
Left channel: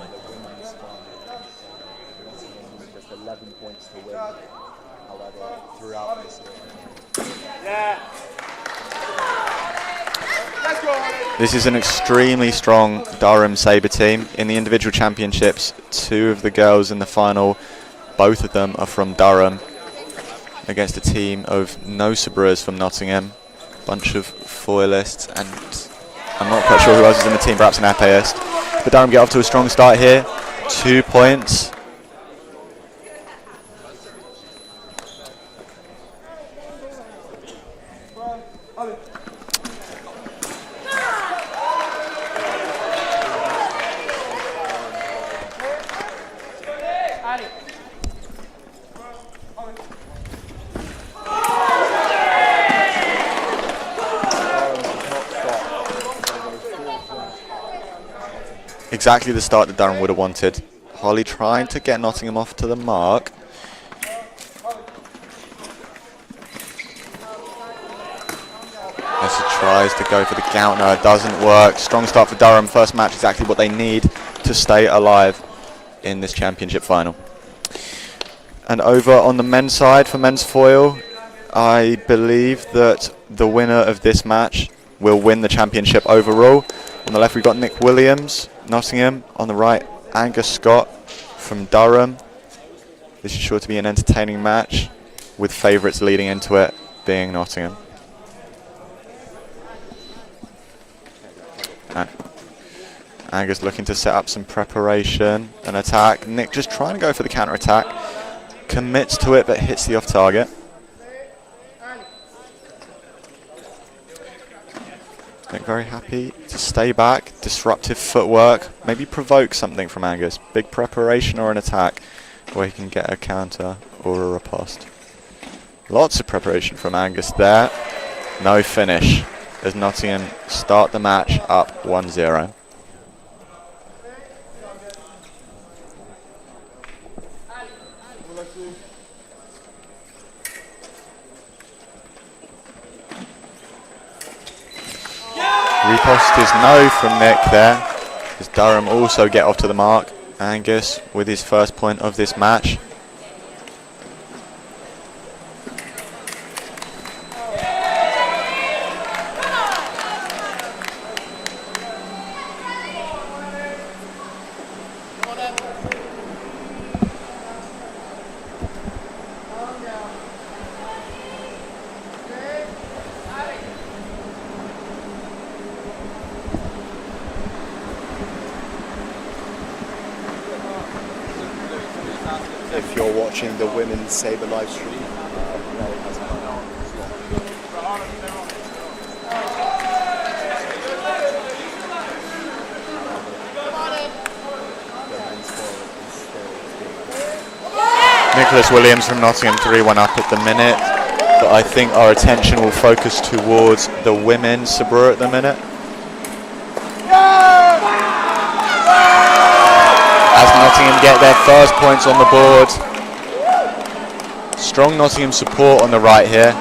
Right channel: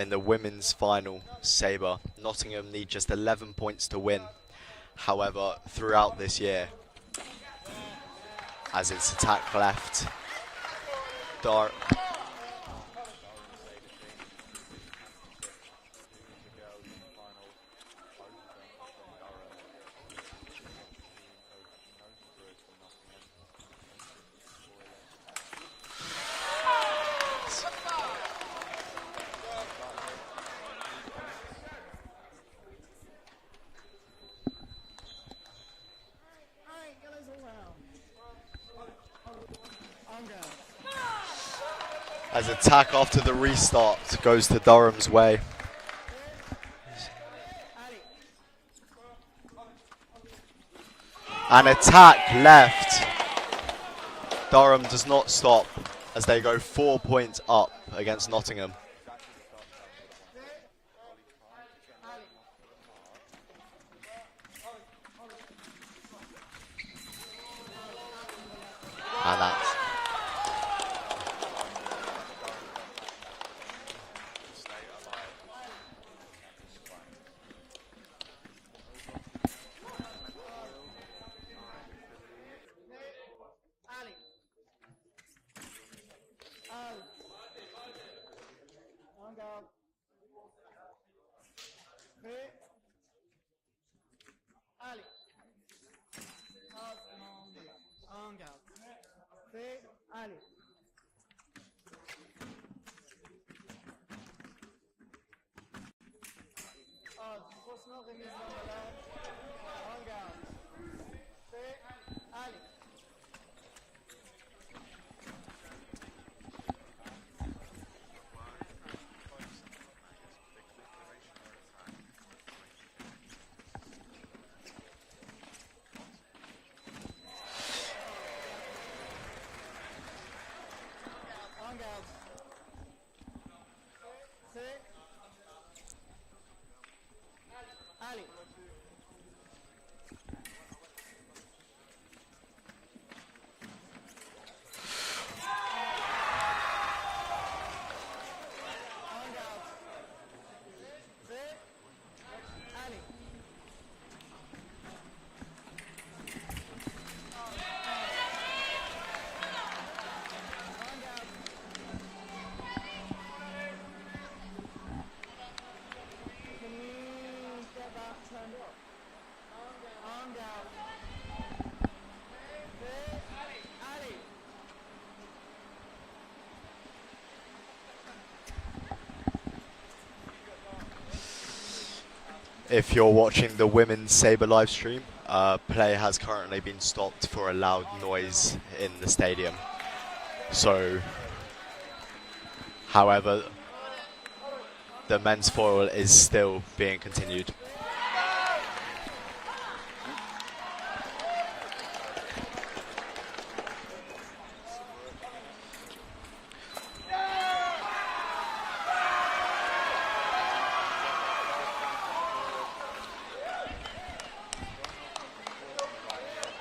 in the women's final saber. Nottingham need just 11 points to win. However, throughout this year, as it's attack left. This is an extremely strong Durham Sabre team. In the individual championships, 2 of the girls in the final, both of them are from Durham, against a team of no sabrers from Nottingham, bunch of foilists, and I'm not quite sure who else is in the team, perhaps an epeist. But Durham get off to a strong start here, 2 points. Attack after the restart goes to Durham's way. An attack left. Durham does not stop as they go 4 points up against Nottingham. Exactly the start that Durham would have wanted. Holly trying to get Nottingham off to the mark. As he tries to go for the counter, it doesn't work. Strong start for Durham. First match, exactly what they need to stay alive in this championship final. And over on the men's side for men's foil, I believe that the winner of this match will win the championship overall. On the left, we've got Nick Williams, Nottingham. On the right, Angus Scott from Durham. This is sure to be an entertaining match, with favourites leading into it being Nottingham. Angus looking to set up some preparation, an attack. Nick just trying to go for the counter attack. Commits to it but hits the off target. Nick very happy to stay back. Disruptive footwork. Maybe provoke something from Angus. Big preparation or an attack where he can get a counter or a riposte. Lots of preparation from Angus there. No finish as Nottingham start the match up 1-0. Riposte is no from Nick there, as Durham also get off to the mark. Angus with his first point of this match. If you're watching the women's saber live stream, play has currently been stopped for a loud noise in the stadium. So, however, the men's foil is still being continued. Nicholas Williams from Nottingham 3-1 up at the minute, but I think our attention will focus towards the women's sabre at the minute. As Nottingham get their first points on the board. Strong Nottingham support on the right here.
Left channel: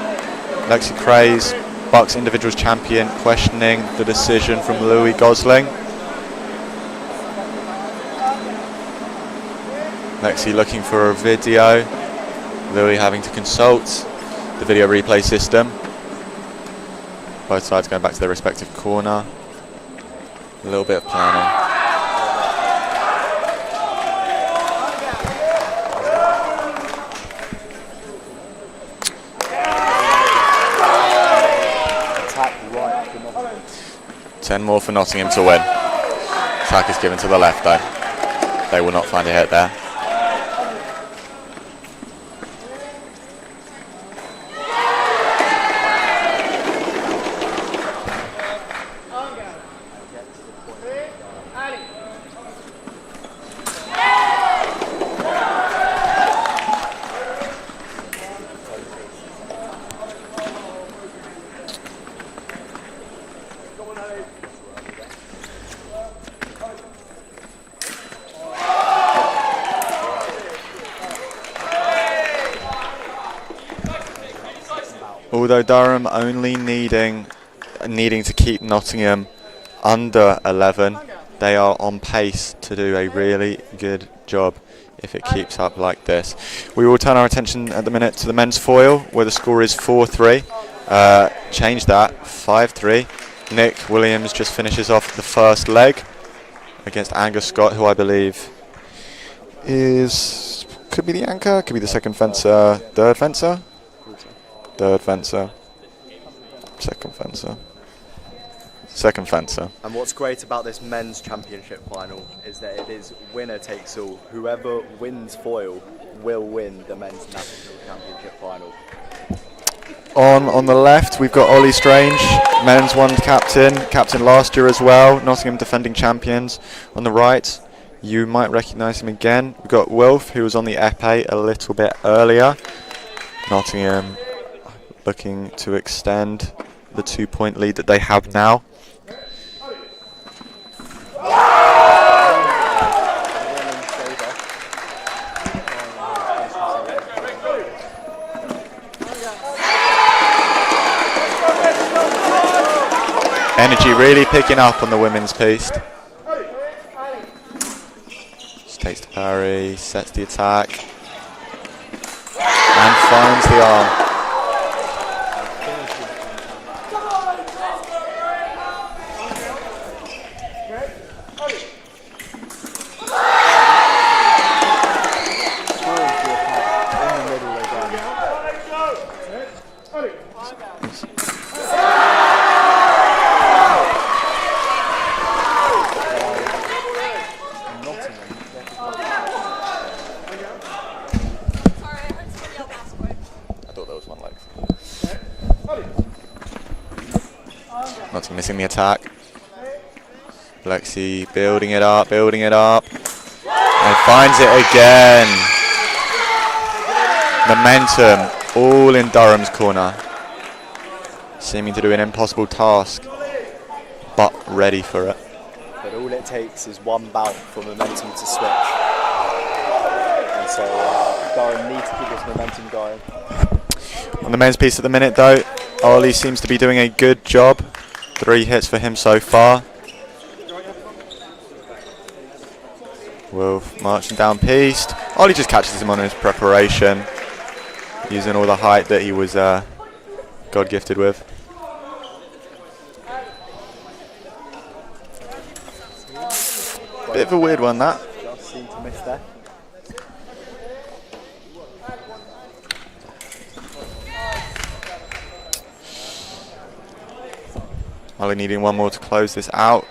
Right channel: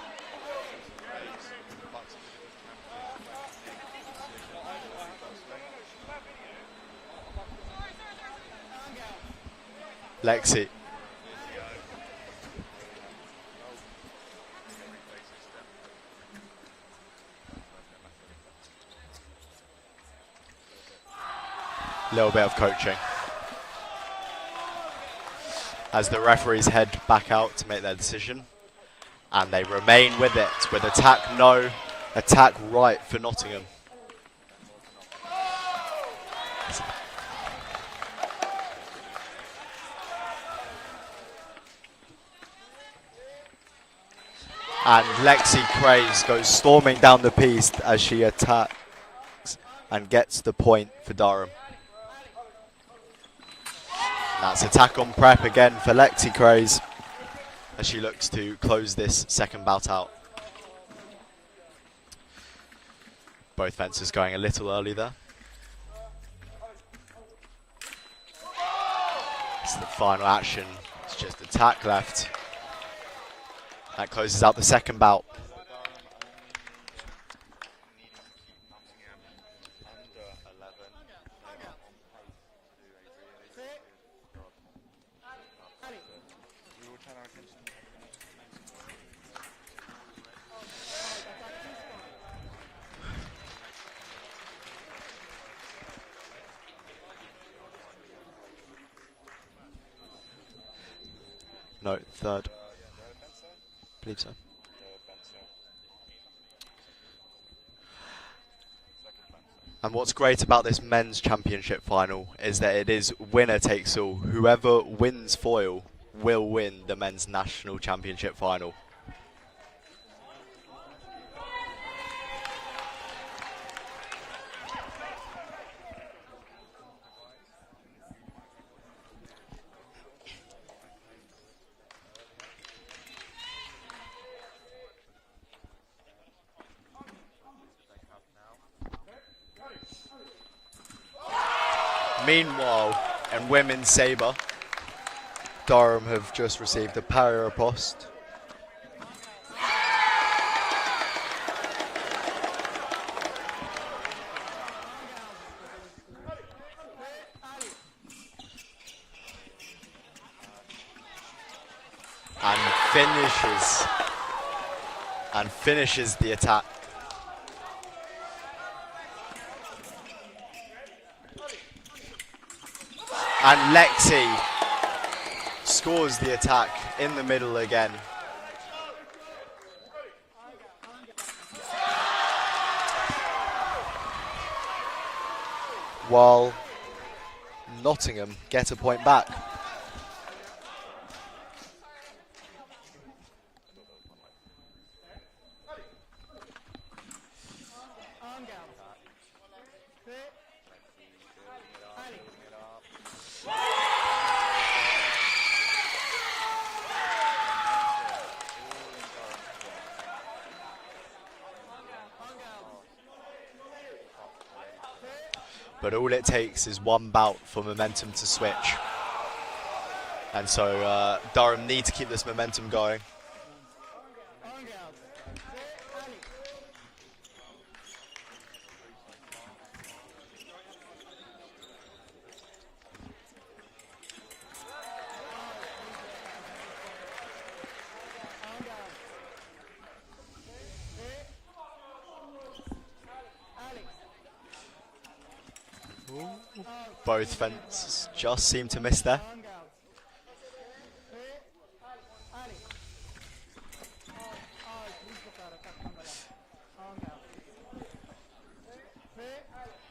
Lexi Craze, BUCS individuals champion, questioning the decision from Louis Gosling. Lexi looking for a video. Louis having to consult the video replay system. Both sides going back to their respective corner. A little bit of planning. A little bit of coaching. As the referees head back out to make their decision. And they remain with it. With attack no, attack right for Nottingham. 10 more for Nottingham to win. Attack is given to the left though. They will not find a hit there. And Lexi Craze goes storming down the piste as she attacks and gets the point for Durham. That's attack on prep again for Lexi Craze as she looks to close this second bout out. Both fences going a little early there. It's the final action. Attack left. That closes out the second bout. Although Durham only needing to keep Nottingham under 11. They are on pace to do a really good job if it keeps up like this. We will turn our attention at the minute to the men's foil, where the score is 4-3. Change that, 5-3. Nick Williams just finishes off the first leg against Angus Scott, who I believe could be the anchor, could be the second fencer, third fencer, second fencer. And what's great about this men's championship final is that it is winner takes all. Whoever wins foil will win the men's national championship final. On the left, we've got Ollie Strange, men's one captain last year as well, Nottingham defending champions. On the right, you might recognise him again. We've got Wilf, who was on the epee a little bit earlier. Nottingham looking to extend the 2-point lead that they have now. Meanwhile, women's saber, Durham have just received a parry riposte. Energy really picking up on the women's piece. Just takes the parry, sets the attack, and finds the arm. And finishes the attack. And Lexi scores the attack in the middle again. While Nottingham get a point back. I thought there was one leg. Nottingham missing the attack. Lexi building it up, and finds it again. Momentum all in Durham's corner. Seeming to do an impossible task, but ready for it. But all it takes is one bout for momentum to switch. And so Durham need to keep this momentum going. On the men's piece at the minute though, Ollie seems to be doing a good job. 3 hits for him so far. Wolf marching down piste. Ollie just catches him on his preparation, using all the height that he was God gifted with. Bit of a weird one, that. Just seemed to miss there. Ollie needing one more to close this out,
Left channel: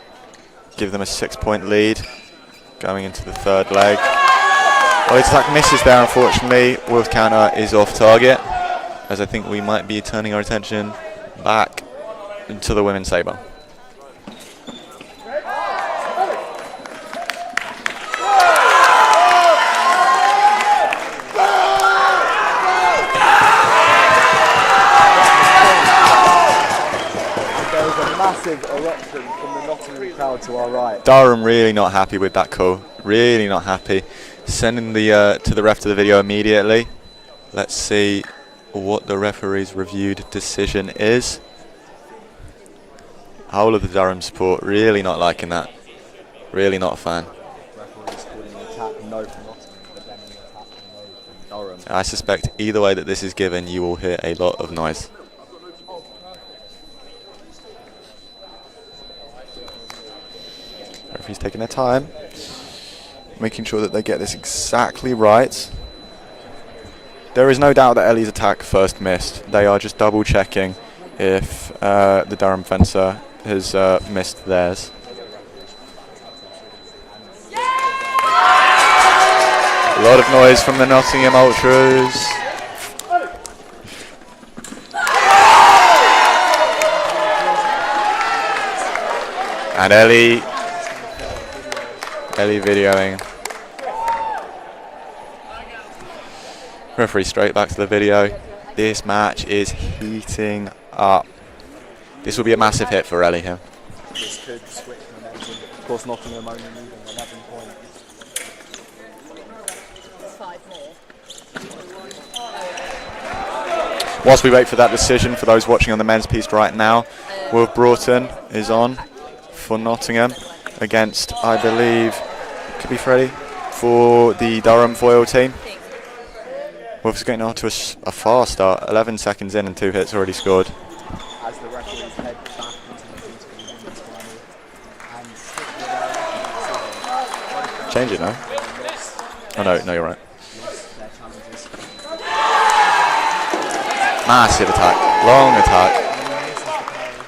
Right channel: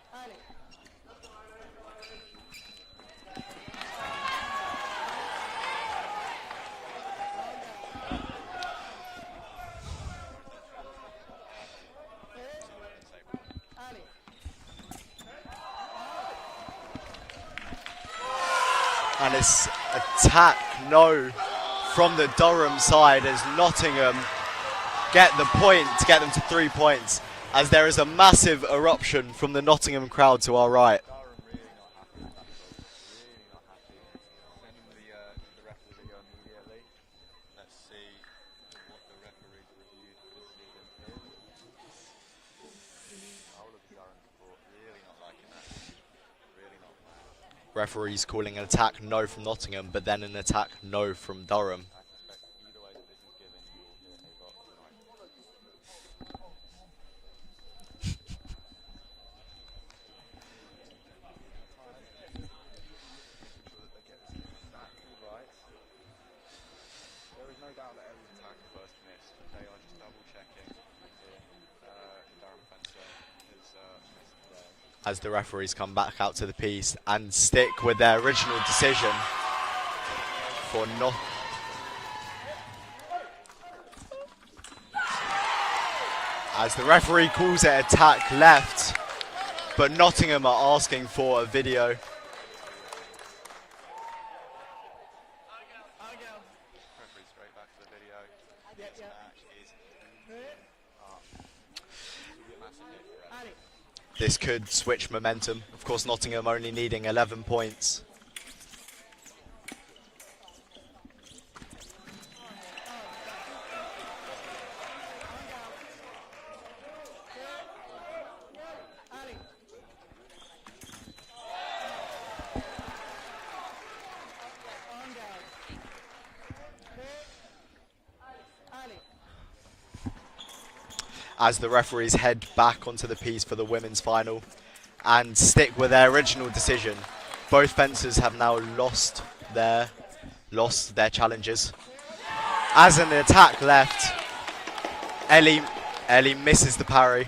give them a 6-point lead going into the third leg. Ollie's attack misses there, unfortunately. Wolf's counter is off target, as I think we might be turning our attention back to the women's saber. Attack, no, from the Durham side is Nottingham get the point to get to 3 points, as there is a massive eruption from the Nottingham crowd to our right. Durham really not happy with that call, really not happy. Sending the to the ref to the video immediately. Let's see what the referee's reviewed decision is. Whole of the Durham support really not liking that, really not a fan. Referees calling an attack no from Nottingham, but then an attack no from Durham. I suspect either way that this is given, you will hear a lot of noise. Referees taking their time, making sure that they get this exactly right. There is no doubt that Ellie's attack first missed. They are just double checking if the Durham fencer has missed theirs. As the referees come back out to the piece and stick with their original decision. A lot of noise from the Nottingham Ultras. As the referee calls it attack left. And Ellie Nottingham are asking for a video. Ellie videoing. Referee straight back to the video. This match is heating up. This will be a massive hit for Ellie here. This could switch momentum. Of course, Nottingham only needing 11 points. Whilst we wait for that decision, for those watching on the men's piece right now, Will Broughton is on for Nottingham against, I believe, could be Freddie, for the Durham foil team. Wolves getting on to a fast start, 11 seconds in and 2 hits already scored. As the referees head back onto the piece for the women's final and stick with their original decision. Both fences have now lost their challenges. As an attack left. Massive attack, long attack. Ellie misses the parry.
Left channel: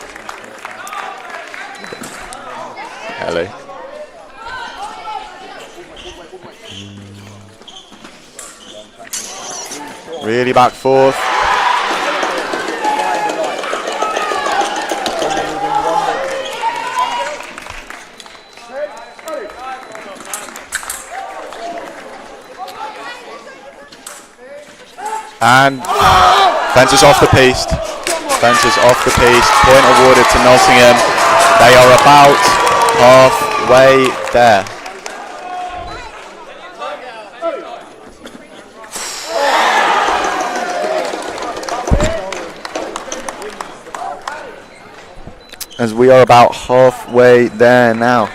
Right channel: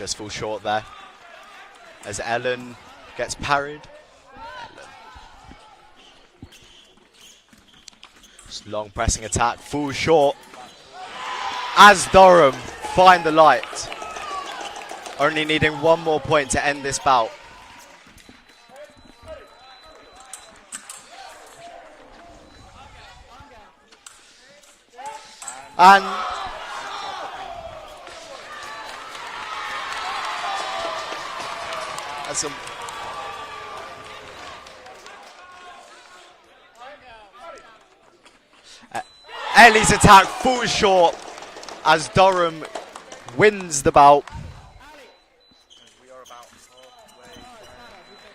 Just falls short there. As Ellen gets parried. Just long pressing attack, falls short. Really back forth. As Durham find the light. Only needing one more point to end this bout. And fences off the piece. Fences off the piece. Point awarded to Nottingham. They are about halfway there. Ellie's attack falls short as Durham wins the bout. As we are about halfway there now.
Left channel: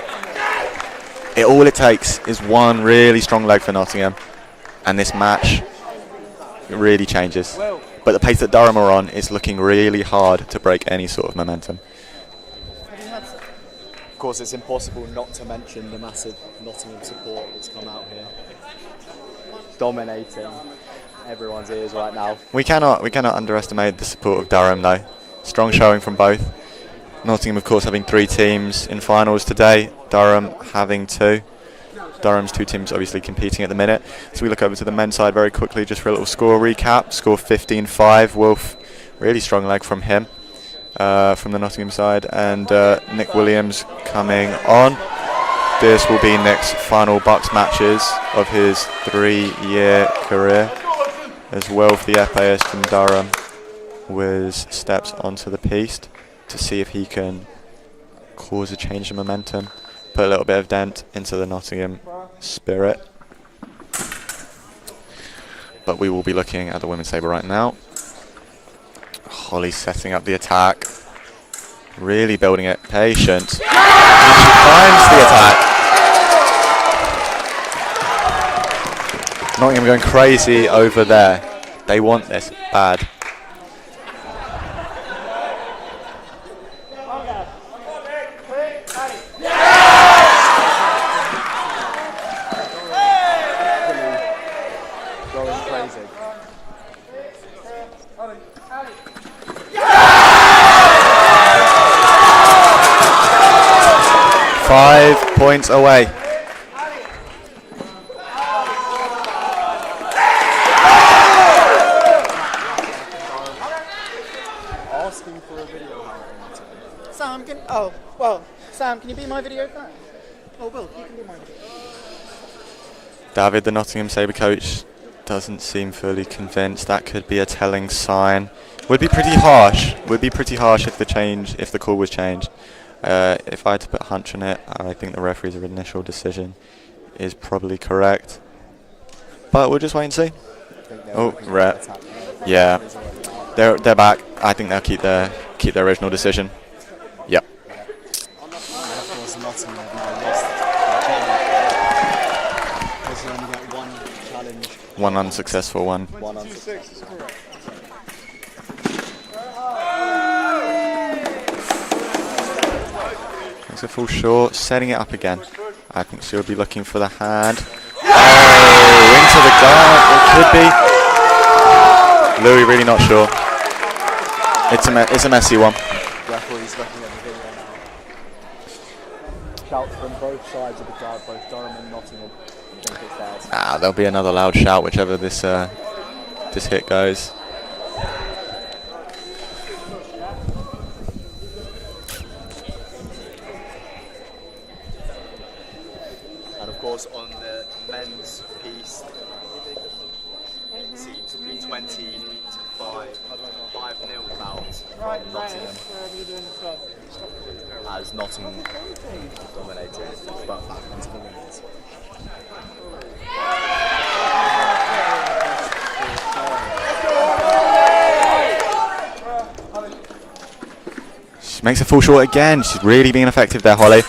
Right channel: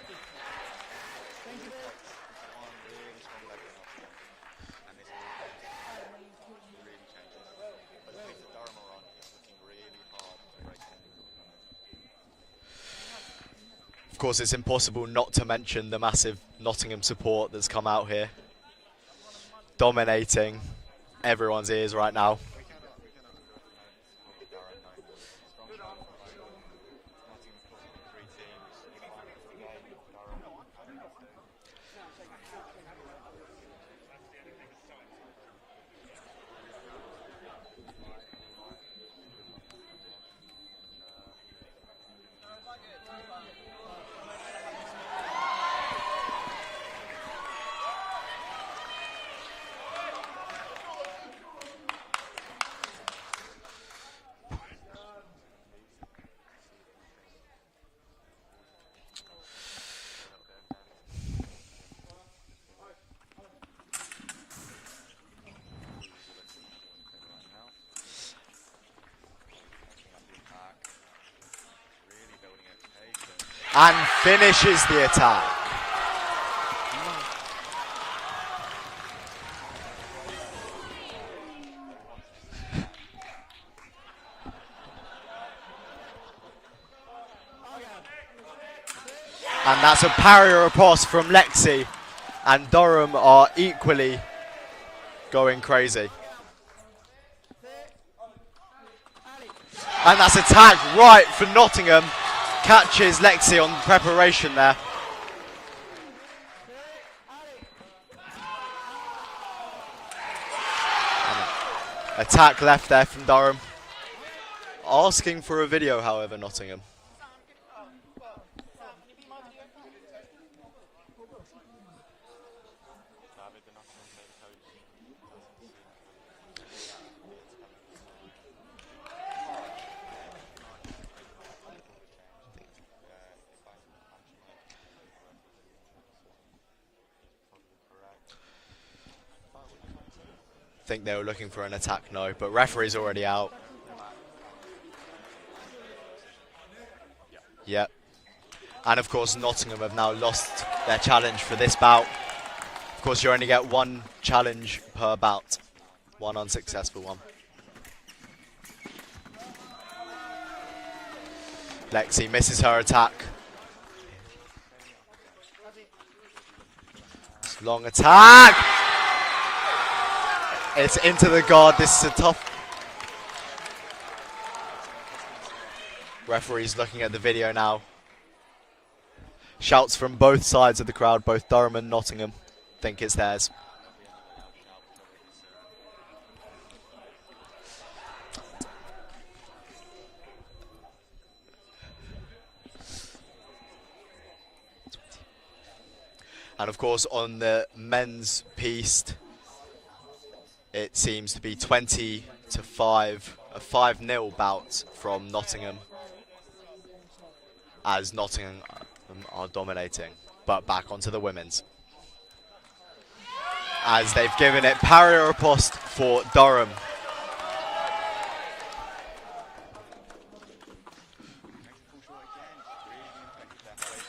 All it takes is one really strong leg for Nottingham, and this match really changes. But the pace that Durham are on is looking really hard to break any sort of momentum. Of course, it's impossible not to mention the massive Nottingham support that's come out here, dominating everyone's ears right now. We cannot underestimate the support of Durham though. Strong showing from both. Nottingham, of course, having 3 teams in finals today. Durham having 2. Durham's 2 teams obviously competing at the minute. So we look over to the men's side very quickly just for a little score recap. Score 15-5. Wolf, really strong leg from him, from the Nottingham side. And Nick Williams coming on. This will be Nick's final BUCS matches of his 3-year career. As Wolf, the epee from Durham, steps onto the piste to see if he can cause a change in momentum, put a little bit of dent into the Nottingham spirit. But we will be looking at the women's sabre right now. Holly setting up the attack, really building it, patient. And she finds the attack. Nottingham going crazy over there. They want this bad. Cross from Lexi, and Durham are equally going crazy. Nice attack right from Nottingham, catches Lexi on the separation there. 5 points away. Attack left there from Durham. Asking for a video, however, Nottingham. Sam, Sam, can you be my video fan? Oh, Will, you can be my video. David, the Nottingham Sabre coach, doesn't seem fully convinced. That could be a telling sign. Would be pretty harsh. Would be pretty harsh if the call was changed. If I had to put a hunch on it, I think the referee's initial decision is probably correct. But we'll just wait and see. I think they were looking for an attack, no, but referee's already out. They're back. I think they'll keep their original decision. Yep. Yeah. And of course Nottingham have now lost their challenge for this bout. Of course you only get one challenge per One bout. unsuccessful one. One unsuccessful one. Lexi misses her attack. Makes it fall short, setting it up again. I think she'll be looking for the hand. Long attack. Oh, into the guard. It could be. It's into the guard. This is a tough. Louis really not sure. It's a messy one. Referee's looking at the video now. Shouts from both sides of the crowd, both Durham and Nottingham think it's theirs. There'll be another loud shout whichever this hit goes. And of course on the men's piste, it seems to be 20-5, a 5-0 bout from Nottingham. As Nottingham are dominating, but back onto the women's. As they've given it parry riposte for Durham. She makes a full short again. She's really being effective there, Holly.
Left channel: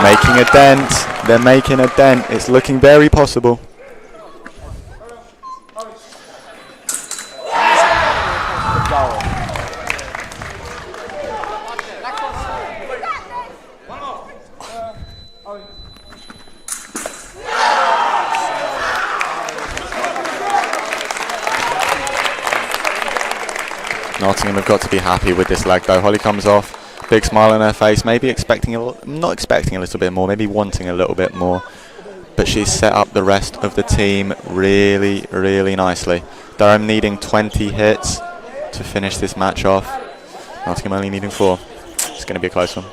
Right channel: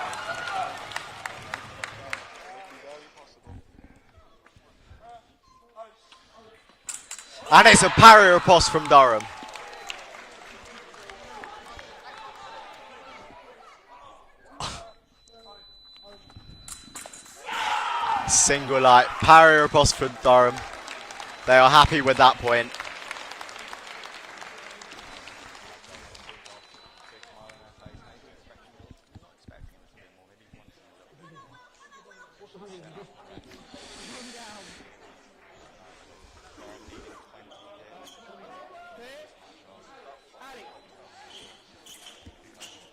Making a dent. They're making a dent. It's looking very possible. And it's a parry riposte from Durham. Single light parry riposte from Durham. They are happy with that point. Nottingham have got to be happy with this leg though. Holly comes off, big smile on her face, maybe expecting not expecting a little bit more, maybe wanting a little bit more. But she's set up the rest of the team really, really nicely. Durham needing 20 hits to finish this match off. Nottingham only needing 4. It's going to be a close one.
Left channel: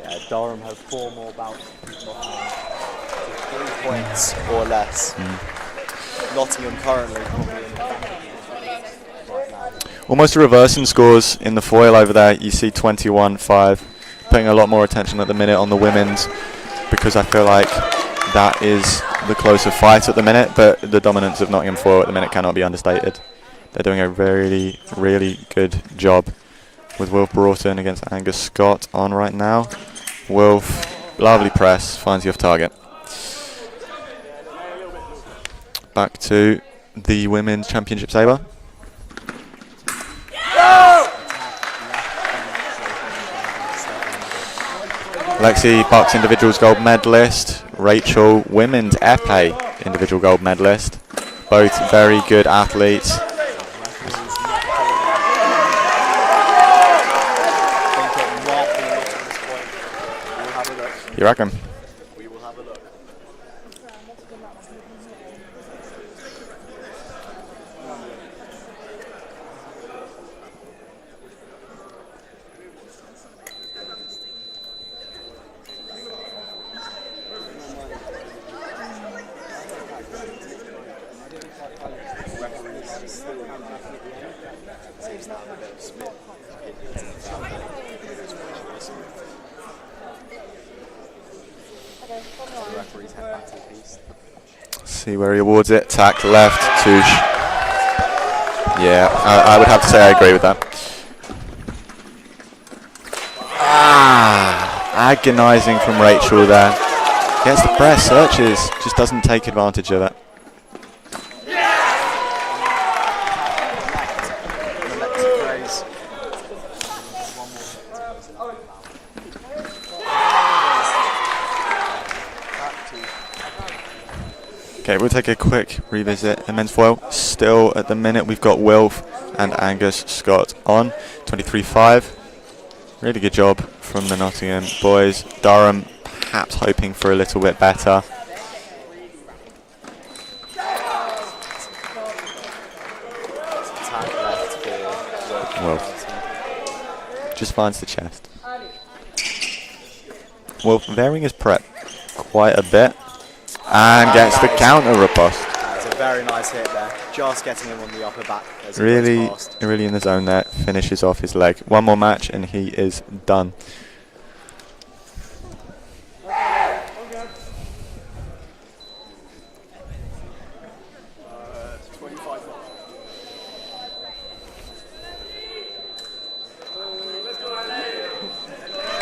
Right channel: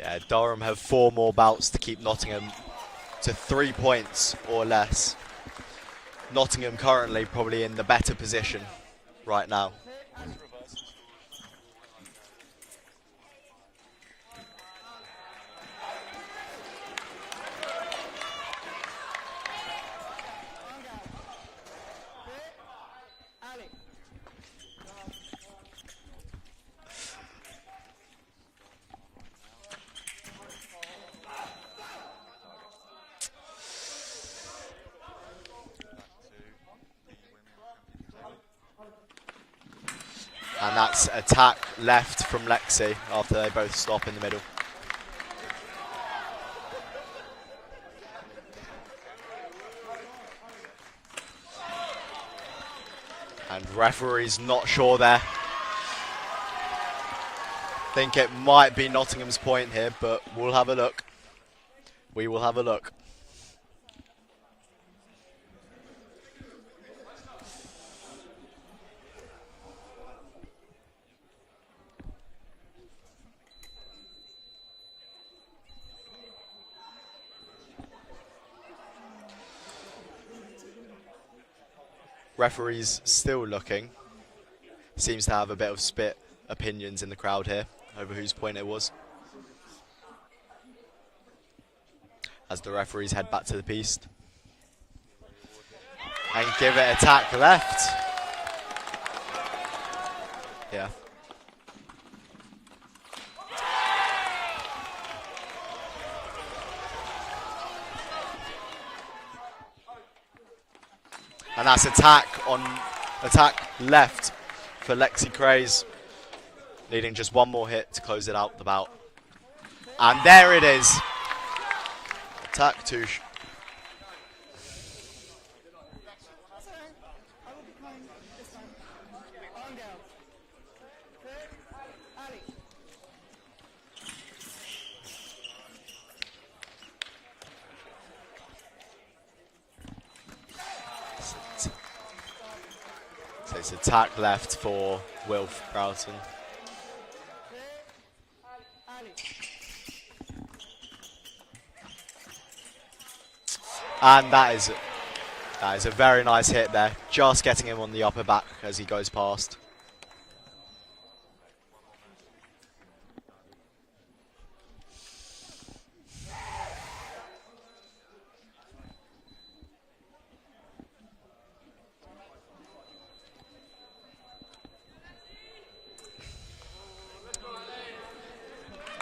Yeah, Durham have 4 more bouts to keep Nottingham to 3 points or less. Nottingham currently probably in the better position right now. Almost a reverse in scores in the foil over there. You see 21-5. Putting a lot more attention at the minute on the women's because I feel like that is the closer fight at the minute, but the dominance of Nottingham foil at the minute cannot be understated. They're doing a really, really good job with Wilf Broughton against Angus Scott on right now. Wilf, lovely press, finds the off target. Back to the Women's Championship saber. Attack left from Lexi. They're both stop in the middle. Lexi, BUCS individuals gold medalist. Rachel, women's epee individual gold medalist. Both very good athletes. The referee's not sure there. I think it might be Nottingham's point here, but we'll have a look. You reckon? We will have a look. Referee's still looking. Seems to have a bit of split opinions in the crowd here over whose point it was. As the referees head back to the piece. See where he awards it. Tack left. Touche. Tack left. Yeah, I would have to say I agree with that. Agonising from Rachel there. Gets the press, searches, just doesn't take advantage of it. That's attack left for Lexi Craze, needing just one more hit to close it out the bout. And there it is. Attack touche. Okay, we'll take a quick revisit. The men's foil, still at the minute, we've got Wilf and Angus Scott on. 23-5. Really good job from the Nottingham boys. Durham perhaps hoping for a little bit better. Attack left for Wilf. Just finds the chest. Wilf varying his prep quite a bit and gets the counter riposte. It's a very nice hit there, just getting him on the upper back as he Really, goes past. really in the zone there. Finishes off his leg. One more match and he is done.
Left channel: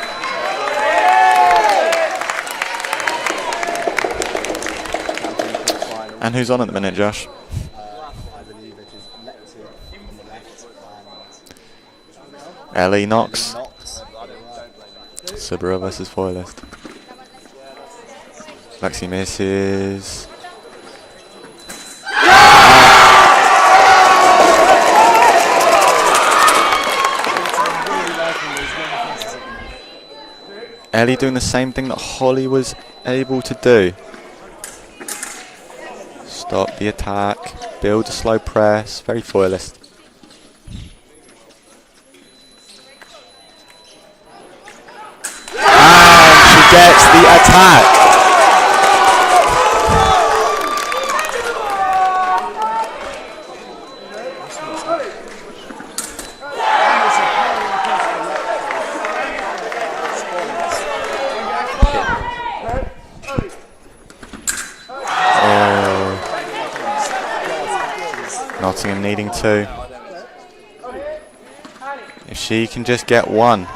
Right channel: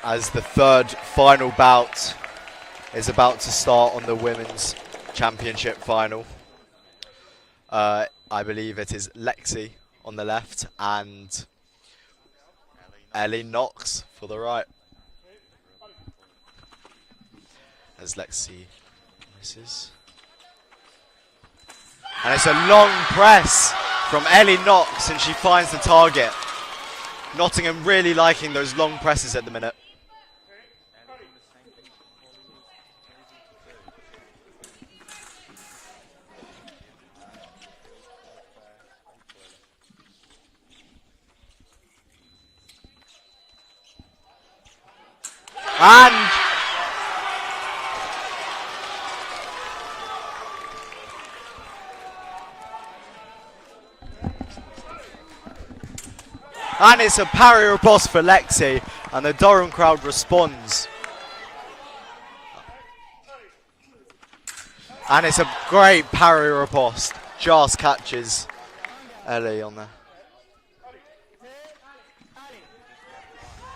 As the third final bout is about to start on the women's championship final. And who's on at the minute, Josh? I believe it is Lexi on the left and Ellie Ellie Knox. Knox on the right. Saber versus foilist. There's Lexi. Lexi misses. Press from Ellie Knox as she finds the target. Nottingham really liking those long presses at the minute. Ellie doing the same thing that Holly was able to do. Stop the attack, build a slow press, very foilist. And she gets the attack. And it's a parry riposte for Lexi, and the Durham crowd responds. And it's a great parry riposte, just catches. Nottingham needing 2. If she can just get one,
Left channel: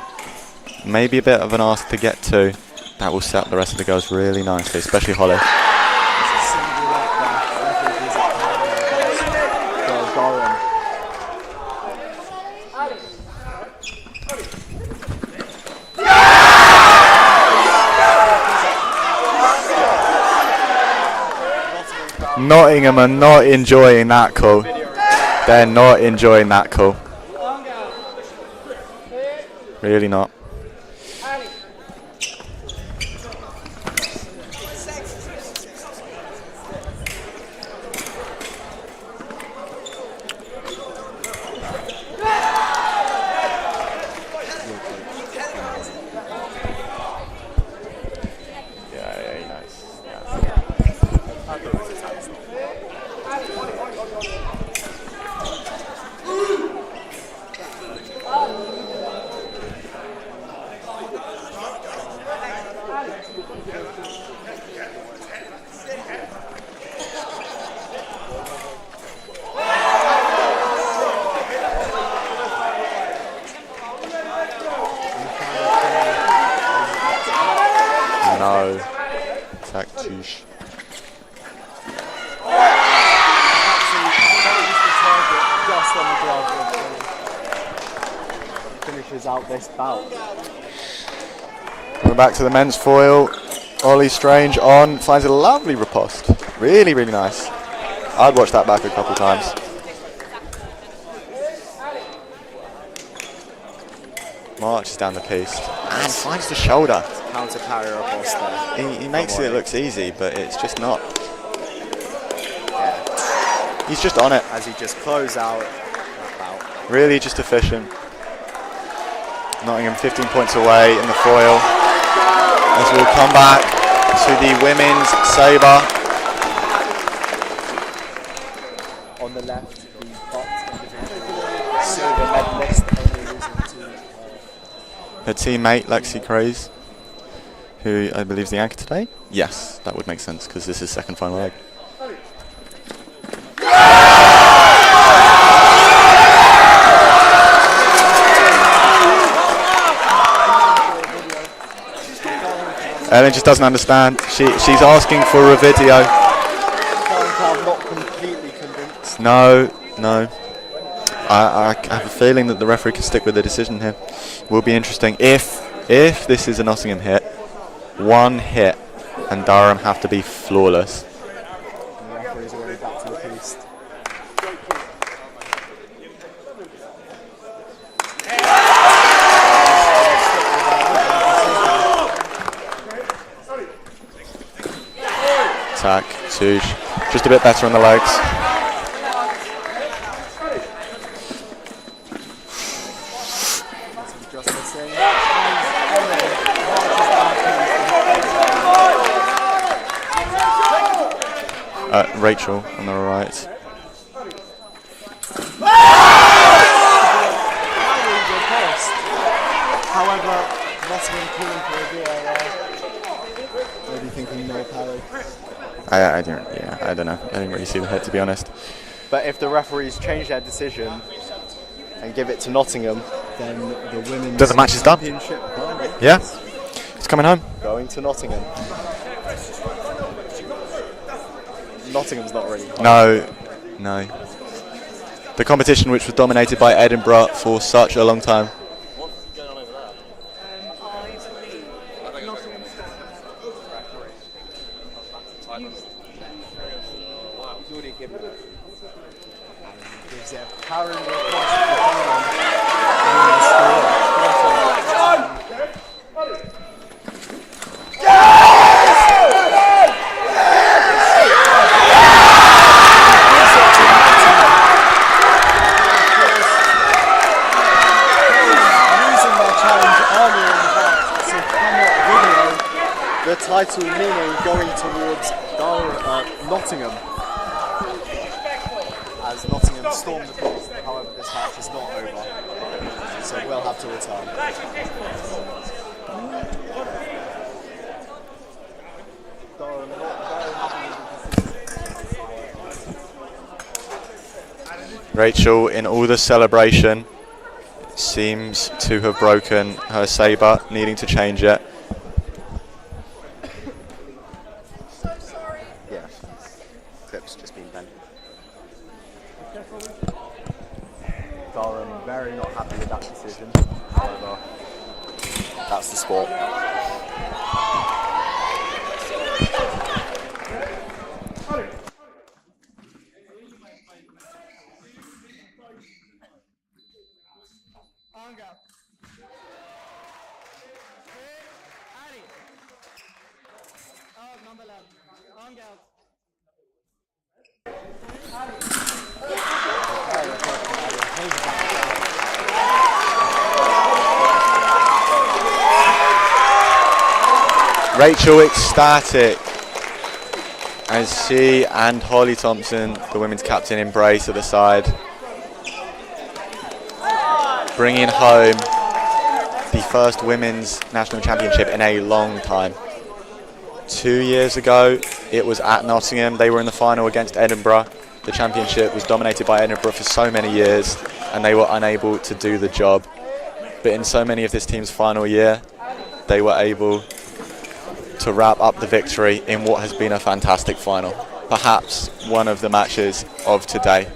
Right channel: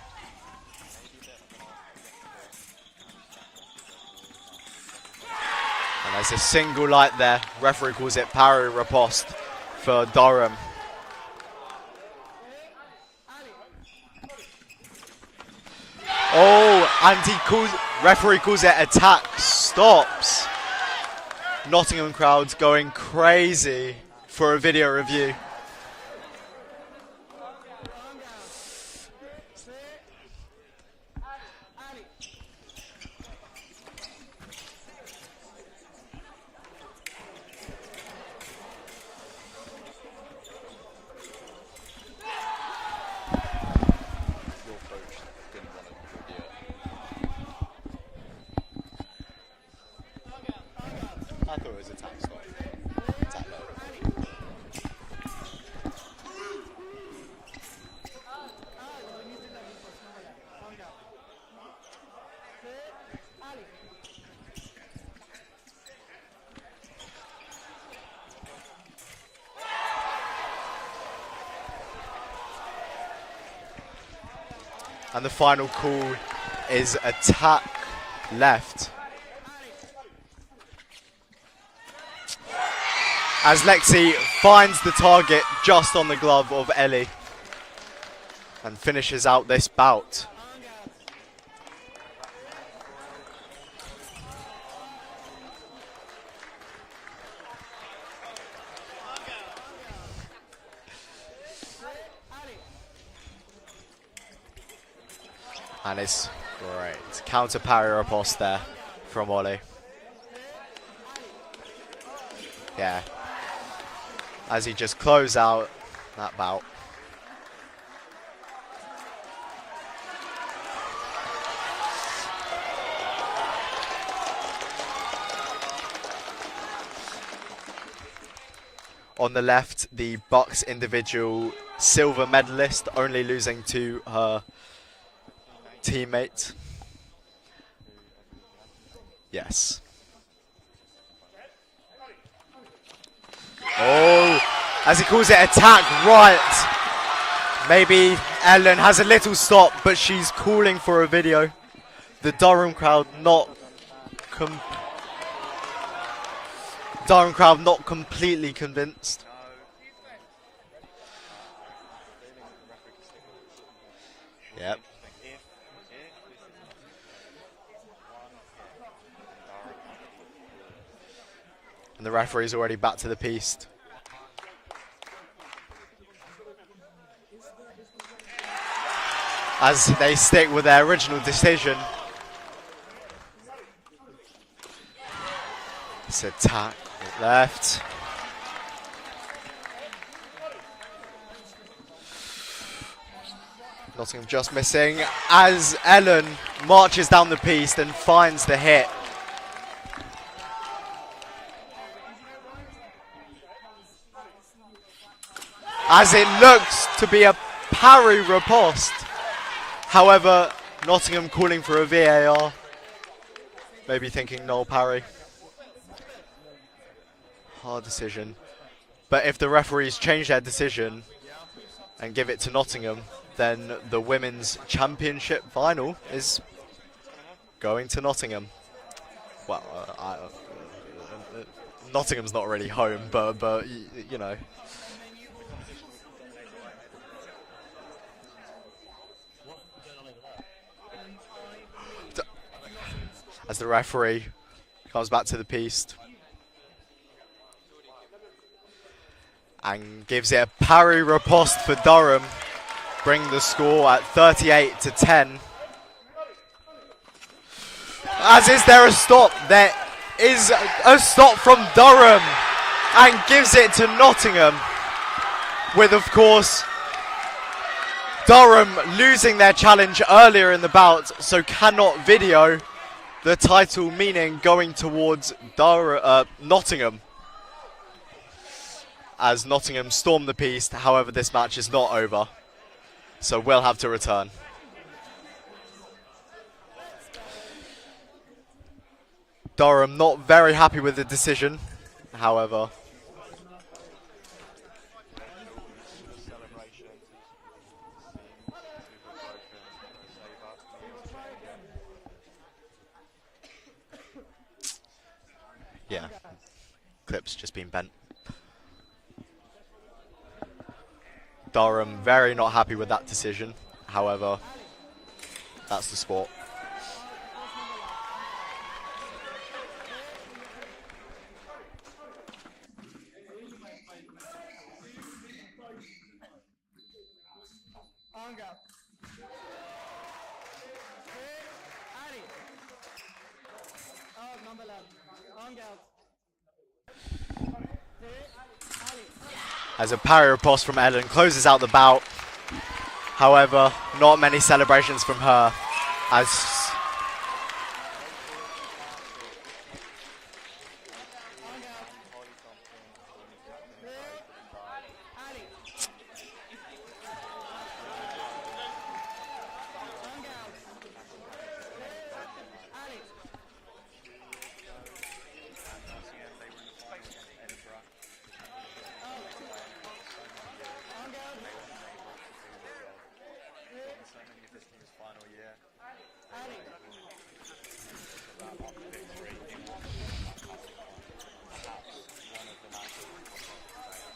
maybe a bit of an ask to get two, that will set up the rest of the girls really nicely, especially Holly. There's a single light there. The referee calls it parry riposte for Durham. Referee calls it attack. Stops. Nottingham crowd. Nottingham are not enjoying that For a call. video review. They're not enjoying that call. Really not. And the final call is attack left. Attack touche. As Lexi finds the target just on the glove of Ellie and finishes out this bout. We're back to the men's foil. Ollie Strange on, finds a lovely riposte. Really, really nice. I'd watch that back a couple times. Marches down the piece and finds the shoulder. Counter parry riposte there. He makes it look easy, but it's just not. Yeah. He's just on it. As he just close out that bout. Really just efficient. Nottingham 15 points away in the foil. As we'll come back to the women's saber. On the left, the BUCS individual silver medalist, only losing to her teammate, Lexi teammate. Craze, who I believe is the anchor today. Yes, that would make sense because this is second final leg. As he calls it attack right. Maybe Ellen has a little stop, but she's calling for a video. The Durham crowd. Ellen just doesn't understand. She's asking for a video. Durham crowd not completely convinced. No. I have a feeling that the referee can stick with the decision here. Will be interesting if this is a Nottingham hit. One hit and Durham have to be flawless. And the referee's already back to the piste. As they stick with their original decision. Attack, touche. Just a bit better on the legs. Nottingham just missing. As Ellen marches down the piste and finds the hit. Rachel on the right. As it looks to be a parry riposte. However, Nottingham calling for a VAR. Maybe thinking no parry. I don't know. I didn't really see the hit, to be honest. But if the referees change their decision and give it to Nottingham, then the women's Then the match is done. championship final Yes, it's coming home. going to Nottingham. Nottingham's not really home, No, but no. you know. The competition which was dominated by Edinburgh for such a long time. As the referee comes back to the piste and gives it a parry riposte for Durham, bringing the score at 38-10. As is there a stop? There is a stop from Durham and gives it to Nottingham. With, of course, Durham losing their challenge earlier in the bout, so cannot video the title, meaning going towards Nottingham. As Nottingham storm the piste, however this match is not over, so we'll have to return. Durham not very happy with the decision, however. Rachel in all the celebration. seems to have broken her saber, needing to change it. Yeah, clip's just been bent. Durham very not happy with that decision. However, that's the sport. On go. Ali. Oh, number 11. On go. As a parry riposte from Ellen closes out the bout. However, not many celebrations from her. As Rachel ecstatic as she and Holly Thompson, the women's captain, embrace at the side, bringing home the first women's national championship in a long time. 2 years ago, it was at Nottingham. They were in the final against Edinburgh. The championship was dominated by Edinburgh for so many years, and they were unable to do the job. But in so many of this team's final year, they were able to wrap up the victory in what has been a fantastic final. Perhaps one of the matches of today.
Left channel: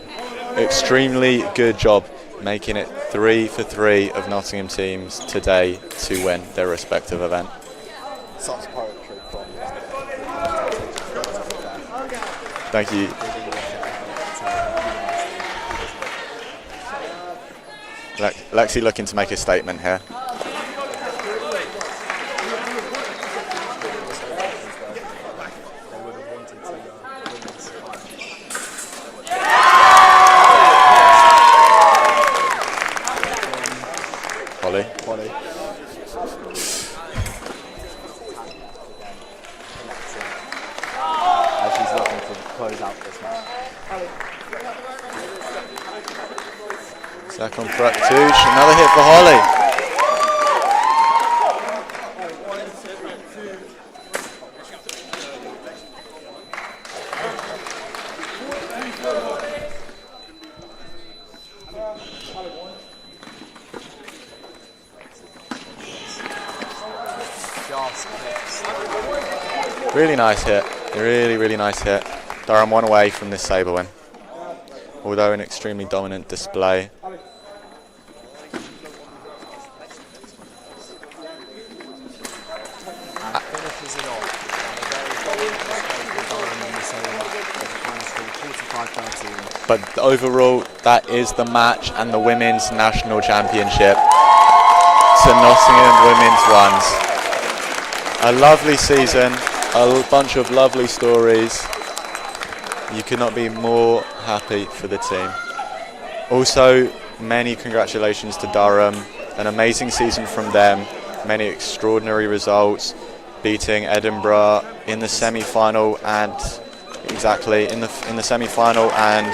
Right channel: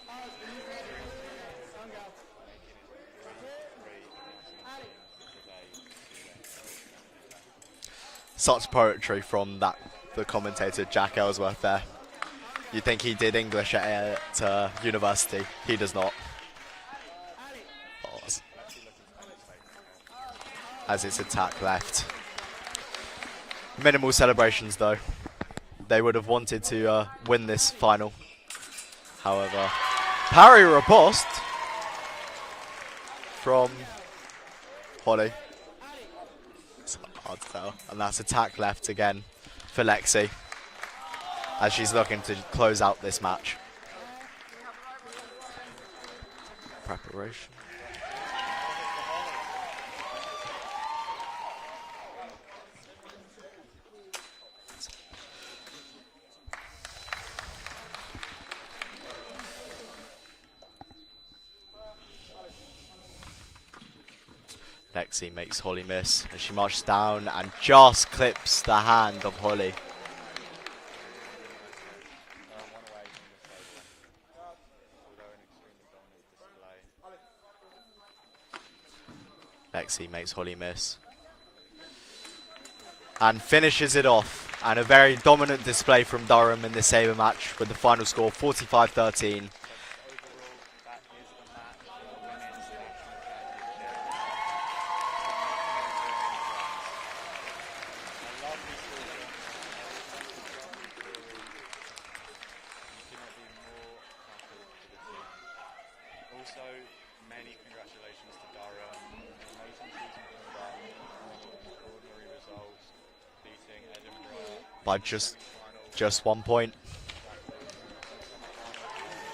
Extremely good job making it 3 for 3 of Nottingham teams today to win their respective event. such poetry from the commentator Jack Ellsworth there. Thank I think you. he did English at university. He does not. Lexi looking to make a statement here. As it's a tap left. Minimal celebrations though. They would have wanted to win this final. However, parry riposte from Holly. And that's attack left again for Lexi as she's looking to close out this match. Second Praktouche, another hit for Holly. Lexi makes Holly miss. She marches down and just clips the hand of Holly. Really nice hit, really nice hit. Durham one away from this saber win. Although an extremely dominant display. Lexi makes Holly miss. And finishes it off. And a very dominant display from Durham in the saber match with the final score 45-13. But overall, that is the match and the women's national championship to Nottingham Women's Ones. A lovely season, a bunch of lovely stories. You could not be more happy for the team. Also, many congratulations to Durham. An amazing season from them. Many extraordinary results, beating Edinburgh in the semi-final and 1 point. exactly in the semi-final and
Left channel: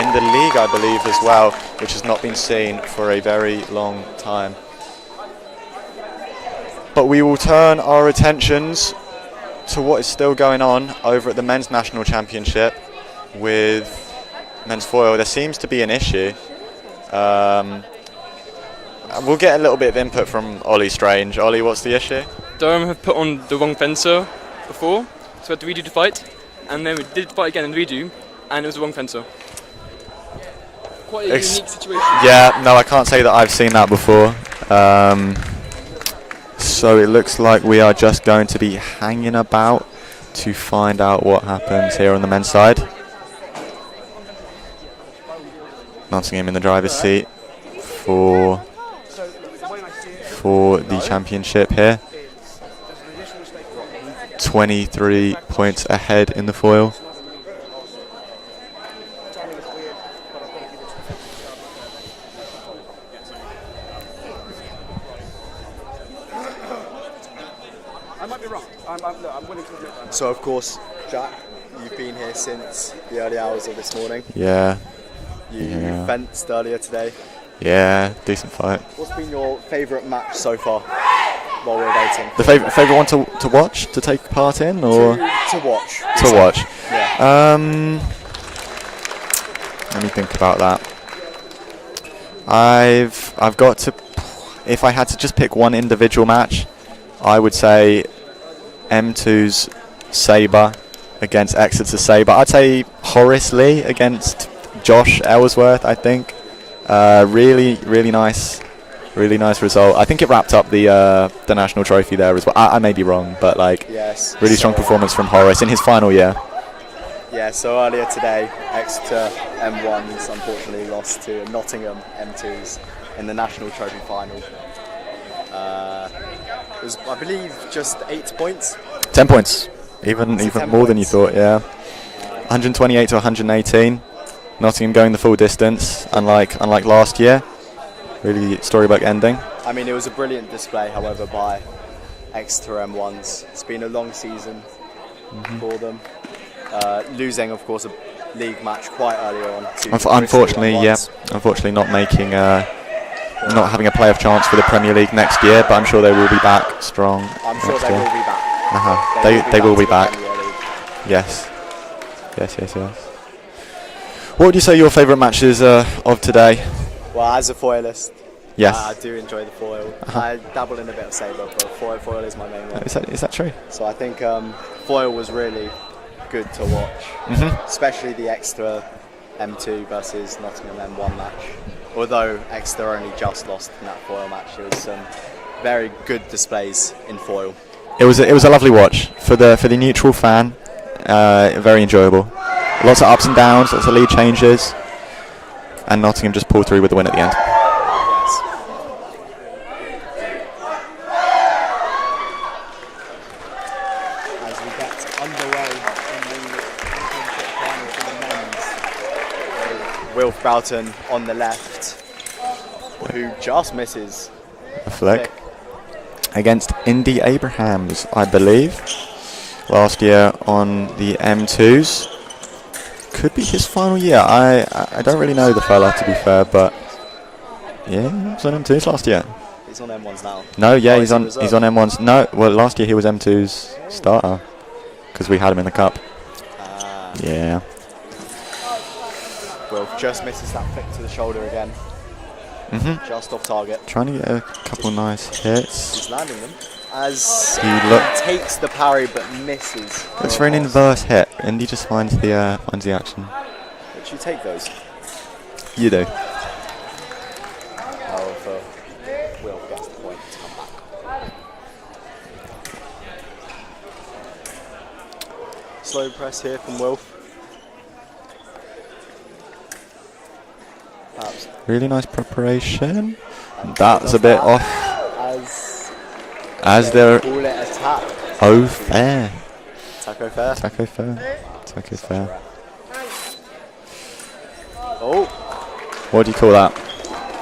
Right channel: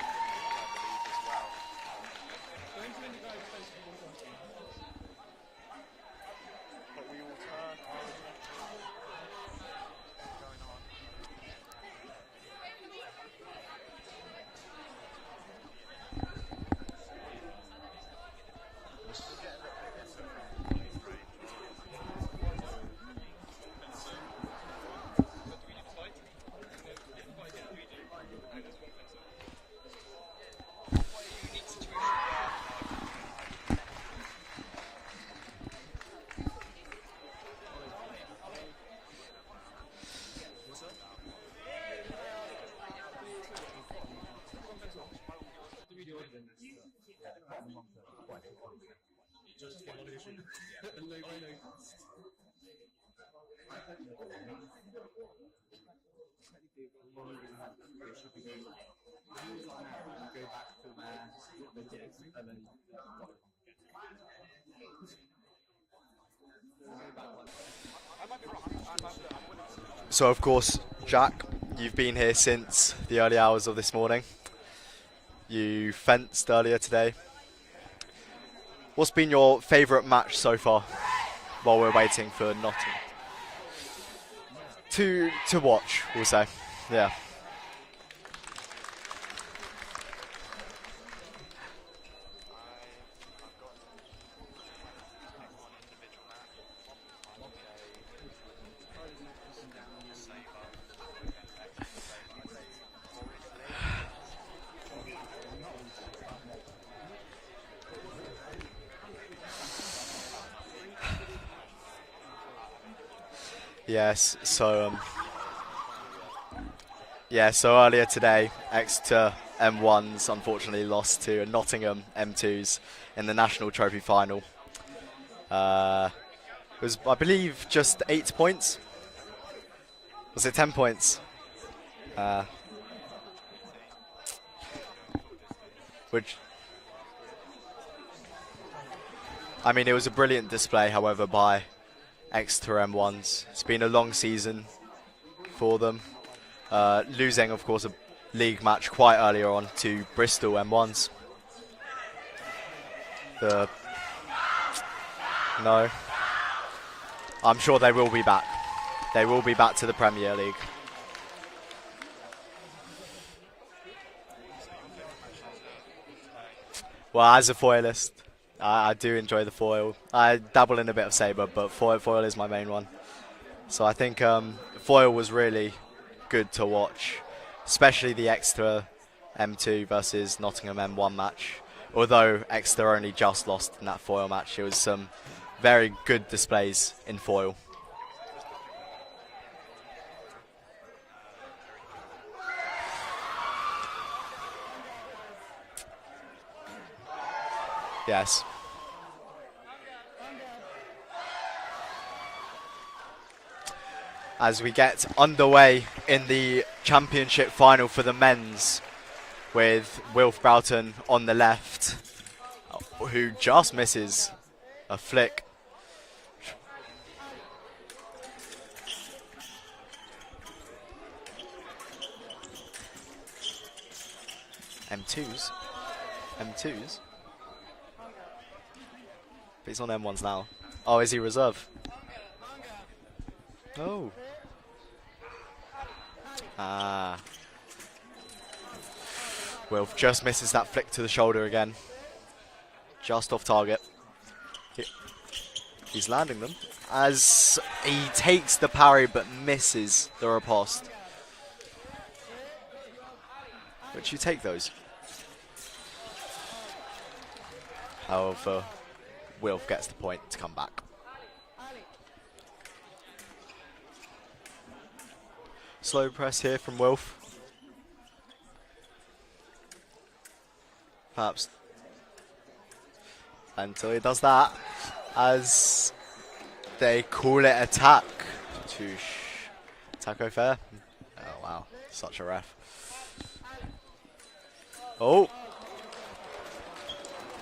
in the league, I believe, as well, which has not been seen for a very long time. But we will turn our attentions to what is still going on over at the men's national championship with men's foil. There seems to be an issue. We'll get a little bit of input from Ollie Strange. Ollie, what's the issue? Durham have put on the wrong fencer before, so we had to redo the fight, and then we did the fight again and redo, and it was the wrong fencer. Quite a unique situation. Yeah, no, I can't say that I've seen that before. So it looks like we are just going to be hanging about to find out what happens here on the men's side. Nottingham in the driver's seat for the championship here. 23 points ahead in the foil. So of course, Jack, you've been here since the early hours of this morning. Yeah. You fenced earlier today. Yeah, decent fight. What's been your favourite match so far while we're waiting? The favourite one to watch, to take part in, or to watch? to watch? Yeah. Let me think about that. I've got to. If I had to just pick one individual match, I would say M2's Saber against Exeter's Saber. I'd say Horace Lee against Josh Ellsworth. I think really nice result. I think it wrapped up the national trophy there as well. I may be wrong, but like Yes. really strong performance from Horace in his final year. Yeah, so earlier today, Exeter M1s unfortunately lost to Nottingham M2s in the national trophy final. It was, I believe, just 8 points. 10 points, even 10 more than you points? thought. Yeah, 128 to 118. Nottingham going the full distance, unlike last year. Really storybook ending. I mean, it was a brilliant display, however, by Exeter M1s. It's been a long season for them. Losing, of course, a league match quite earlier on to Unfortunately, Bristol M1s. unfortunately not making, not having a playoff chance for the Premier League next year. But I'm sure they will be back strong. I'm sure next they year. will be back. They will be to the back. Premier League. Yes. What would you say your favourite matches of today? Well, as a foilist, Yes. I do enjoy the foil. I dabble in a bit of saber, but foil is my main one. Is that true? So I think foil was really good to watch, especially the Exeter M2 versus Nottingham M1 match. Although Exeter only just lost in that foil match, it was some very good displays in foil. It was a lovely watch for the neutral fan. Very enjoyable. Lots of ups and downs, lots of lead changes, and Nottingham just pulled through with the win at the end. Yes. As we get underway in the championship final for the men's, with Wilf Boughton on the left, who just misses A flick against Indy Abrahams, I believe, last year on the M2s. Could be his final year. I don't really know the fella, to be fair, but yeah, he was on M2s last year. He's on M1s now. No, yeah, Oh, he's is he on reserve? M1s. No, well, last year he was M2's starter because we had him in the cup. Yeah. Wilf just misses that flick to the shoulder again. Just off target. Trying to get a couple nice hits. He's landing them. As He he look- takes the parry but misses. Looks a for an pass. inverse hit. Indy just finds the action. Would you take those? You do. However, Wilf gets the point to come back. Slow press here from Wilf. Perhaps Really nice preparation. and That's does a bit that off. As As they they're call it attack. oh fair. Taco fair. Taco fair. Taco Such a fair. ref. Oh, What do you call that?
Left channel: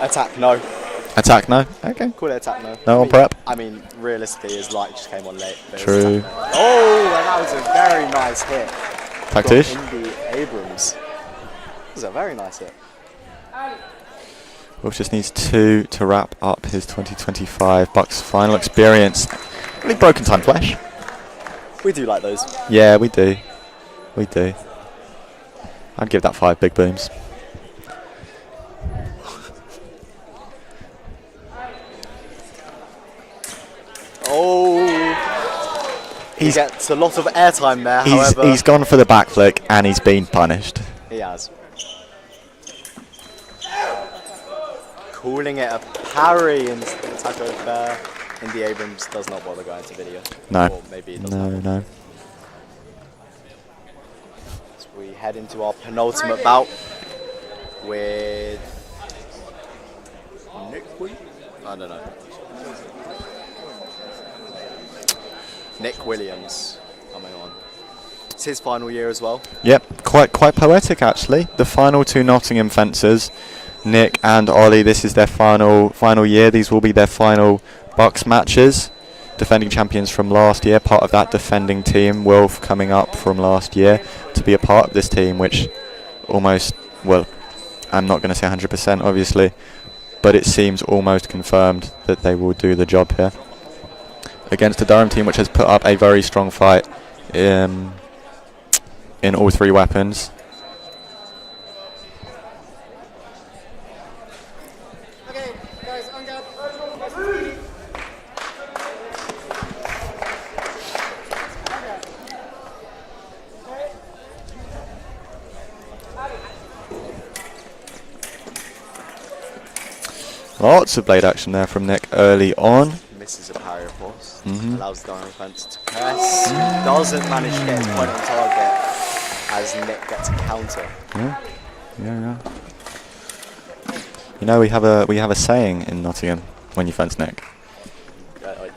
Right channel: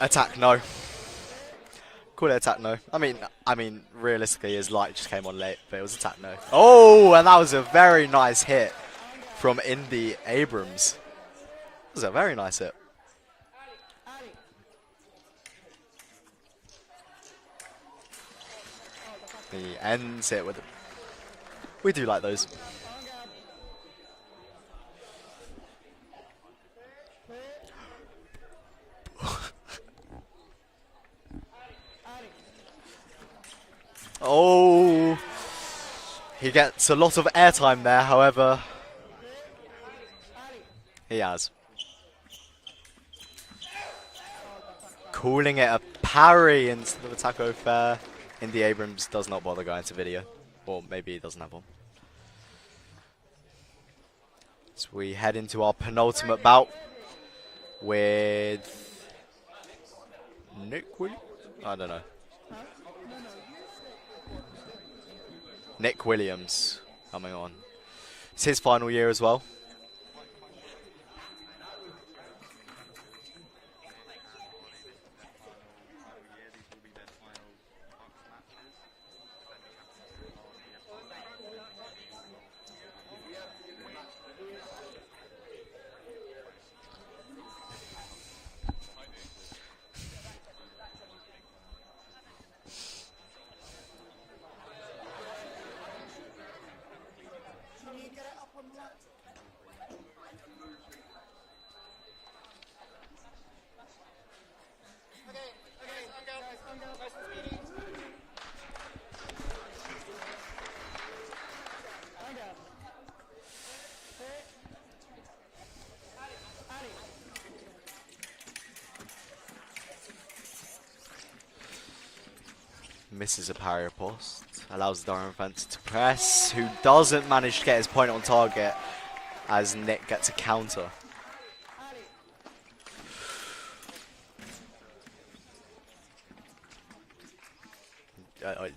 attack no. Attack? No. Okay. Call it attack no. No I on mean, prep? I mean, realistically, his light just came on late. But it True. was attack no. Oh, and that was a very nice hit from Tactish. Indy Abrams. That was a very nice hit. Wolf just needs 2 to wrap up his 2025 BUCS final experience. Really broken time flash. We do like those. Yeah, we do. We do. I'd give that 5 big booms. Oh, he gets a lot of airtime there. However, He's gone for the back flick and he's been punished. he has. Calling it a parry in the taco fair. Indy Abrams does not bother going to video. No. Or maybe he doesn't. No. So we head into our penultimate bout with Nick I don't know. Nick Williams coming on. It's his final year as well. Yep, quite poetic actually. The final 2 Nottingham fencers, Nick and Ollie, this is their final year. These will be their final BUCS matches. Defending champions from last year, part of that defending team. Wilf coming up from last year to be a part of this team, which almost, well, I'm not going to say 100% obviously, but it seems almost confirmed that they will do the job here. Against a Durham team which has put up a very strong fight in all 3 weapons. Lots of blade action there from Nick early on. Misses a parry post. Mhm. Allows Durham fence to press. Doesn't manage to get his point on target as Nick gets a counter. Yeah. You know, we have a saying in Nottingham when you fence Nick.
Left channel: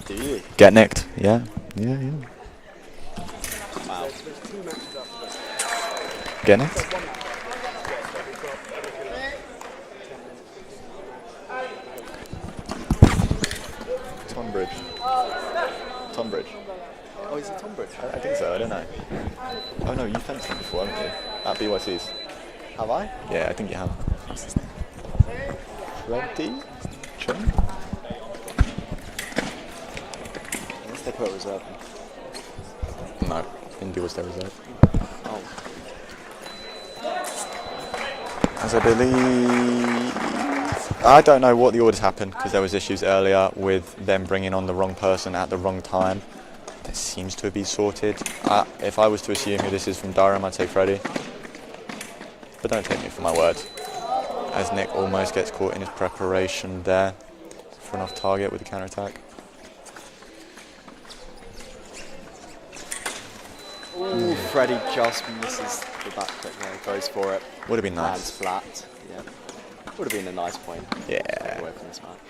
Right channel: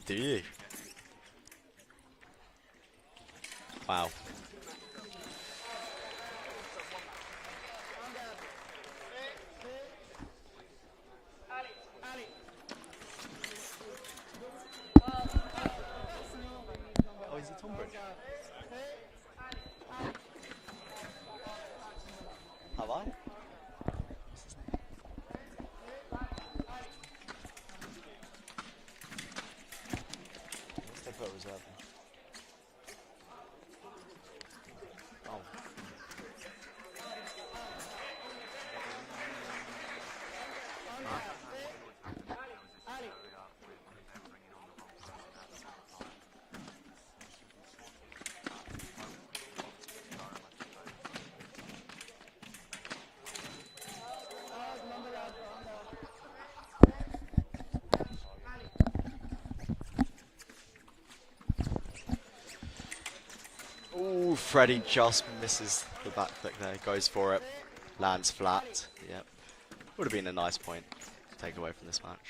Do you? Get nicked. Yeah. Wow. Get nicked. Tonbridge. Oh, is it Tonbridge? I think so, I don't know. Oh no, you fenced him before, haven't you? At BYC's. Have I? Yeah, I think you have. Ready? Unless they put a reserve. No, India was their reserve. Oh. As I believe... I don't know what the orders happened because there was issues earlier with them bringing on the wrong person at the wrong time. That seems to have been sorted. If I was to assume who this is from Durham, I'd say Freddie. But don't take me for my word. As Nick almost gets caught in his preparation there for an off target with the counter attack. Ooh, Freddie just misses the back foot there, goes for it. Would have been nice. Lands flat. Yeah. Would have been a nice point. Yeah. Take away from this match.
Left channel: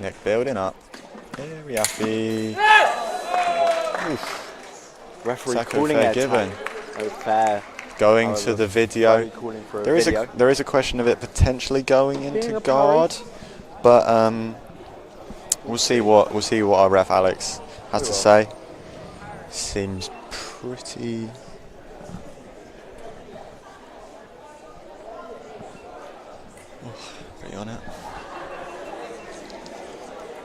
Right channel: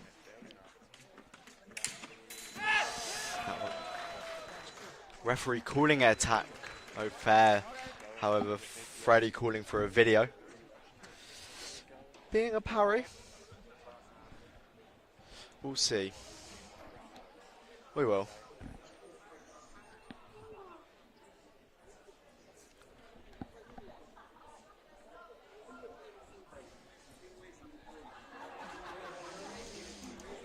Nick building up. Very happy. Referee Sacco calling fair it given. fair. Going However, to the video. Freddie calling for a There is video. there is a question of it potentially going Being into a guard, but we'll see what our ref Alex has to say. Seems pretty. Pretty on it.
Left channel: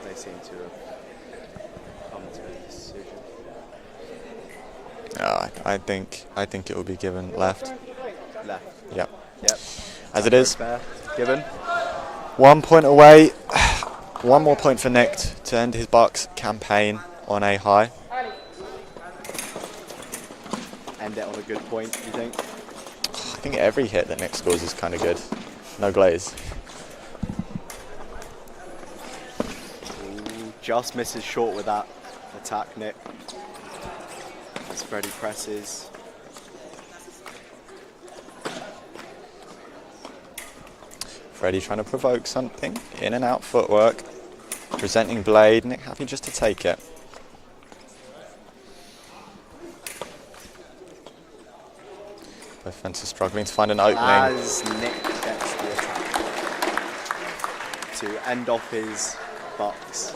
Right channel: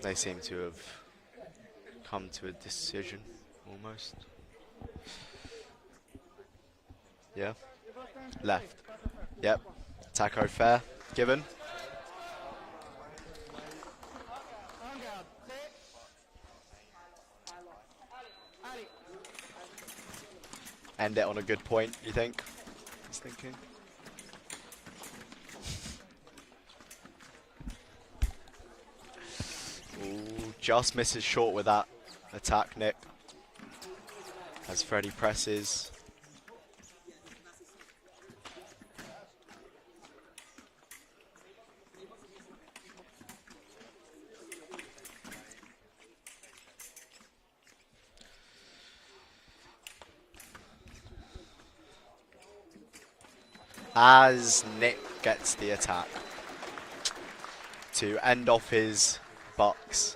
They seem to have come to a decision. Yeah, I think it will be given left. Left. Yep. Yep. As it is. Fair. Given. 1 point away. One more point for Nick to end his BUCS campaign on a high. End it on a good point, do you think? I think every hit that Nick scores is kind of good. No glaze. Ooh, just misses short with that attack, Nick. As Freddie presses. Freddie trying to provoke something. In and out footwork. Presenting blade. Nick happy just to take it. Both fences struggling to find an opening. As Nick gets the attack to end off his BUCS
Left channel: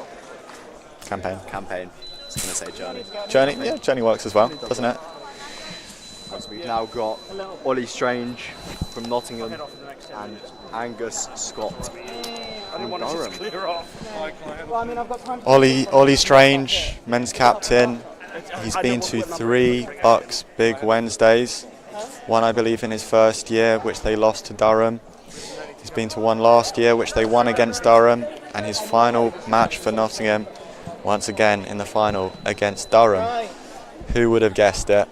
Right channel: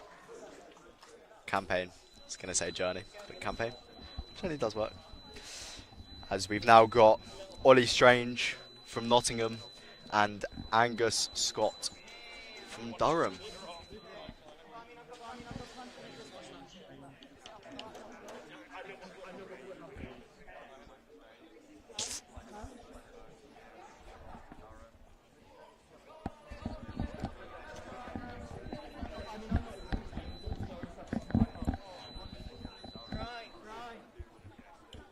Campaign. campaign. I was going to say journey. Journey, yeah, Journey works as well, It does doesn't work. it? As we've now got Ollie Strange from Nottingham and Angus Scott from Durham. Ollie Strange, men's captain. He's been to 3 BUCS Big Wednesdays. One, I believe, in his first year, which they lost to Durham. He's been to one last year, which they won against Durham. And his final match for Nottingham, once again in the final against Durham. Who would have guessed it?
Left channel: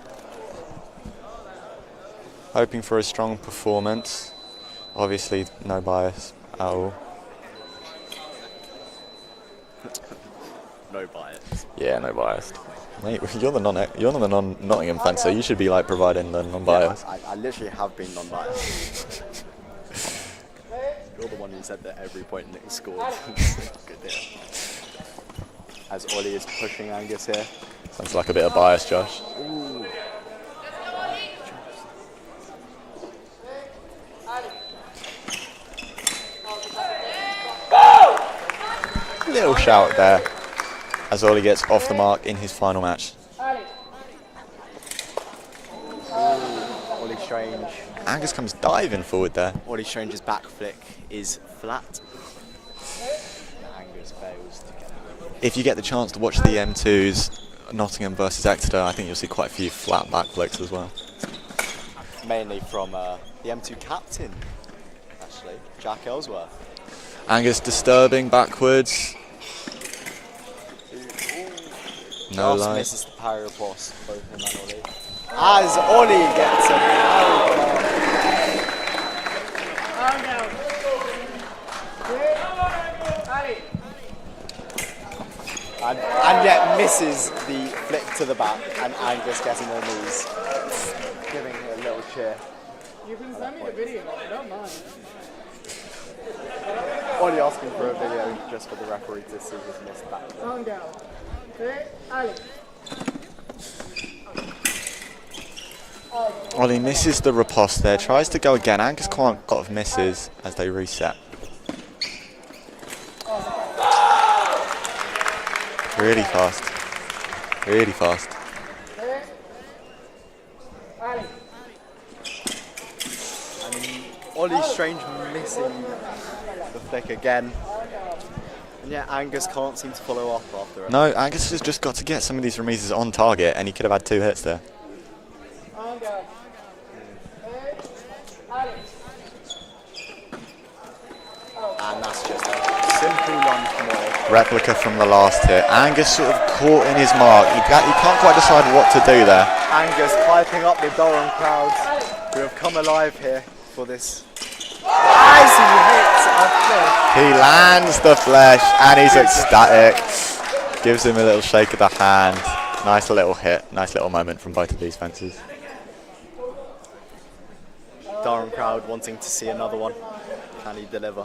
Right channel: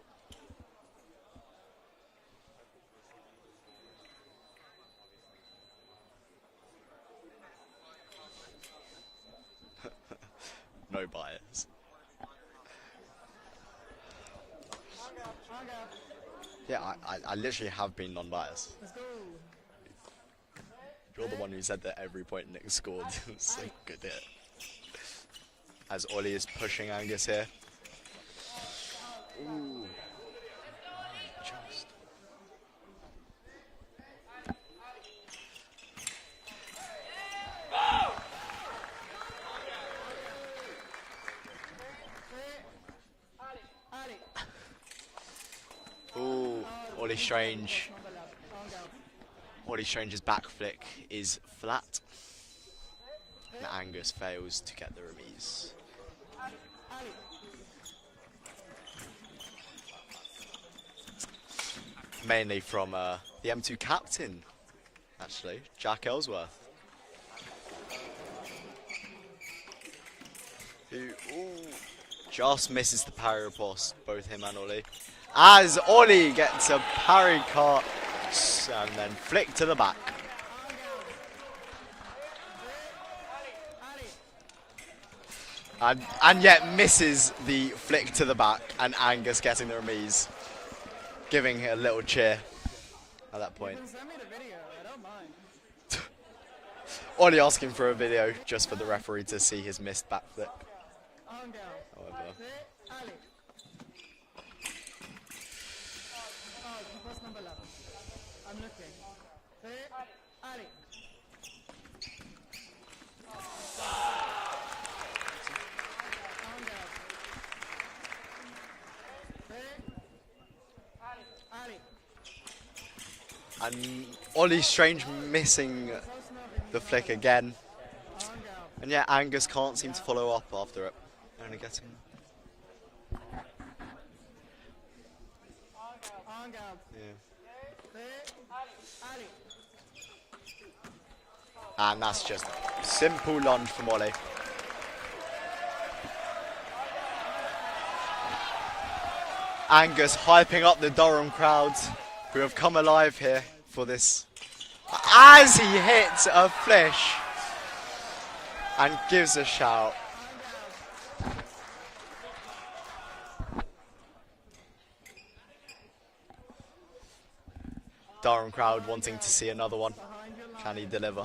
Hoping for a strong performance. Obviously, no bias at all. No bias. Yeah, no bias. Mate, you're the non-Nottingham fan, so you should be like providing the non-bias. Yeah, I literally have been non-biased. You're the one who said that every point Nick scored. Good deal. As Ollie is pushing Angus here. Sounds like a bit of bias, Josh. Ooh. Little shout there as Ollie gets off the mark in his final match. Ollie Strange. Angus comes diving forward there. Ollie Strange's back flick is flat. Angus fails to get the If you get the chance to watch the M2s, Nottingham versus Exeter, I think you'll see quite a few flat back flicks as well. mainly from the M2 captain, actually, Jack Ellsworth. Angus disturbing backwards. No Just light. misses the parry riposte, both him and Ollie. As Ollie gets a parry pass. Flick to the back. And yet misses the flick to the back, and Angus getting the knees, giving a little cheer. Ollie asking for a video just for the referee to see his missed back. Ollie misses the riposte there, tries to go again. Angus can't got misses as they reset. Really fast. Really fast. And Ollie Strange missing the flick again. And yeah, Angus can't seem to follow up after it. No, Angus has just got to get some of these remises on target, and he could have had 2 hits there. And that's just a simple lunge from Ollie. Replica from the last hit. Angus sort of caught in his mark. He can't quite decide what to do there. Angus piping up the Durham crowds who have come alive here for this. As he hits a flesh. He lands the flesh and he's ecstatic. Gives him a little shake of the hand. Nice little hit. Nice little moment from both of these fencers. Durham crowd wanting to see another one. Can he deliver?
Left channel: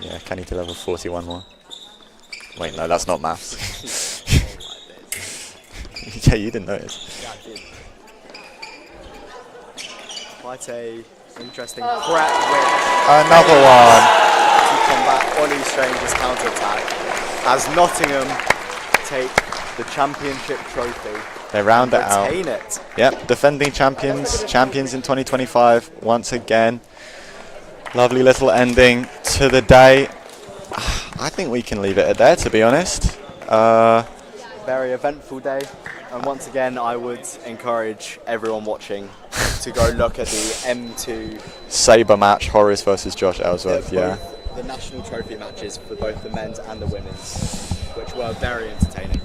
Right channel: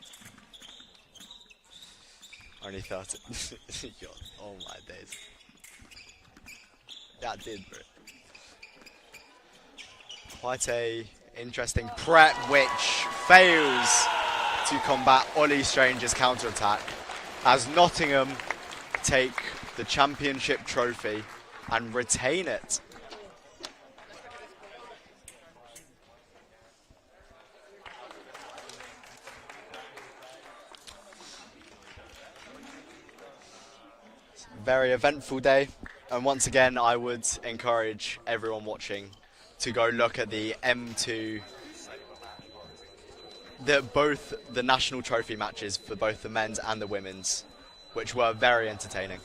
Yeah, can he deliver 41 more? Wait, no, that's not maths. Yeah, you didn't notice. Yeah, I did. Quite a interesting crack which Another one. to combat Ollie Strange's counter-attack as Nottingham take the championship trophy. They round it out. Retain it. Yep, defending champions in 2025 once again. Lovely little ending to the day. I think we can leave it at there, to be honest. Very eventful day, and once again I would encourage everyone watching to go look at the M2 Saber match, Horace versus Josh Ellsworth. Yeah. both the national trophy matches for both the men's and the women's, which were very entertaining.